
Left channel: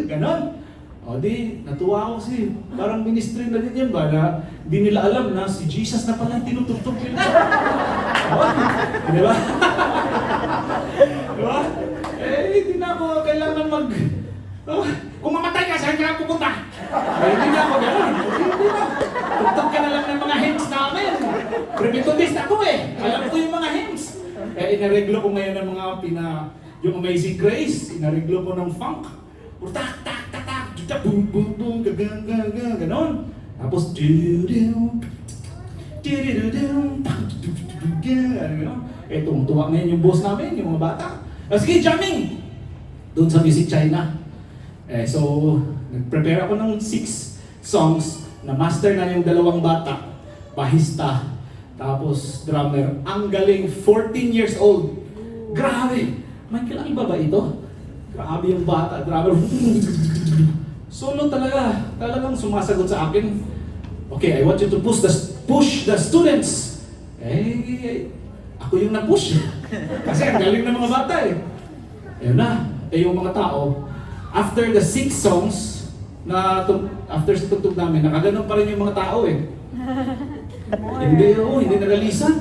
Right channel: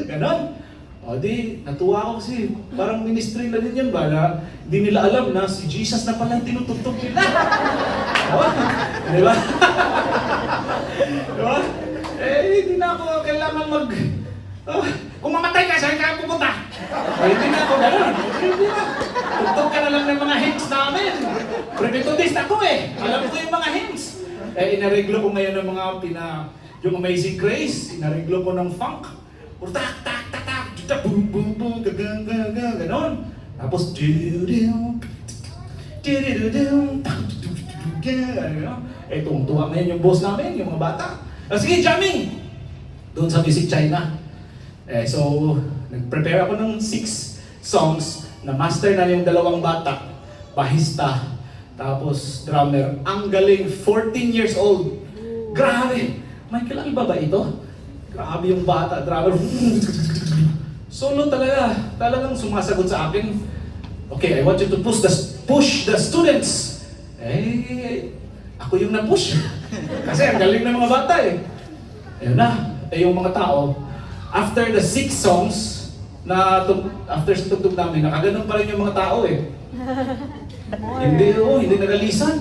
Ganon. Di, natuwa ako kasi parang ministry na din yan ba na di nila alam na si Jesus na pala tinutugtog nila. Di ba? Di ba? Hindi na ako kailangan kung mamatay ka, saan ka pupunta? Hindi na ako ganon. Hindi na. Tugtog ka na lang ng mga hymns namin. Pre-methodist ako Alam ko yung mga hymns. Inareglo ko ngayon ng mga yung Amazing Grace. Inareglo ko ng funk. Tak, tak, tak, tak, tak, boom, boom, boom, ganon. Tapos, tungtuwa ngayon yung boss namin, yung mga bata. Sige, jamming! Doon sa Music China. So, nag-prepare ako ng 6 songs na master na yung 2 bata, bahista, tapos drummer. Ang galing, 14 years old. Grabe! Michael, iba ba ito? Grabe yung bata, drummer. Solo talaga. Talagang sumasagot sa akin. Okay, I want you to push the students. Ako yung na-push. Kasi ang galing ng mga bata Ayun na. Yung mga tao, after the 6 songs, after sa tugtog namin, nakaganon pa rin yung mga tao Hindi nagalisan.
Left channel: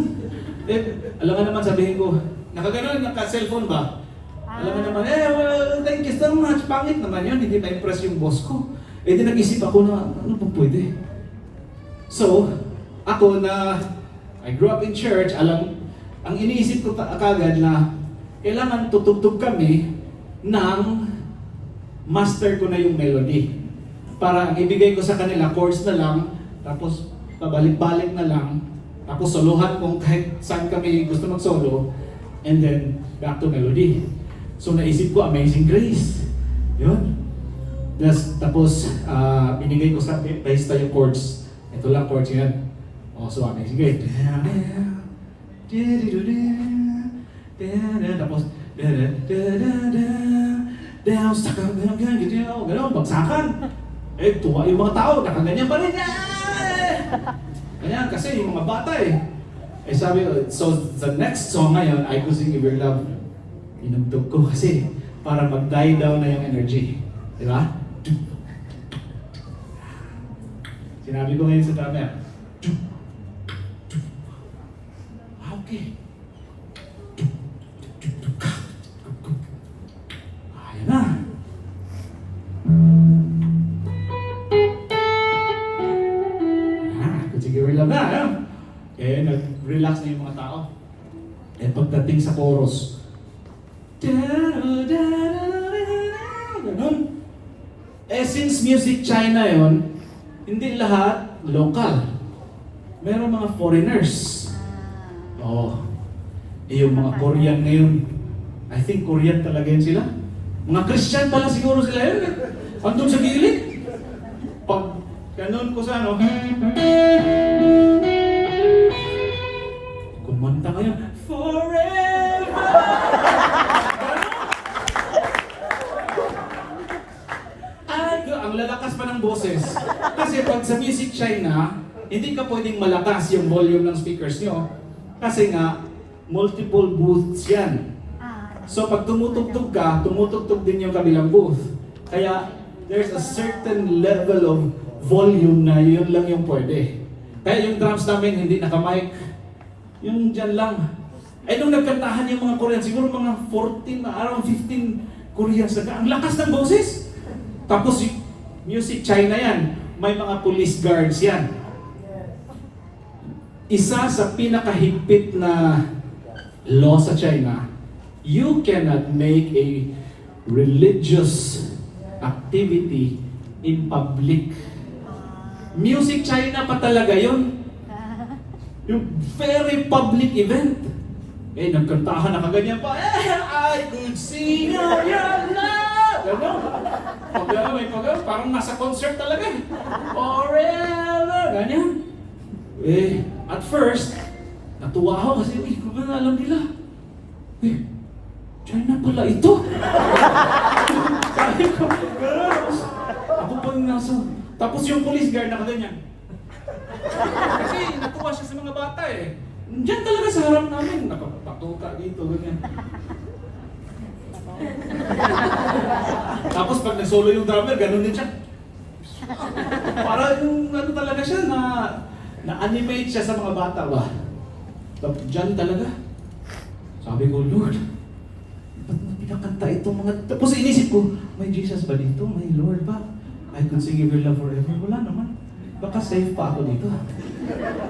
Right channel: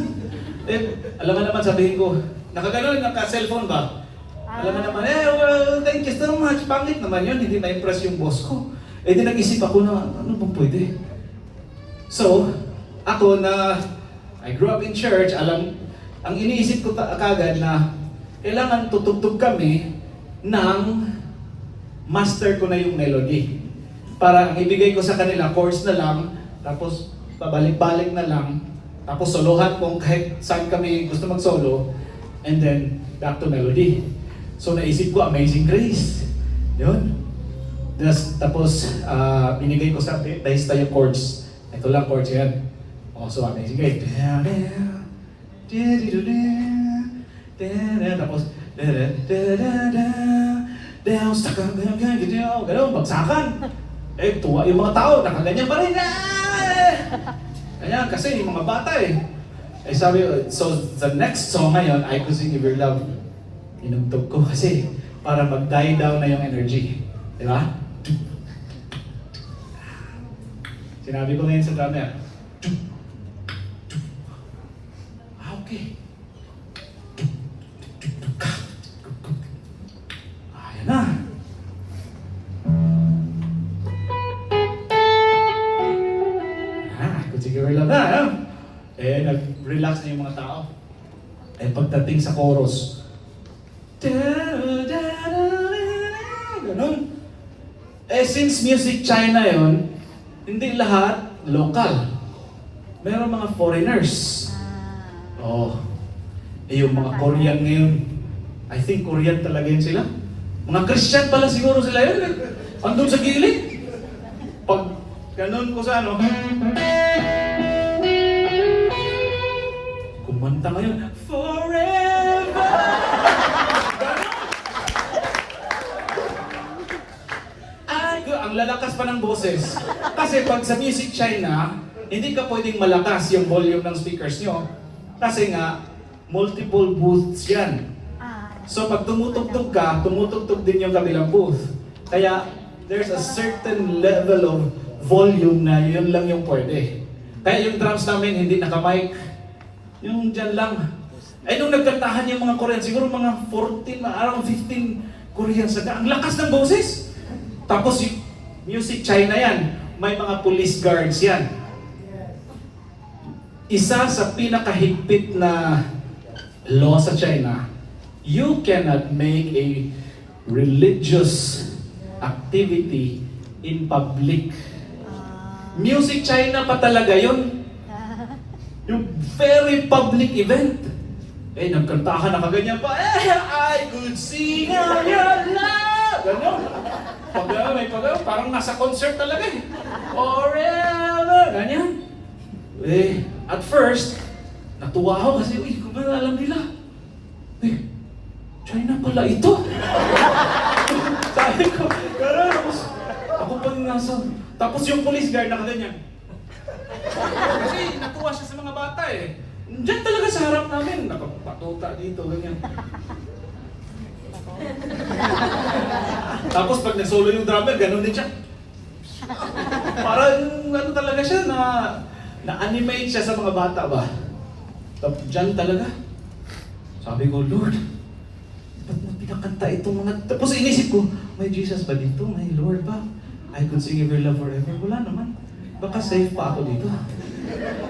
Alam mo naman, sabihin ko, nakaganon, naka-cellphone ba? Alam mo naman, well, thank you so much. Pangit naman yun, hindi na-impress yung boss ko. Di nag-isip ako na, ano pong pwede? So, ako na, I grew up in church, ang iniisip ko kagad na, kailangan tutugtog kami ng master ko na yung melody. Para ang ibigay ko sa kanila, chords na lang, tapos pabalik-balik na lang, tapos solohan kung kahit saan kami gusto mag-solo, and then back to melody. So naisip ko, Amazing Grace. Yun. Tapos binigay ko sa bahista yung chords. Ito lang chords yan. So Amazing Grace. Tapos gano'n, bagsakan. Tuwa yung mga tao, nakaganyan pa rin. Ganyan, kasi yung mga bata sabi, so the next song ngayon, I Could Sing If Your Love. Inugtog ko kasi para mag-die down na yung energy. Di ba? Sinabi ko ngayon sa drummer, Okay. Ayan na. Sige, lang na. Nag-relax na yung mga tao. Pagdating sa chorus, ganun. Since Music China yon, hindi lahat local. Meron mga foreigners. Yung mga Korean ngayon, I think Korean talaga yun sila. Mga Christian pala siguro sila yun. Andun sa gilid. Pag ganun ko sa ano, kumanta ngayon, forever! Ang lalakas pa ng boses. Kasi pag sa Music China, hindi ka pwedeng malakas yung volume ng speakers nyo. Kasi nga, multiple booths yan. So pag tumutugtog ka, tumutugtog din yung kabilang booth. Kaya there's a certain level of volume na yun lang yung pwede. Kaya yung drums namin hindi naka-mic. Yung dyan lang. Nung nagkantahan yung mga Korean, siguro mga 14, around 15 Koreans. Ang lakas ng boses. Tapos Music China yan. May mga police guards yan. Isa sa pinakahigpit na law sa China, you cannot make a religious activity in public. Music China pa talaga yun. Yung very public event. Nagkantahan na kaganyan pa. I could sing your love. Ano? Parang nasa concert talaga eh. Forever. Ganyan. At first, natuwa ako kasi, kung ba alam nila? China pala ito. Sabi ko, ako pa yung nasa. Tapos yung police guard nakaganyan. Kasi natuwa siya sa mga bata eh. Diyan talaga sa harap namin, nakapatuta dito, ganyan. Tapos pag nag-solo yung drummer, ganun din siya. Para yung ano talaga siya, na-animate siya sa mga bata ba? Tapos dyan talaga. Sabi ko, Lord, ba't mo pinakanta itong mga... Tapos inisip ko, may Jesus ba dito? May Lord ba? I could sing your love forever. Wala naman. Baka safe pa ako dito.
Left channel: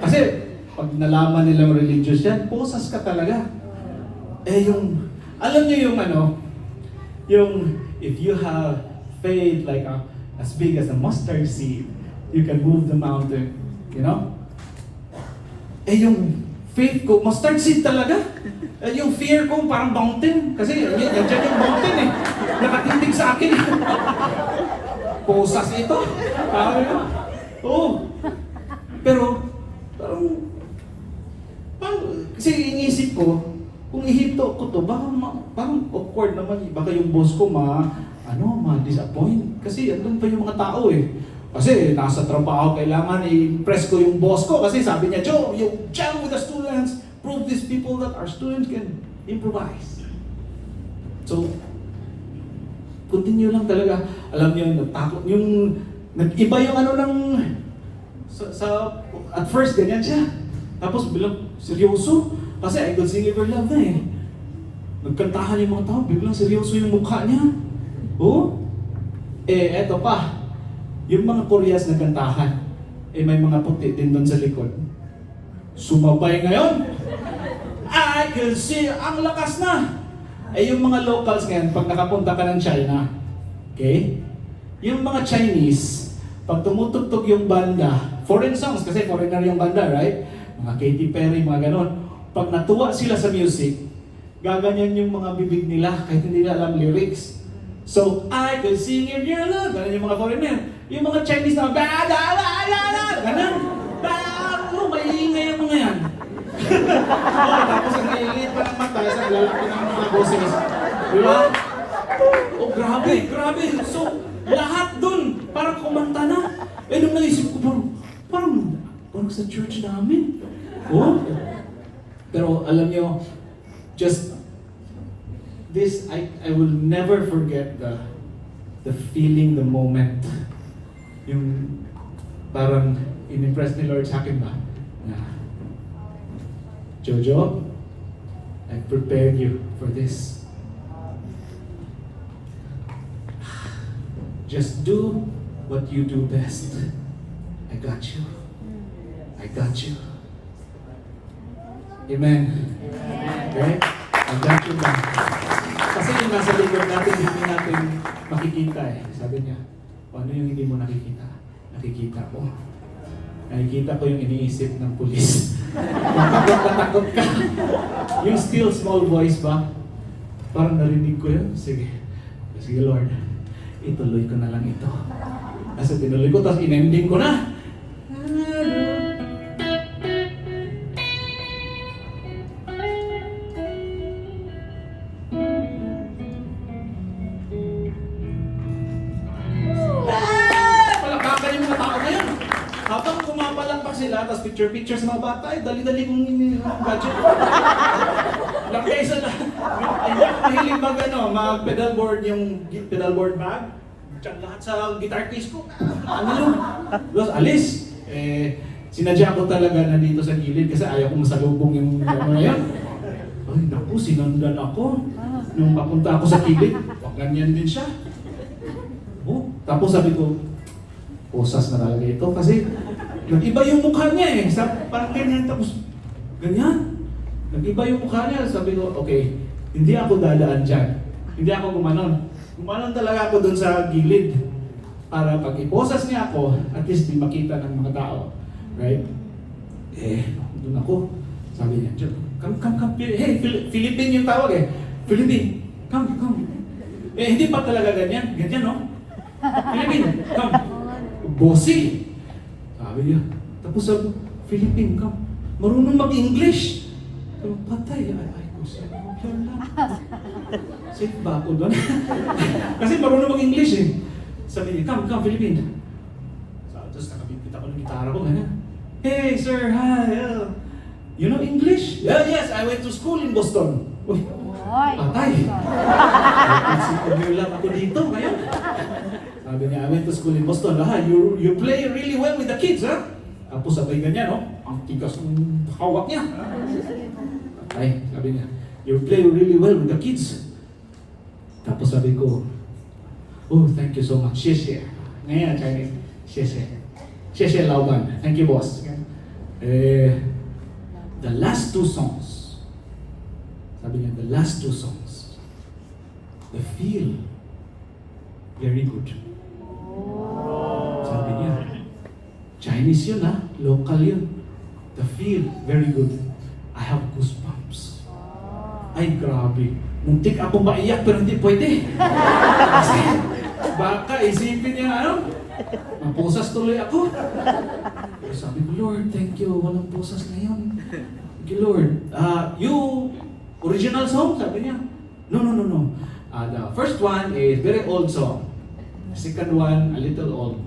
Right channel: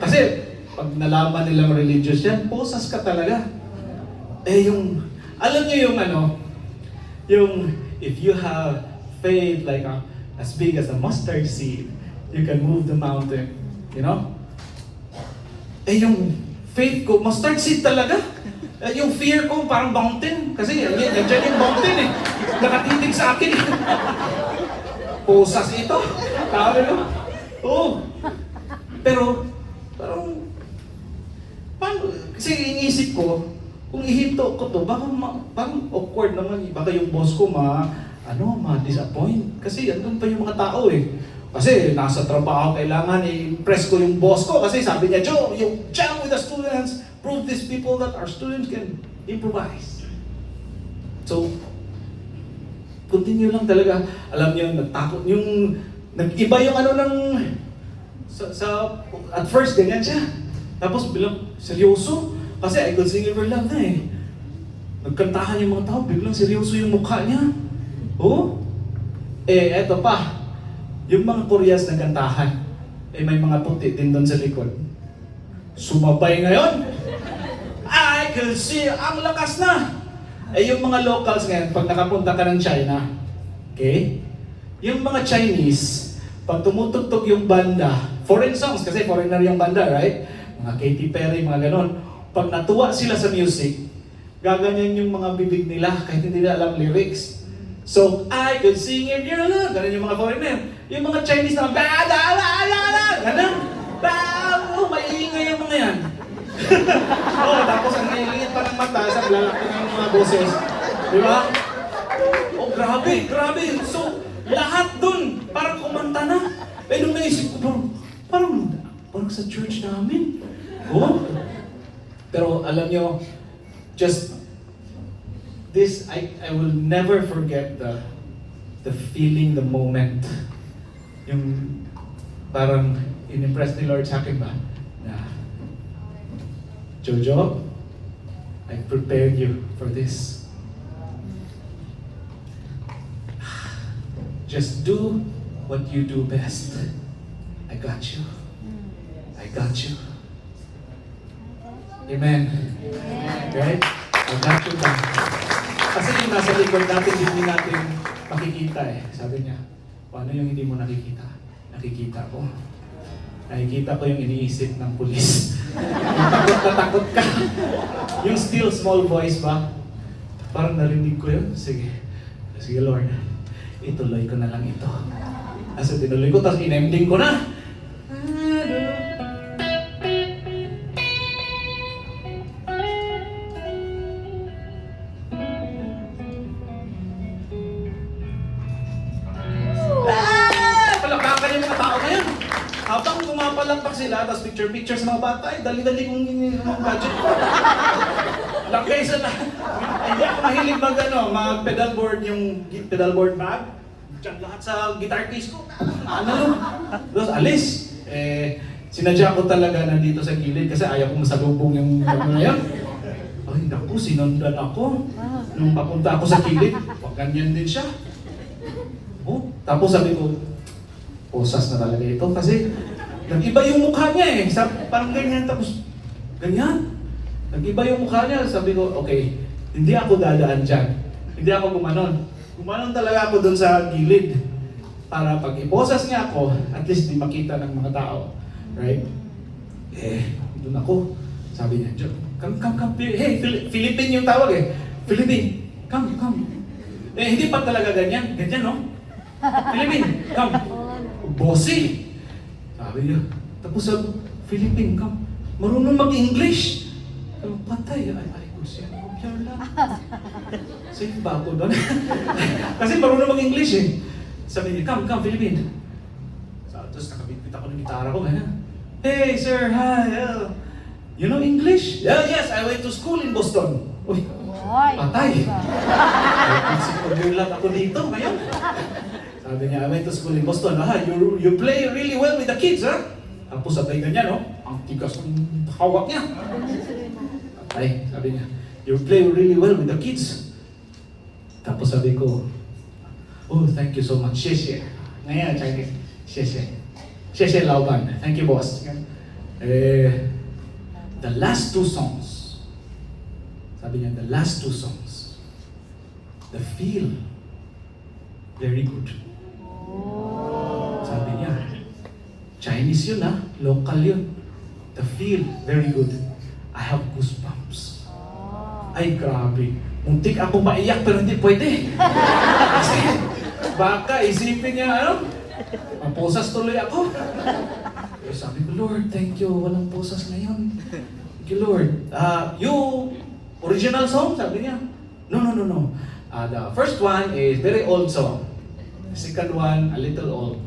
Kasi pag nalaman nilang religious yan, posas ka talaga. Alam niyo yung yung if you have faith like as big as a mustard seed, you can move the mountain. You know? Yung faith ko, mustard seed talaga. Yung fear ko parang mountain. Kasi yan yung mountain eh. Nakatitig sa akin. Posas ito. Pero, kasi iniisip ko, kung ihinto ko to, parang awkward naman. Baka yung boss ko ma-disappoint. Kasi andun pa yung mga tao eh. Kasi nasa trabaho, kailangan i-impress ko yung boss ko. Kasi sabi niya, Joe, you jam with the students, prove these people that our students can improvise. So, continue lang talaga. Alam niyo, nagtakot. Nag-iba yung at first, ganyan siya. Tapos bilang seryoso. Kasi I could sing your love na eh. Nagkantahan yung mga tao, biglang seryoso yung mukha niya. Eto pa. Yung mga Koreas nagkantahan, may mga puti din doon sa likod. Sumabay ngayon. I could see, ang lakas na. Yung mga locals ngayon, pag nakapunta ka ng China, okay? Yung mga Chinese, pag tumutugtog yung banda, foreign songs, kasi foreigner yung banda, right? Mga Katy Perry, mga ganon. Pag natuwa sila sa music, gaganyan yung mga bibig nila kahit hindi nila alam lyrics. So, I could sing if you're alone. Ganun yung mga foreigner. Yung mga Chinese na, ganun. Maiingay yung mga yan. Tapos ang liit pa ng mata sa lalaki ng mga boses. Di ba? Grabe. So, lahat dun, parang kumanta na. Nung naisip ko, parang sa church namin. Pero alam nyo, just this, I will never forget the feeling, the moment. Yung parang in-impress ni Lord sa akin ba? Na Jojo, I prepared you for this. Just do what you do best. I got you. I got you. Amen. Right? I got you back. Kasi yung nasa likod natin, hindi natin makikita eh. Sabi niya, paano yung hindi mo nakikita? Nakikita ko. Nakikita ko yung iniisip ng pulis. Kung takot na takot ka. Yung still small voice ba? Parang narinig ko yun. Sige. Sige Lord. Ituloy ko na lang ito. Kasi tinuloy ko, tapos in-ending ko na. Palakpakan yung mga tao na yun. Habang pumapalakpak sila, tapos picture-picture sa mga bata, ay dali-dali kong gadget ko. Lang kaysa na, hindi ako mahilig mag mga pedalboard, yung pedalboard bag. Diyan lahat sa guitar case ko. Ano yun? Tapos alis. Sinadya ko talaga nandito sa gilid kasi ayaw ko masalubong yung ano na yan. Ay naku, sinundan ako. Nung papunta ako sa gilid, pag ganyan din siya. Oh, tapos sabi ko, posas na talaga ito kasi nag-iba yung mukha niya eh. Parang ganyan, tapos ganyan. Nag-iba yung mukha niya. Sabi ko, okay, hindi ako dadaan dyan. Hindi ako gumanon. Gumanon talaga ako dun sa gilid. Para pag iposas niya ako, at least di makita ng mga tao. Right? Dun ako. Sabi niya, come. Hey, Philippine yung tawag eh. Philippine, come. Hindi pa talaga ganyan. Ganyan, no? Philippine, come. Bossy. Sabi niya. Tapos sabi, Philippine, come. Marunong mag-English. Sabi, patay. Ay, bossy. Yan lang. Safe ba ako doon? Kasi marunong mag-English eh. Sabi niya, come, Philippine. Tapos nakabitbit ako ng gitara ko, ganyan. Hey, sir, hi. You know English? Yeah, yes, I went to school in Boston. Uy, patay. Isip lang ako dito ngayon. Sabi niya, I went to school in Boston. You play really well with the kids, ha? Tapos sabay ganyan, no? Ang tigas ng hawak niya. Ay, sabi niya, you play really well with the kids. Tapos sabi ko, oh, thank you so much. Xie. Ngayon, Chinese. Xie Laoban. Thank you, boss. The last two songs, sabi niya, the last two songs, the feel very good. Sabi niya, Chinese yun ha, local yun. The feel very good. I have goosebumps. Ay, grabe. Muntik ako maiyak pero hindi pwede. Kasi baka isipin niya maposas tuloy ako. Sabi ko, Lord, thank you. Walang posas ngayon. Thank you, Lord. You original song? Sabi niya. No. The first one is very old song. The second one, a little old.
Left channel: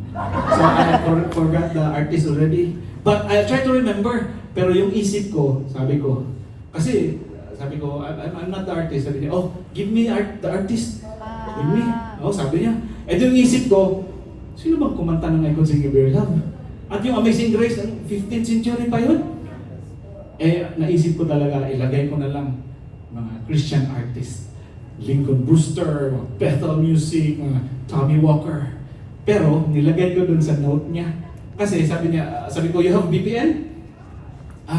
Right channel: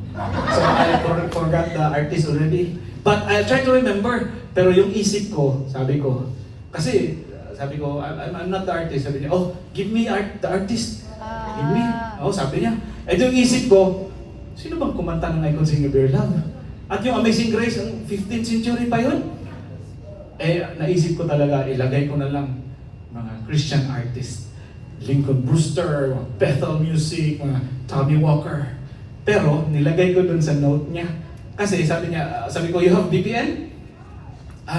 So I forgot the artist already. But I try to remember. Pero yung isip ko, sabi ko, kasi sabi ko, I'm not the artist. Sabi niya, oh, give me the artist. Give me. Oh, sabi niya. Ito yung isip ko, sino bang kumanta ng I Could Sing a Better Love? At yung Amazing Grace, 15th century pa yun. Naisip ko talaga, ilagay ko na lang mga Christian artist. Lincoln Brewster, Bethel Music, mga Tommy Walker. Pero, nilagay ko dun sa note niya. Kasi sabi ko, you have VPN?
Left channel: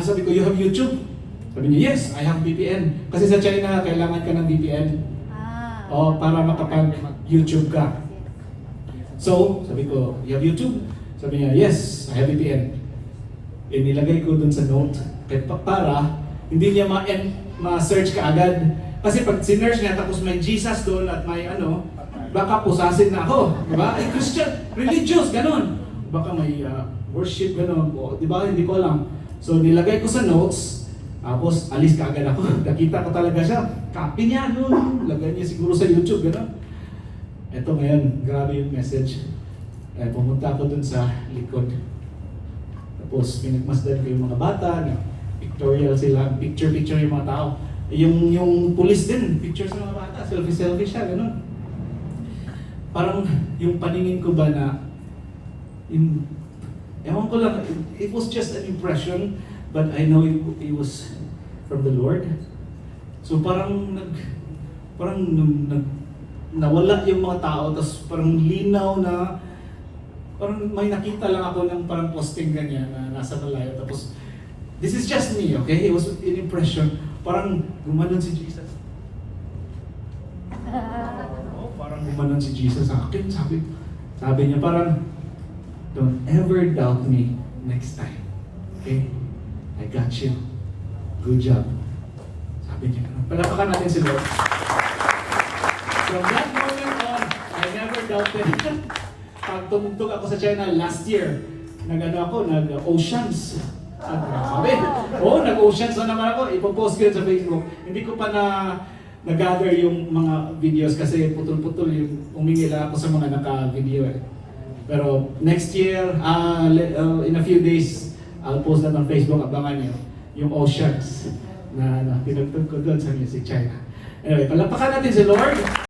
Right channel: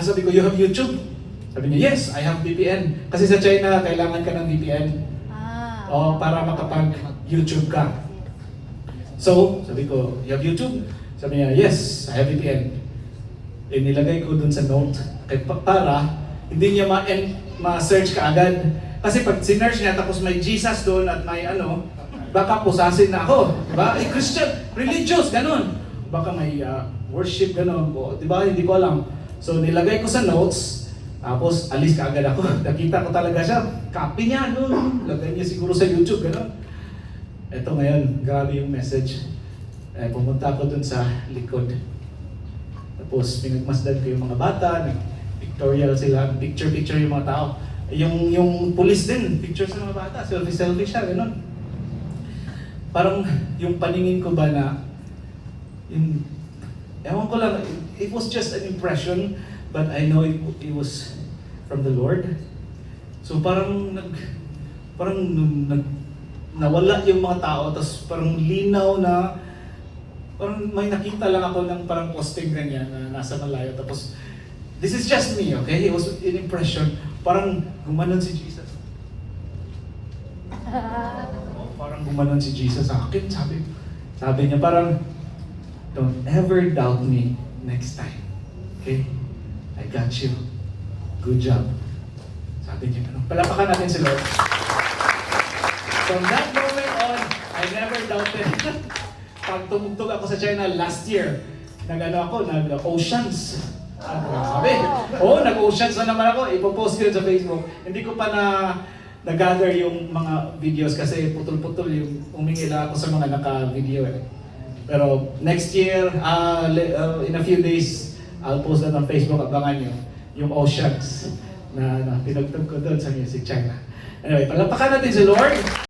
Sabi ko, you have YouTube? Sabi niya, yes, I have VPN. Kasi sa China, kailangan ka ng VPN. Para makapag-YouTube ka. So, sabi ko, you have YouTube? Sabi niya, yes, I have VPN. Nilagay ko dun sa note. Para, hindi niya ma-search ka agad. Kasi pag sinerge niya, tapos may Jesus doon at may baka pusasin na ako. Diba? Christian, religious, ganun. Baka may worship, ganun. Diba? Hindi ko alam. So, nilagay ko sa notes. Tapos, alis ka agad ako. Nakita ko talaga siya. Copy niya, lagay niya siguro sa YouTube, gano'n. Eto ngayon, grabe yung message. Pumunta ako dun sa likod. Tapos, pinagmasdan ko yung mga bata. Pictorial sila. Picture yung mga tao. Yung police din, picture sa mga bata. Selfie siya, gano'n. Parang yung paningin ko ba na, ewan ko lang, it was just an impression. But I know it was from the Lord. So nawala yung mga tao, tapos parang linaw na, parang may nakita lang ako ng parang posting ganyan na nasa malayo, tapos this is just me, okay? It was an impression, parang gumanon si Jesus. Oh, parang gumanon si Jesus sa akin, sabi niya parang, don't ever doubt me next time, okay? I got you. Good job. Sabi niya, palapakan natin si Lord. From that moment on, I never doubted. Pag tumugtog ako sa China last year, nag-oceans. Sabi, nag-oceans na naman ako. Ipopost ko yun sa Facebook. Hindi ko pa na-gather yung mga videos kasi putol-putol yung umingi lang ako sa mga naka-video. Pero next year, in a few days, I'll post that on Facebook. Abangan nyo yung oceans na pinagtog ko doon sa Music China. Anyway, palapakan natin si Lord.